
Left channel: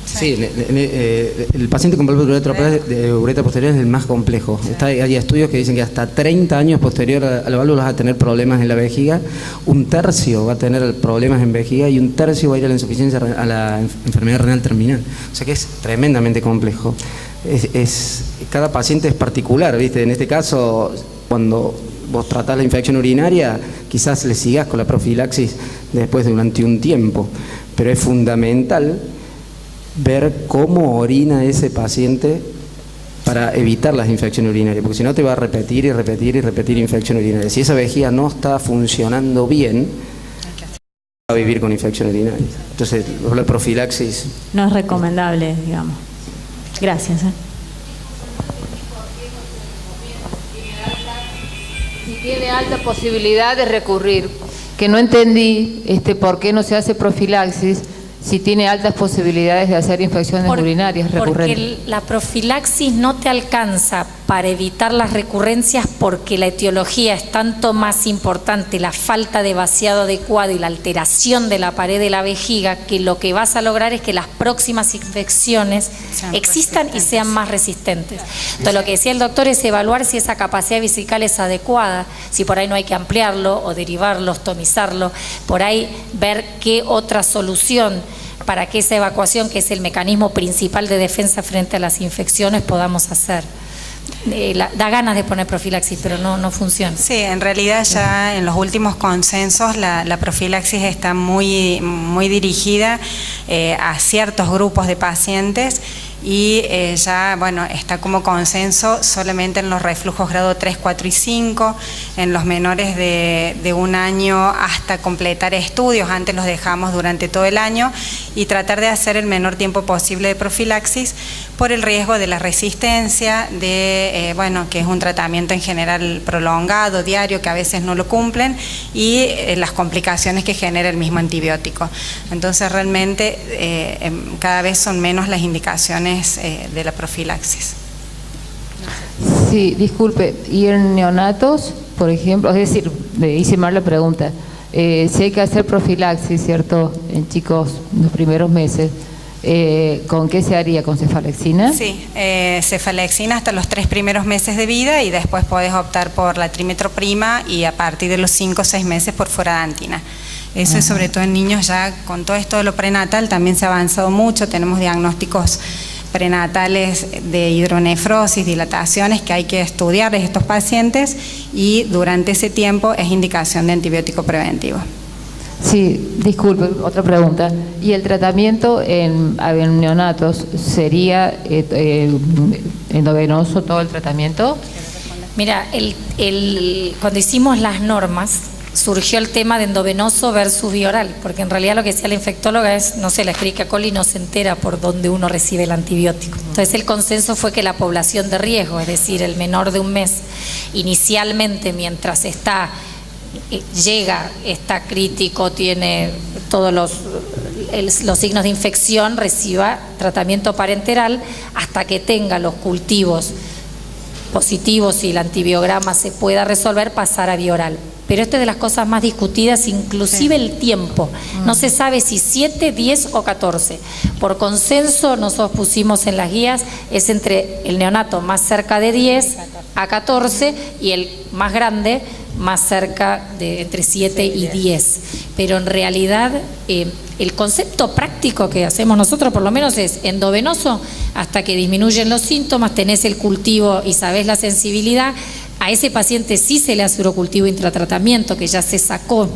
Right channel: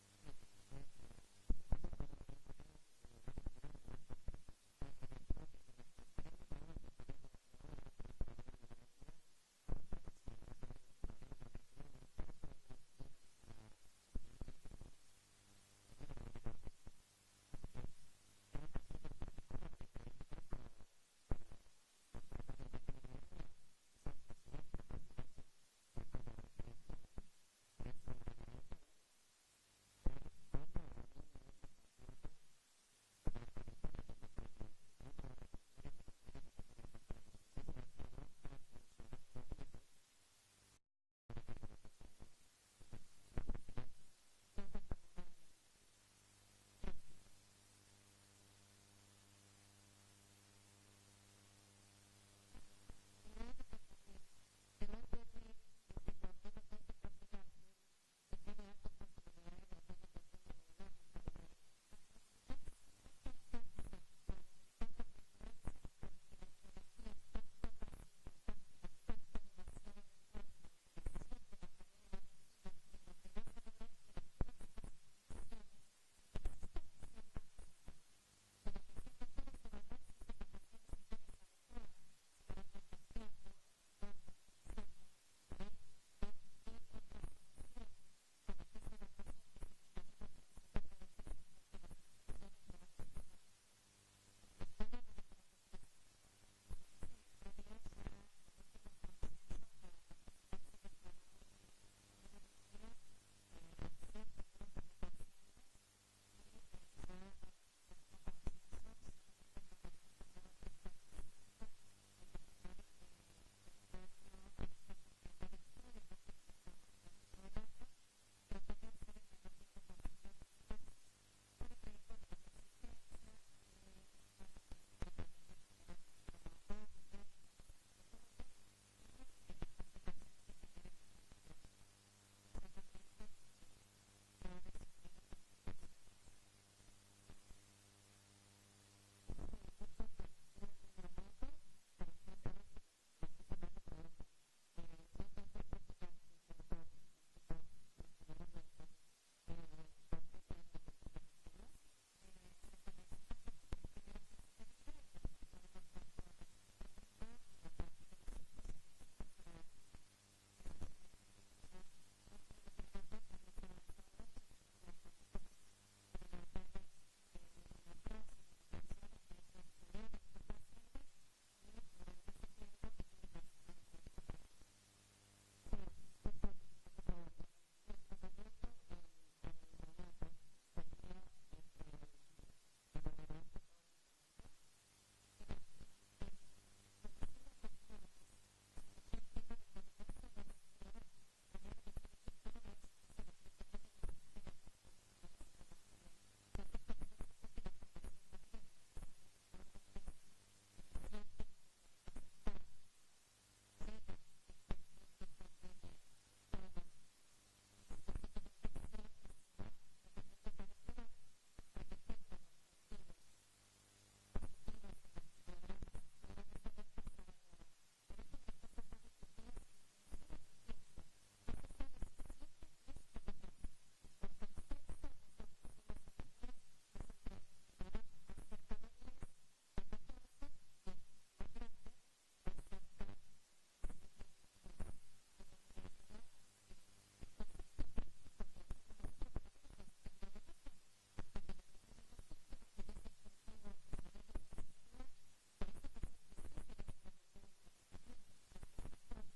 Sí, el paciente con válvula de uretra posterior es el más complejo. Hay estudios que dicen que hasta 30 años posterior a la válvula va a tener problemas en la vejiga, un tercio va a tener problemas en vejiga y un tercio va a ir a la insuficiencia, a la enfermedad renal terminal. O sea que es tremendamente complejo. cada paciente es particular, ¿viste? En este caso, cuando vos tratás la infección urinaria, quizás le sigas con la profilaxis después durante un tiempo, pero es fundamental ver cómo orina ese paciente para evitar las infecciones urinarias, porque si no te va a repetir y repetir y repetir infección urinaria. Si esa vejiga no está funcionando bien, va a vivir con infección urinaria. Entonces, la profilaxis No es recomendable, digamos. Gracias. Si tiene alta posibilidad de recurrir, que no entendí por qué no se hace profilaxis si tiene altas posibilidades de hacer infecciones urinarias recurrentes. Porque la profilaxis no te alcanza para evitar las recurrencias, porque la etiología es tanto más importante, la falta de vaciado adecuado y la alteración de la pared de la vejiga, que lo que vas a lograr es que las próximas infecciones existan y sean más resistentes. Entonces, lo que decía el doctor es evaluar si esa capacidad vesical es adecuada, si por ahí no hay que ampliarlo o derivarlo, ostomizarlo, por ahí ver qué otra solución para que esa evacuación, que es el mecanismo principal de defensa frente a las infecciones, podamos hacer. Da ganas de poner profilaxis, pero no funciona. Sí, en realidad ya en los últimos consensos la profilaxis está muy dirigida a ciertos grupos de pacientes y ya, bueno, está como consenso solamente en los reflujos grado 3, 4 y 5, en los menores de 1 año hasta completar estudios, antes los dejamos durante todo el año, y tratar de hacer el menor tiempo posible de profilaxis por el riesgo de la resistencia, bueno, que es un tratamiento en general prolongado, diario, que a veces no lo cumplen, y las complicaciones que genera el mismo antibiótico. Entonces realmente cada vez son menos las indicaciones de la profilaxis. Sí, disculpe, ¿y en neonatos, por ejemplo? Es decir, le hice mal la pregunta. Si hay que hacer profilaxis, ¿cierto?, en chicos los primeros meses, ¿con qué se haría? ¿Con cefalexina? Sí, cefalexina hasta los 3 primeros meses de vida, y después podés optar por la trimetroprima, y a partir de los 5 o 6 meses por furantina. Eso es sobre todo en niños. Ya con todo esto de lo prenatal también se ha avanzado mucho, tenemos diagnósticos prenatales de hidronefrosis, dilataciones, que hay que estudiar en estos pacientes, y durante ese tiempo es indicación de antibiótico preventivo. Sí, disculpe, otra pregunta. ¿Y el tratamiento en neonatos sería endovenoso todo el tratamiento? Mira, cuando hicimos las normas, surgió el tema de endovenoso versus bioral, porque en realidad lo que decía la infectóloga es, no sé, la Escherichia coli no se entera por dónde uno recibe el antibiótico. Entonces el consenso fue que la población de riesgo, es decir, el menor de 1 mes, inicialmente mientras está crítico, tiene todos los signos de infección, reciba tratamiento parenteral hasta que tenga los cultivos positivos y el antibiograma se pueda resolver, pasar a bioral. Pero esto es de las cosas más discutidas, inclusive el tiempo. No se sabe si 7, 10 o 14. Por consenso, nosotros pusimos en las guías, es entre el neonato más cerca de 10 a 14 y el más grande más cerca de entre 7 y 10. Pero en realidad el concepto práctico que hacemos nosotros por lo menos es endovenoso hasta que disminuyen los síntomas, tenés el cultivo y sabés la sensibilidad. A ese paciente sí se le hace urocultivo intratratamiento, que ya se sacó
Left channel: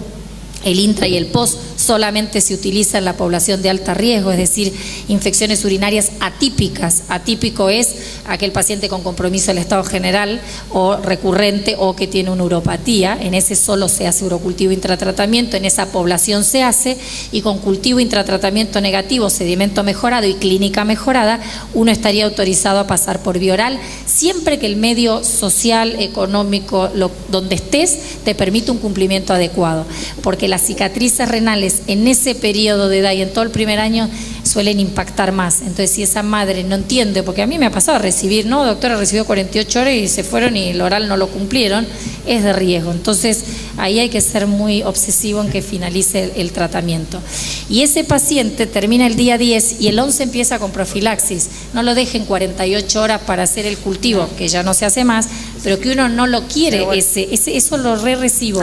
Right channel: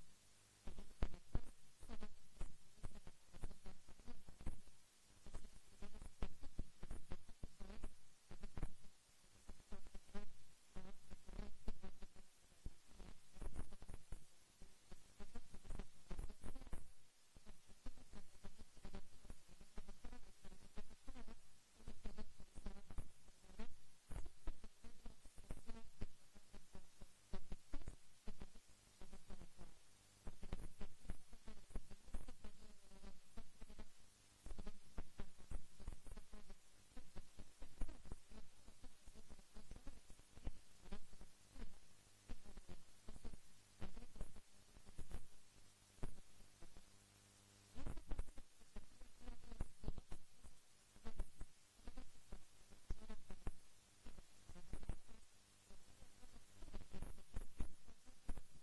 el intra y el post, solamente se utiliza en la población de alto riesgo, es decir, infecciones urinarias atípicas. Atípico es aquel paciente con compromiso del estado general o recurrente o que tiene una uropatía. En ese solo se hace urocultivo intratratamiento, en esa población se hace, y con cultivo intratratamiento negativo, sedimento mejorado y clínica mejorada, uno estaría autorizado a pasar por bioral, siempre que el medio social, económico, donde estés, te permite un cumplimiento adecuado, porque las cicatrices renales en ese periodo de edad y en todo el primer año suelen impactar más. Entonces, si esa madre no entiende, porque a mí me ha pasado a recibir, no, doctora, recibió 48 horas y se fueron y el oral no lo cumplieron, es de riesgo. Entonces, ahí hay que ser muy obsesivo en que finalice el tratamiento. Y ese paciente termina el día 10 y el 11 empieza con profilaxis. No lo dejen 48 horas para hacer el cultivo, que ya no se hace más, pero que uno no lo quiere, eso lo recibo.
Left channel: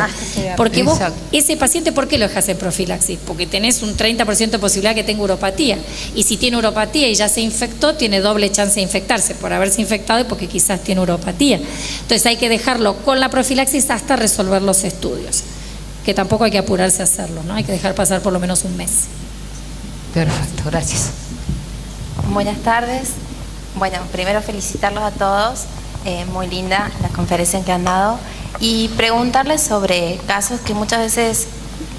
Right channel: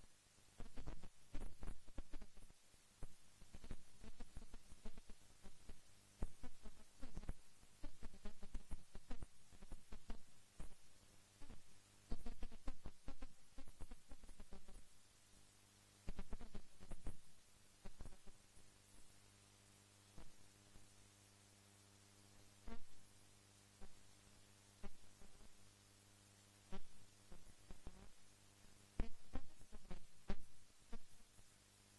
Porque vos, ese paciente, ¿por qué lo dejas en profilaxis? Porque tenés un 30% de posibilidad que tenga uropatía. Y si tiene uropatía y ya se infectó, tiene doble chance de infectarse por haberse infectado y porque quizás tiene uropatía. Entonces hay que dejarlo con la profilaxis hasta resolver los estudios, que tampoco hay que apurarse a hacerlo, ¿no? Hay que dejar pasar por lo menos un mes. Perfecto, gracias. Buenas tardes. Bueno, primero felicitarlos a todos. Muy linda la conferencia que han dado. Y preguntarles sobre casos que muchas veces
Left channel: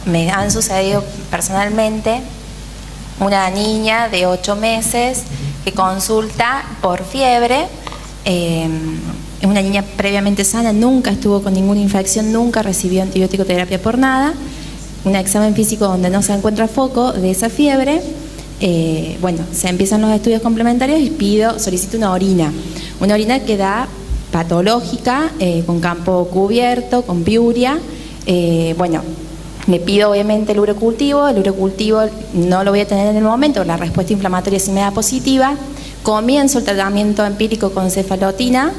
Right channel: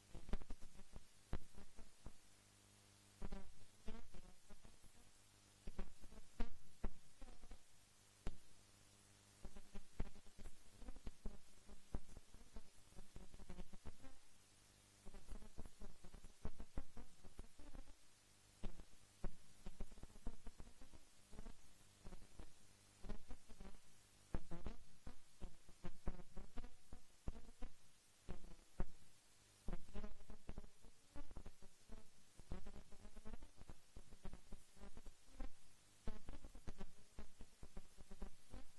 me han sucedido personalmente. Una niña de 8 meses que consulta por fiebre. Es una niña previamente sana, nunca estuvo con ninguna infección, nunca recibió antibiótico terapia por nada. Un examen físico donde no se encuentra foco de esa fiebre. Bueno, se empiezan los estudios complementarios y solicito una orina que da patológica, con campo cubierto, con piuria. Bueno, le pido obviamente el urocultivo no lo voy a tener en el momento, la respuesta inflamatoria sí me da positiva. Comienzo el tratamiento empírico con cefalexina,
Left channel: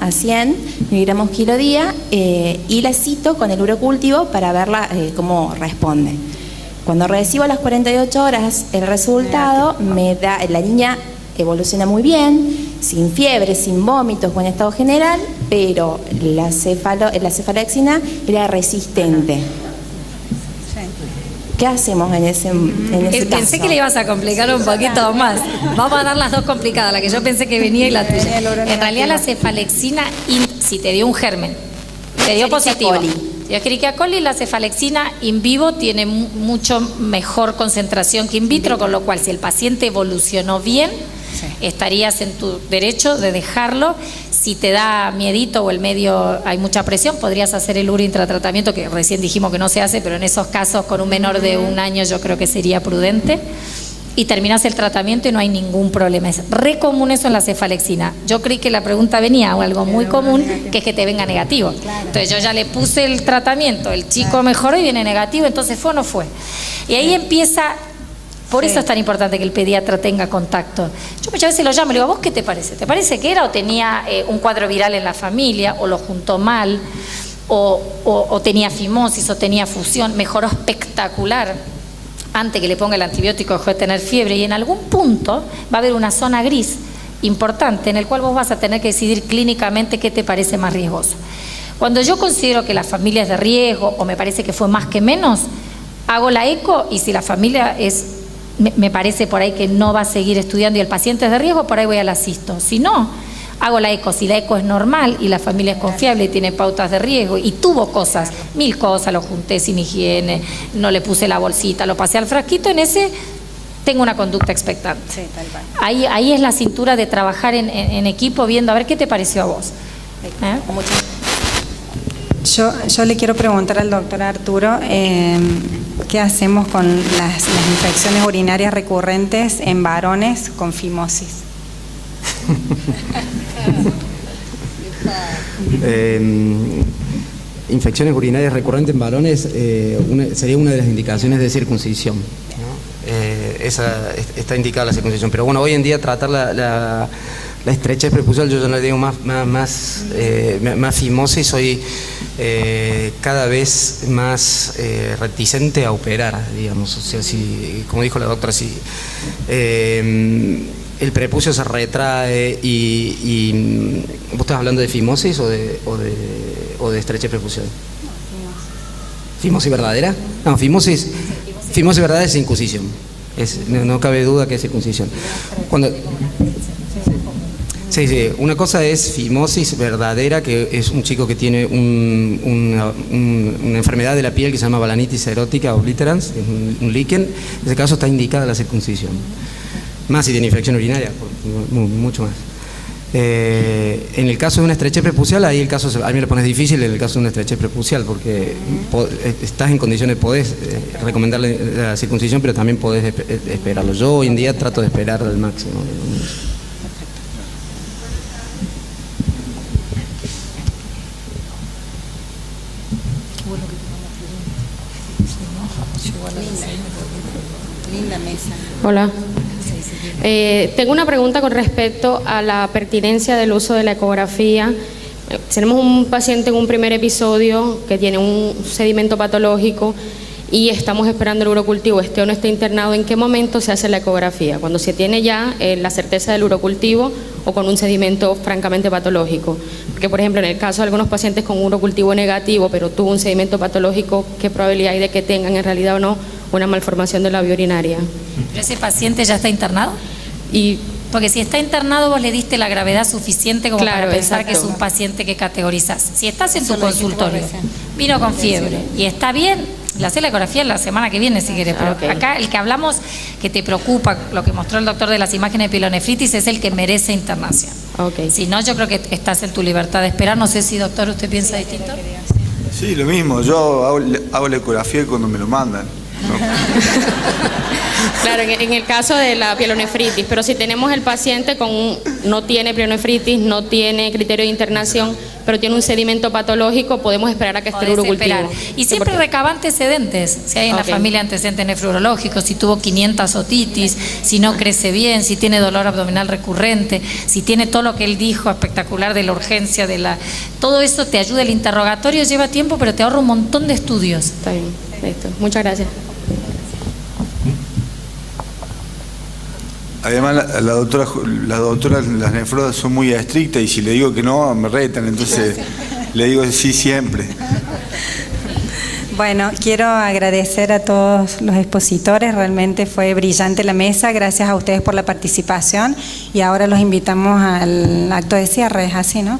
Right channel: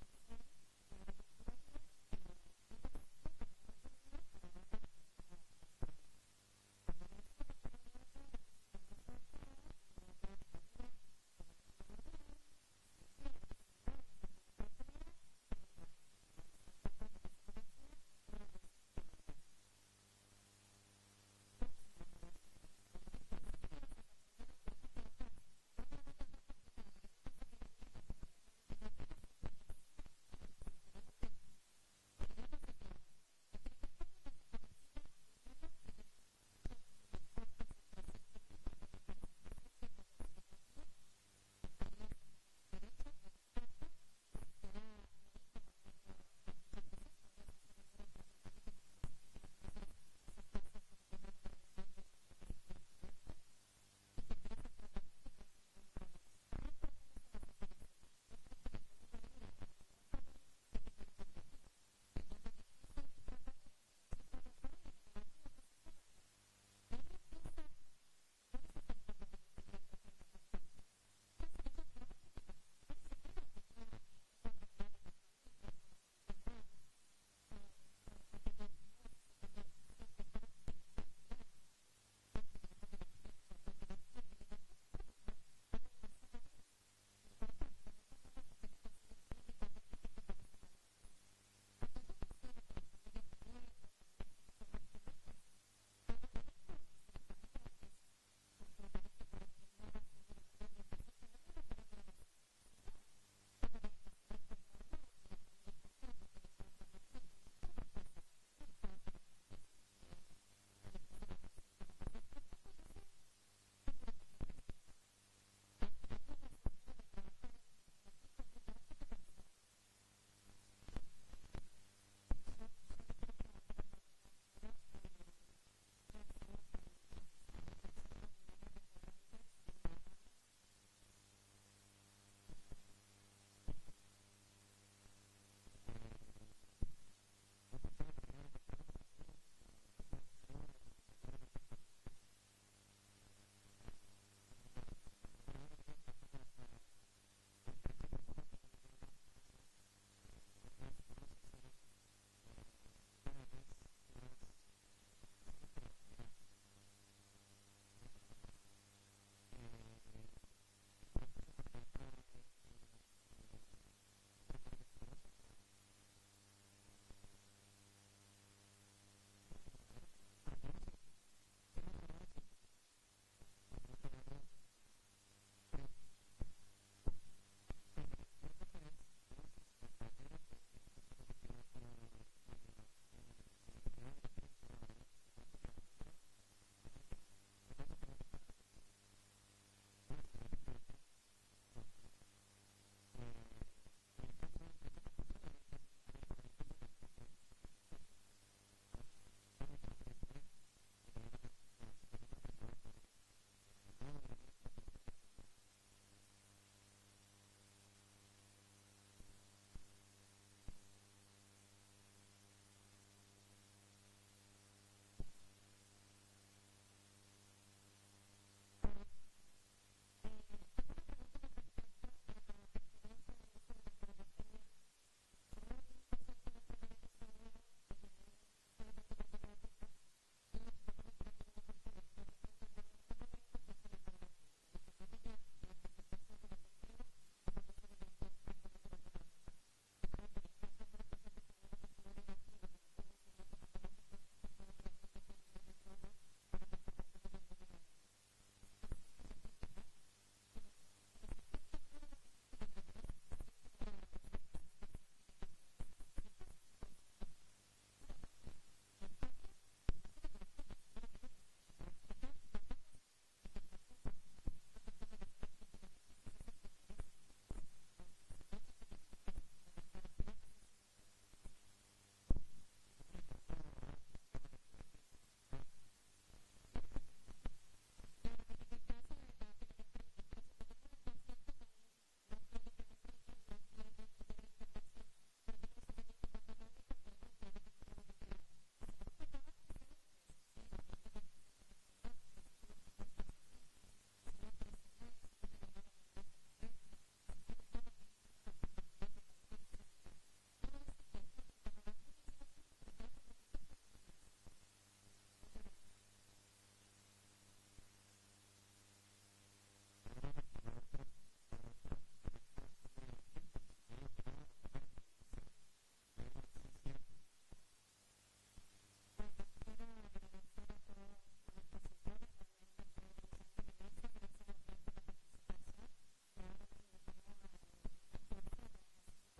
a 100 miligramos kilo día, y la cito con el urocultivo para verla cómo responde. Cuando recibo a las 48 horas el resultado, la niña evoluciona muy bien, sin fiebre, sin vómitos, buen estado general, pero la cefalexina era resistente. ¿Qué hacemos en ese caso? Pensé que le ibas a complicar un poquito más. Vamos a dar las dos complicadas, la que yo pensé que venía y la tuya. En realidad la cefalexina, si te dio un germen, te dio positivo. Si Escherichia coli, la cefalexina in vivo tiene mucho mejor concentración que in vitro, con lo cual si el paciente evolucionó bien, estarías en tu derecho de dejarlo. Si te da miedito o el medio hay mucha presión, podrías hacer el intratratamiento, que recién dijimos que no se hace, pero en esos casos con un menor de 1 año yo creo que sería prudente. Y terminas el tratamiento y no hay ningún problema. Es re común eso en la cefalexina. Yo creí que la pregunta venía o algo muy común, que es que te venga negativo. Entonces yo ya le puse el tratamiento, el chico mejoró y viene negativo, entonces ¿fue o no fue? Y ahí empieza. Por eso es tan importante que el pediatra tenga contacto. Yo muchas veces lo llamo y le digo, ¿a vos qué te parece? ¿Te parece que era o tenía un cuadro viral en la familia, o lo juntó mal, o tenía fimosis, o tenía fusión? Mejoró espectacular. Antes que le ponga el antibiótico dejó de tener fiebre, y en algún punto va a haber una zona gris importante en el cual vos vas a tener que decidir clínicamente qué te parece más riesgoso. Cuando yo considero que la familia es de riesgo o me parece que fue más que menos, hago la eco, y si la familia me parece por ahí que no va a seguir estudiando y el paciente es de riesgo, por ahí voy a la cisto. Si no, hago la eco. Si la eco es normal y la familia es confiable y tiene pautas de riesgo y tuvo cosas, 1000 cosas, lo junté sin higiene, no le puse la bolsita, lo pasé al frasquito, en ese tengo una conducta expectante. Sí, tal cual. Ahí es la cintura de trabajar en equipo, viendo a ver qué te pareció a vos. Yo le quiero preguntar al doctor Arturo, ¿qué hacemos con las infecciones urinarias recurrentes en varones con fimosis? Infecciones urinarias recurrentes en varones sería una de las indicaciones de circuncisión, ¿no? Está indicada la circuncisión, pero bueno, hoy en día tratar la estrechez prepucial, yo ya no le digo más fimosis, soy cada vez más reticente a operar, digamos. O sea, si, como dijo la doctora, si el prepucio se retrae y ¿vos estás hablando de fimosis o de estrechez prepucial? ¿Fimosis verdadera? No, fimosis verdadera es circuncisión. No cabe duda que es circuncisión. Sí, una cosa es fimosis verdadera, que es un chico que tiene una enfermedad de la piel que se llama balanitis erótica obliterans, un líquen. En ese caso está indicada la circuncisión. Más si tiene infección urinaria, mucho más. En el caso de una estrechez prepucial, ahí el caso a mí me lo pones difícil en el caso de una estrechez prepucial, porque estás en condiciones, podés recomendarle la circuncisión, pero también podés esperarlo. Yo hoy en día trato de esperar al máximo. Linda mesa. Hola. Tengo una pregunta con respecto a la pertinencia del uso de la ecografía. Tenemos un paciente en un primer episodio que tiene un sedimento patológico y estamos esperando el urocultivo, esté o no esté internado. ¿En qué momento se hace la ecografía? ¿Cuando se tiene ya la certeza del urocultivo o con un sedimento francamente patológico? Porque, por ejemplo, en el caso de algunos pacientes con un urocultivo negativo, pero tuvo un sedimento patológico, ¿qué probabilidad hay de que tengan en realidad o no una malformación de la vía urinaria? ¿Pero ese paciente ya está internado? Porque si está internado vos le diste la gravedad suficiente como para pensar que es un paciente que categorizás. Si estás en tu consultorio, vino con fiebre y está bien, le haces la ecografía la semana que viene si querés, pero acá el que hablamos que te preocupa, lo que mostró el doctor de las imágenes de pielonefritis, es el que merece internación. Si no, yo creo que estás en tu libertad de esperar. No sé si, doctor, usted piensa distinto. Sí, lo mismo, yo hago la ecografía cuando me lo mandan. Claro, en el caso de la pielonefritis, pero si tenemos el paciente no tiene pielonefritis, no tiene criterio de internación, pero tiene un sedimento patológico, podemos esperar a que esté el urocultivo. Y siempre recaba antecedentes, si hay en la familia antecedentes nefrológicos, si tuvo 500 otitis, si no crece bien, si tiene dolor abdominal recurrente, si tiene todo lo que él dijo espectacular de la urgencia, todo eso te ayuda. El interrogatorio lleva tiempo, pero te ahorra un montón de estudios. Está bien, listo. Muchas gracias. Además, las nefrólogas son muy estrictas y si le digo que no, me retan, entonces le digo sí siempre. Bueno, quiero agradecer a todos los expositores, realmente fue brillante la mesa, gracias a ustedes por la participación y ahora los invitamos al acto de cierre, ¿es así, no?